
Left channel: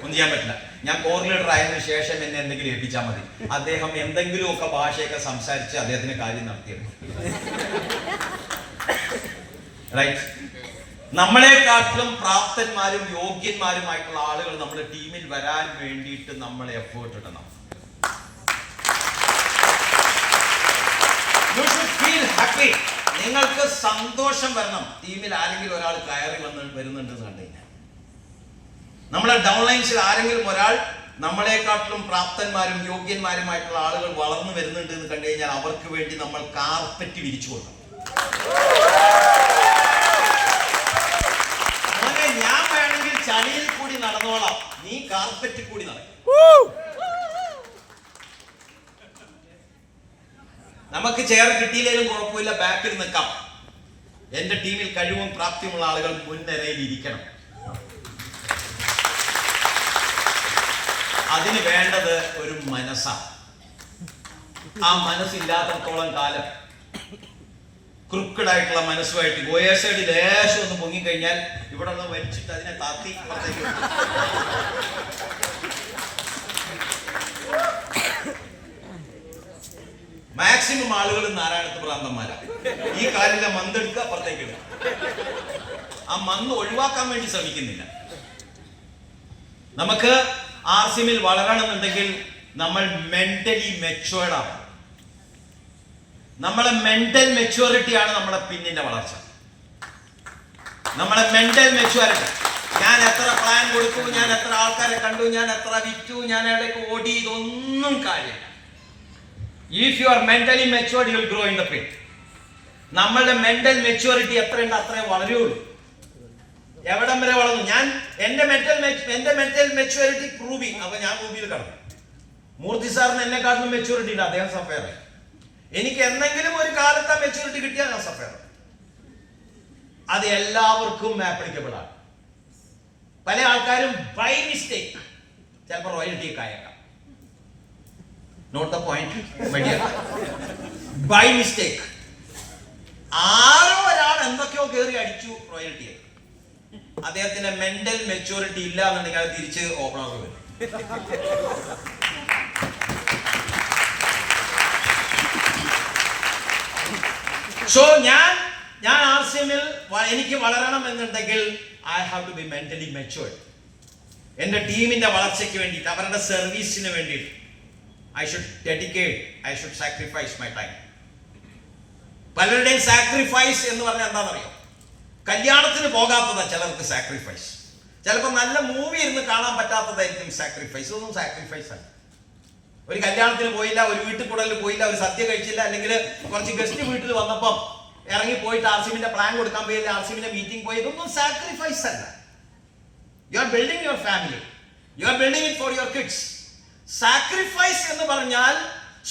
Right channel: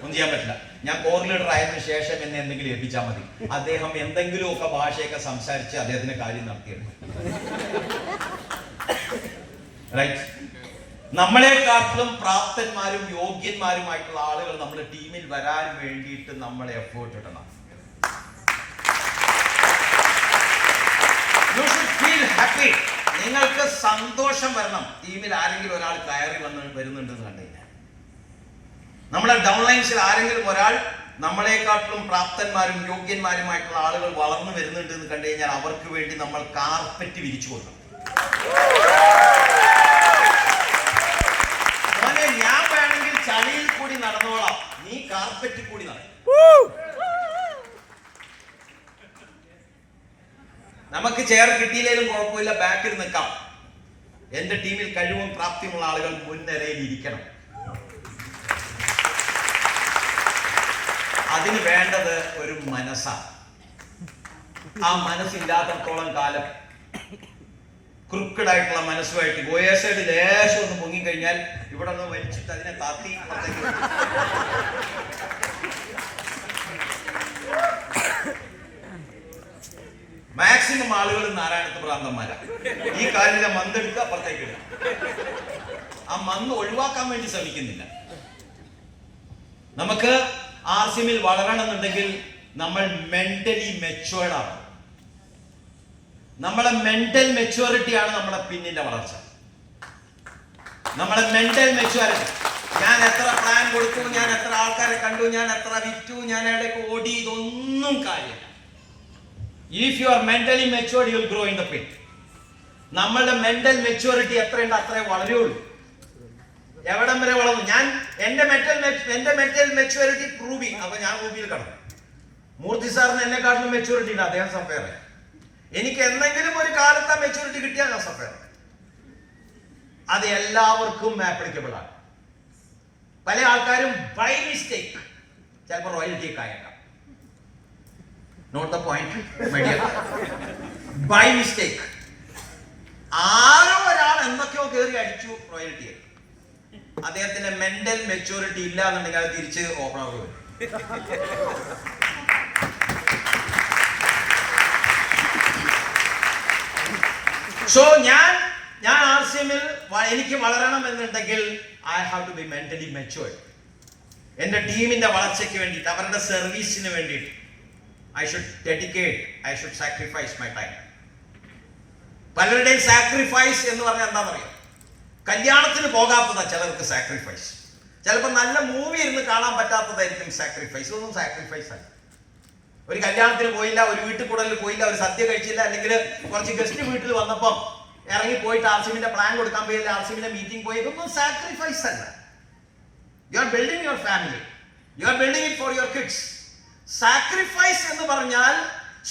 ഒന്നും ചെയ്യാൻ പറ്റില്ല. ഞാൻ കോർ ലീഡർ ആയതിനു ശേഷം എന്നെ എന്തെങ്കിലും ഏൽപ്പിച്ചാൽ മതി. അദ്ദേഹം എന്തെങ്കിലുമൊക്കെ ഭാഷയൊക്കെ സംസാരിച്ച് അദ്ദേഹത്തിന് കാര്യം നടത്തിയെടുക്കും. റൈറ്റ്? നമ്മളെക്കാട്ടിലും പ്രാപ്തന്മാരും യോഗ്യന്മാരുമായിട്ടുള്ള ആളുകൾ നമ്മുടെ ടീമിൽ വരാൻ വേണ്ടിയിട്ട് നമ്മൾ എഫേർട്ട് ഇടണം. You should feel happy നിങ്ങൾക്ക് സന്തോഷം വരണം. ടീമിൽ ആരെങ്കിലും ഒരാൾ കയറി വരുന്നുണ്ടെന്ന് കണ്ടു കഴിഞ്ഞാൽ, നമ്മുടെ ഡൗൺലൈൻസിൽ ആരെങ്കിലും ഒരാൾ നമ്മളെക്കാട്ടിലും പ്രാപ്തന്മാരും യോഗ്യന്മാരുമായിട്ടുള്ള ആളുകൾ വളർന്നു വരുന്നുണ്ട് എന്ന് കണ്ടു കഴിഞ്ഞാൽ അവർക്ക് വേണ്ടി നമ്മൾ കാർപ്പറ്റ് വിരിച്ചു കൊടുക്കണം. മോനെ, ഞാൻ വേണമെങ്കിൽ ചളിയിൽ കൂടി നടന്നോളാം, നീ കാർപ്പറ്റിൽ കൂടി നടക്കും. നമുക്ക് ചെയർ കിട്ടിയില്ലെങ്കിലും കുഴപ്പമില്ല, ബാക്കിൽ നിൽക്കാം. എന്റെ ടീമിൽ കഴിവും പ്രാപ്തിയുമുള്ള ആളുകൾ മുൻനിരയിൽ ഇരിക്കണം. അതിന് വേണ്ടത് ഒരു മനസ്സാണ്. ആ മനസ്സില്ലാത്തടത്തോളം കാലം ക്രിക്കഡായിട്ടുള്ള മനസ്സുമായിട്ട് ഗോയേസൈഡ് ലേശം ഒന്ന് പൊങ്ങിക്കഴിഞ്ഞാൽ ഇവിടെ ഒന്ന് വലിച്ചിട്ട് അതിനെ താത്തി മാക്സിമം ആളുകൾ നാരായണത്ത് ഭ്രാന്തന്മാരാണ്. ഈ കാലിലെ മന്തെടുക്കുക, അപ്പുറത്തേക്ക് ഇടുക. ആ മന്ത് ഒഴിവാക്കാൻ വേണ്ടി ശ്രമിക്കുന്നില്ല. നമുക്ക് ആർസിഎമ്മിൽ വളരണമെന്നുണ്ടെങ്കിൽ നമ്മൾ മെന്റലി മെച്ചുവേർഡ് ആവണം. നമ്മളെ മെന്റൽ മെച്യൂരിറ്റിയാണ് നമ്മുടെ പിന്നിന്റെ വളർച്ച. നമ്മളെ മെന്റൽ മെച്യൂരിറ്റി. ഞാൻ എത്ര പ്ലാൻ കൊടുത്തു, ഞാൻ എത്ര ആൾക്കാരെ കണ്ടു, ഞാൻ എത്ര വിറ്റു, ഞാൻ എവിടെയൊക്കെ ഓടി, ഇതൊന്നും കാര്യമില്ല. If you are mentally matured you will grow in the പിൻ. നമ്മളുടെ മെന്റൽ മെച്യൂരിറ്റി എത്രയുണ്ട് അത്രേ വളരുള്ളൂ. എവിടം വരെ വളർന്നു? ഞാൻ എന്റെ മെന്റൽ മെച്യൂരിറ്റി പ്രൂവ്. അപ്പൊ ഞാൻ റൂബിയിൽ കടന്നു. മൂർത്തി സാറിന് എന്നെക്കാട്ടിലും മെച്യൂരിറ്റി ഇല്ല, അദ്ദേഹം സഫയർ. എനിക്ക് എന്തെങ്കിലും ഒരു കാലത്ത് ആ മെച്യൂരിറ്റി കിട്ടിയാൽ ഞാൻ സഫയർ. അത് എല്ലാവർക്കും ആപ്ലിക്കബിൾ ആണ്. പല ആൾക്കാരും ബൈ മിസ്റ്റേക്ക് ചിലപ്പോൾ റോയൽറ്റി ആയേക്കാം. Not the point. By mistake ആരോ ഒരാൾ എന്തൊക്കെയോ കയറി അടിച്ചു റോയൽറ്റി. അദ്ദേഹത്തിന്റെ മെന്റൽ മെച്യൂരിറ്റി ഇല്ല എന്നുണ്ടെങ്കിൽ അത് തിരിച്ച് ഓപ്പൺ ആവുക വരും. സോ ഞാൻ ആർസിഎമ്മിൽ എനിക്ക് വളരണം എന്നുണ്ടെങ്കിൽ I have to be mentally matured. എന്റെ ടീമിന്റെ വളർച്ചയ്ക്ക് വേണ്ടിയിട്ട്, അവരുടെ സർവീസിന് വേണ്ടിയിട്ട് I should dedicate, I should sacrifice my time. പലരുടെയും സാക്രിഫൈസ് എന്ന് പറഞ്ഞാൽ എന്താണെന്നറിയോ? കല്യാണത്തിന് പോകാത്തതാ ചിലർക്ക് സാക്രിഫൈസ്. ചിലപ്പോൾ നല്ല മൂവി ഇരുന്ന് കാണാൻ പറ്റാത്തതായിരിക്കും സാക്രിഫൈസ്. ഇതൊന്നും സാക്രിഫൈസ് അല്ല. ഒരു കല്യാണത്തിന് പോയില്ല, ഒരു വീട്ടിൽ കൂടലിൽ പോയില്ല, ഒരു സദ്യ കഴിച്ചില്ല, അല്ലെങ്കിൽ കുറച്ച് ഗസ്റ്റ് വീട്ടിൽ വന്നപ്പം ഇറങ്ങി പോയിട്ട് ആർസിഎമ്മിന്റെ പ്ലാൻ കൊടുക്കാൻ പോയില്ല, ആർസിഎമ്മിന്റെ മീറ്റിംഗ് പോയി, ഇതൊന്നും സാക്രിഫൈസ് അല്ല. You are building your family, you are building it for your kids. Sacrifice എന്ന് പറഞ്ഞാൽ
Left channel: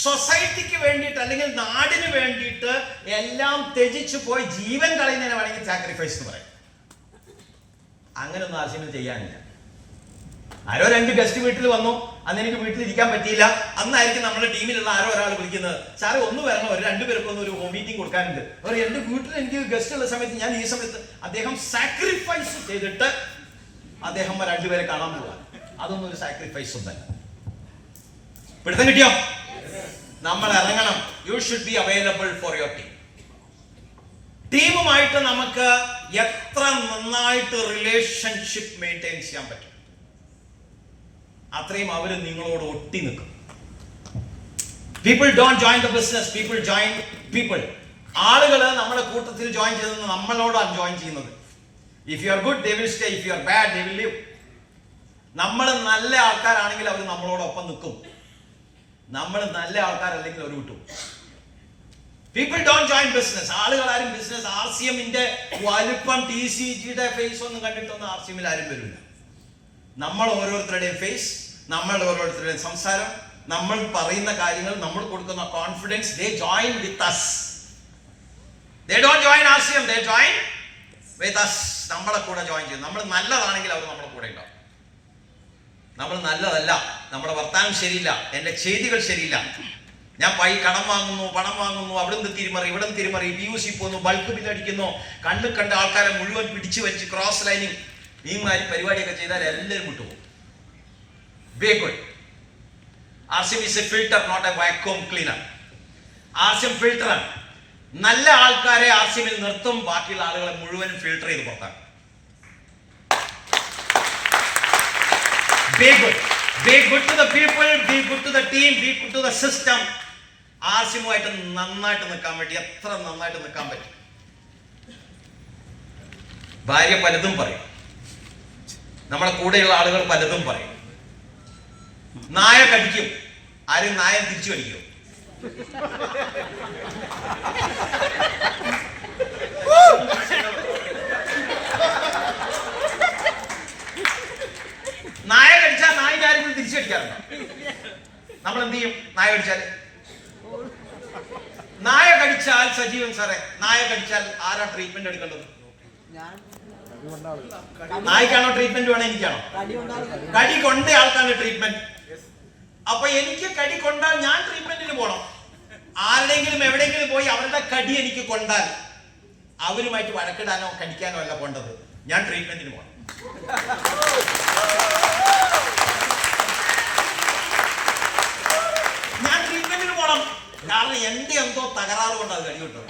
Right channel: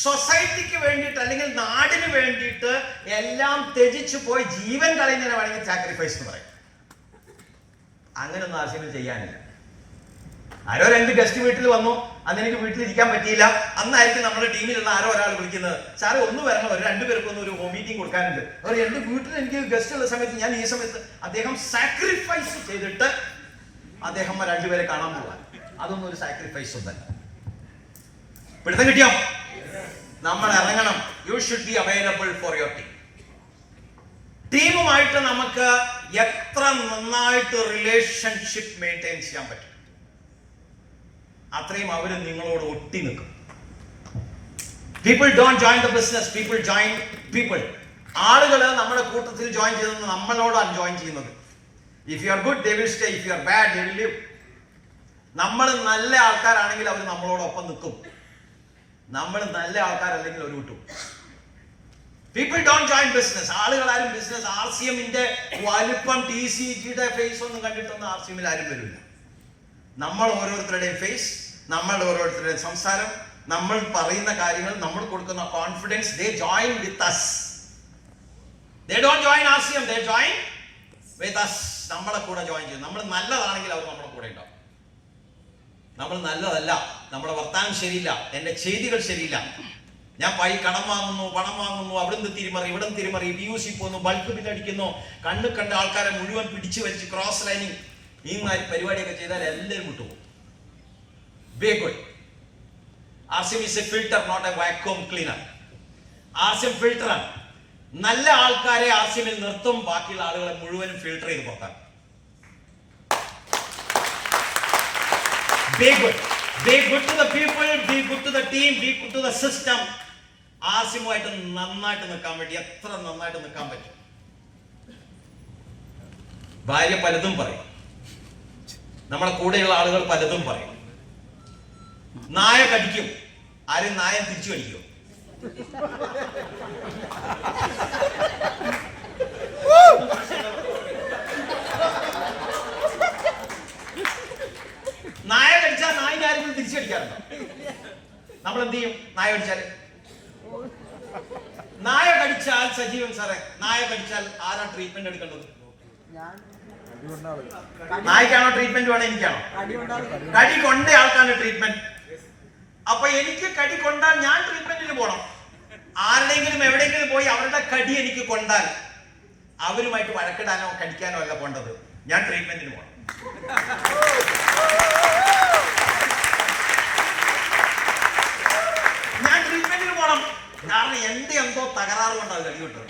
സൊസൈറ്റിക്ക് വേണ്ടിയിട്ട് അല്ലെങ്കിൽ നാടിന് വേണ്ടിയിട്ട് എല്ലാം ത്യജിച്ചു പോയി ജീവൻ കളയുന്നതിനെ വേണമെങ്കിൽ സാക്രിഫൈസ് എന്ന് പറയും. അങ്ങനെയൊന്നും ആർസിഎമ്മിൽ ചെയ്യാനില്ല. ആരോ 2 ഗസ്റ്റ് വീട്ടിൽ വന്നു, അന്ന് എനിക്ക് വീട്ടിലിരിക്കാൻ പറ്റിയില്ല. അന്നായിരിക്കും നമ്മുടെ ടീമിലുള്ള ആരോ ഒരാൾ വിളിക്കുന്നത്, സാറേ ഒന്ന് വരണം, ഒരു 2 പേർക്കൊന്നും ഒരു ഹോം മീറ്റിംഗ് കൊടുക്കാനുണ്ട്. അവർ എന്റെ വീട്ടിൽ എനിക്ക് ഗസ്റ്റ് ഉള്ള സമയത്ത് ഞാൻ ഈ സമയത്ത് അദ്ദേഹം സാക്രിഫൈസ് ചെയ്തിട്ട് അദ്ദേഹം 2 പേരെ കാണാൻ പോവാ. അതൊന്നും ഒരു സാക്രിഫൈസ് ഒന്നല്ല. പിടുത്തം കിട്ടിയോ? നമ്മൾ ഇറങ്ങണം. You should be available for your team. ടീമുമായിട്ട് നമുക്ക് എത്ര നന്നായിട്ട് റിലേഷൻഷിപ്പ് മെയിൻറ്റെയിൻ ചെയ്യാൻ പറ്റും അത്രയും അവർ നിങ്ങളോട് ഒട്ടി നിൽക്കും. People don't join the business, people join people. ആളുകൾ നമ്മുടെ കൂട്ടത്തിൽ ജോയിൻ ചെയ്തത് നമ്മളോടാണ് ജോയിൻ ചെയ്യുന്നത്. If you are good they will stay, if you are bad they will leave. നമ്മൾ നല്ല ആൾക്കാരാണെങ്കിൽ അവർ നമ്മളോടൊപ്പം നിൽക്കും, നമ്മൾ നല്ല ആൾക്കാരല്ലെങ്കിൽ അവർ വിട്ടു. People don't join business. ആളുകൾ ആരും ബിസിനസ് ആർസിഎമ്മിന്റെ വലിപ്പം TCGയുടെ ഫേസ് ഒന്നും കണ്ടിട്ടൊന്നും ആർസിഎമ്മിൽ ആരും വരില്ല. നമ്മൾ ഓരോരുത്തരുടെയും ഫേസ്, നമ്മളുടെ ഓരോരുത്തരുടെയും സംസാരം, നമ്മൾ പറയുന്ന കാര്യങ്ങൾ, നമ്മൾ കൊടുക്കുന്ന confidence, they join with us. They don't join RCM, they join with us. നമ്മളെ കൂടെ ജോയിൻ ചെയ്യും. നമ്മൾ നല്ലതാണെങ്കിൽ അവർ നമ്മുടെ കൂടെ ഉണ്ടാവും. നമ്മൾ നല്ലതല്ല, നമ്മുടെ വർത്താനം ശരിയില്ല, എന്റെ ചെയ്തികൾ ശരിയില്ല, ഞാൻ കടം വാങ്ങുന്നു, പണം വാങ്ങുന്നു, അവിടുന്ന് തിരിമറി, ഇവിടെ തിരിമറി, PUC പോകുന്നു, ബൾക്ക് ബില്ലടിക്കുന്നു, കണ്ട ആൾക്കാരെ മുഴുവൻ പിടിച്ചു വലിച്ച് ക്രോസ് ലൈനിങ്, ഈ മാതിരി പരിപാടിയൊക്കെ ചെയ്താൽ എല്ലാവരും വിട്ടുപോകും. Very good. RCM is a filter, not a vacuum cleaner. RCM filter ആണ്. നല്ല ആൾക്കാരെ RCMൽ നിർത്തും, ബാക്കിയുള്ള ആളുകളെ മുഴുവനും ഫിൽട്ടർ ചെയ്ത് പുറത്താക്കും. Be good. Be good to the people, be good to the team, be good to the system. ആസിമുമായിട്ട് നന്നായിട്ട് നിൽക്കാൻ വേണ്ടി എത്ര നന്നായിട്ട് നിൽക്കാൻ പറ്റും. ഭാര്യ പലതും പറയും, നമ്മളെ കൂടെയുള്ള ആളുകൾ പലതും പറയും. നായ കടിക്കും, ആരും നായ തിരിച്ചു കടിക്കും. നായ കടിച്ചാൽ നായിന്റെ ആരെങ്കിലും തിരിച്ചു കടിക്കാറുണ്ടോ? നമ്മൾ എന്ത് ചെയ്യും? നായ കടിച്ചാല് നായ കടിച്ചാൽ സജീവൻ സാറേ, നായ കടിച്ചാൽ ആരാ ട്രീറ്റ്മെന്റ് എടുക്കേണ്ടത്? നായ്ക്കാണോ ട്രീറ്റ്മെന്റ് വേണം? എനിക്കാണോ? കടി കൊണ്ട ആൾക്കാണ് ട്രീറ്റ്മെന്റ്. അപ്പൊ എനിക്ക് കടി കൊണ്ടാൽ ഞാൻ ട്രീറ്റ്മെന്റിന് പോകണം. ആരുടെയെങ്കിലും എവിടെയെങ്കിലും പോയി അവരുടെ കടി എനിക്ക് കൊണ്ടാൽ അവരുമായിട്ട് വഴക്കിടാനോ കടിക്കാനോ അല്ല പോണ്ടത്, ഞാൻ ട്രീറ്റ്മെന്റിന് പോകണം. ഞാൻ ട്രീറ്റ്മെന്റിന് പോകണം. കാരണം എന്റെ എന്തോ തകരാറ് കൊണ്ട് അത് കഴിയുട്ടോ.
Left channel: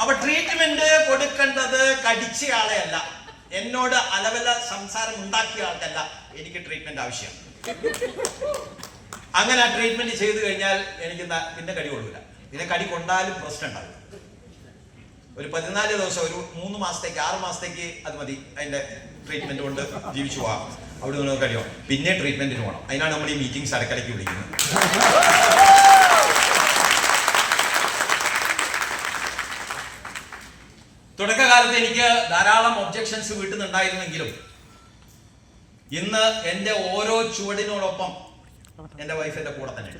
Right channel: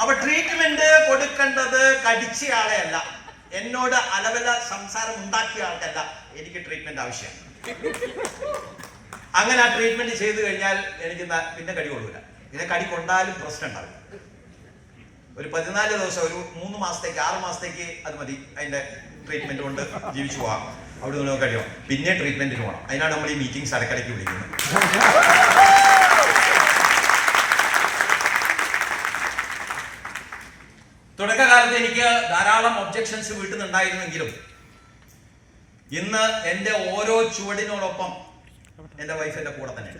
അപ്പൊ ട്രീറ്റ്മെന്റ് കൊടുക്കേണ്ടത് കടിച്ചയാളെ അല്ല, എന്നോട് അലവല സംസാരം ഉണ്ടാക്കിയ ആൾക്കല്ല എനിക്ക് ട്രീറ്റ്മെന്റ് ആവശ്യം. അങ്ങനെ ആ ട്രീറ്റ്മെന്റ് ചെയ്തു കഴിഞ്ഞാൽ എനിക്ക് പിന്നെ കടി കൊള്ളൂല. പിന്നെ കടി കൊണ്ടാലും പ്രശ്നം ഉണ്ടാവില്ല. ഒരു 14 ദിവസം, ഒരു 3 മാസത്തേക്ക് 6 മാസത്തേക്ക് അത് മതി. അതിന്റെ ട്രീറ്റ്മെന്റ് കൊണ്ട് ജീവിച്ചു പോകാം. അവിടെ നിന്ന് കഴിയും. പിന്നെ ട്രീറ്റ്മെന്റിന് പോകണം. അതിനാണ് നമ്മൾ ഈ മീറ്റിംഗ്സ് ഇടയ്ക്കിടയ്ക്ക് വിളിക്കുന്നത്. തുടക്കകാലത്ത് എനിക്ക് ധാരാളം ഒബ്ജക്ഷൻസ് വീട്ടിൽ നിന്നുണ്ടായിരുന്നെങ്കിലും ഇന്ന് എന്റെ ഓരോ ചുവടിനോടൊപ്പം എന്റെ വൈഫ് എന്റെ കൂടെ തന്നെ.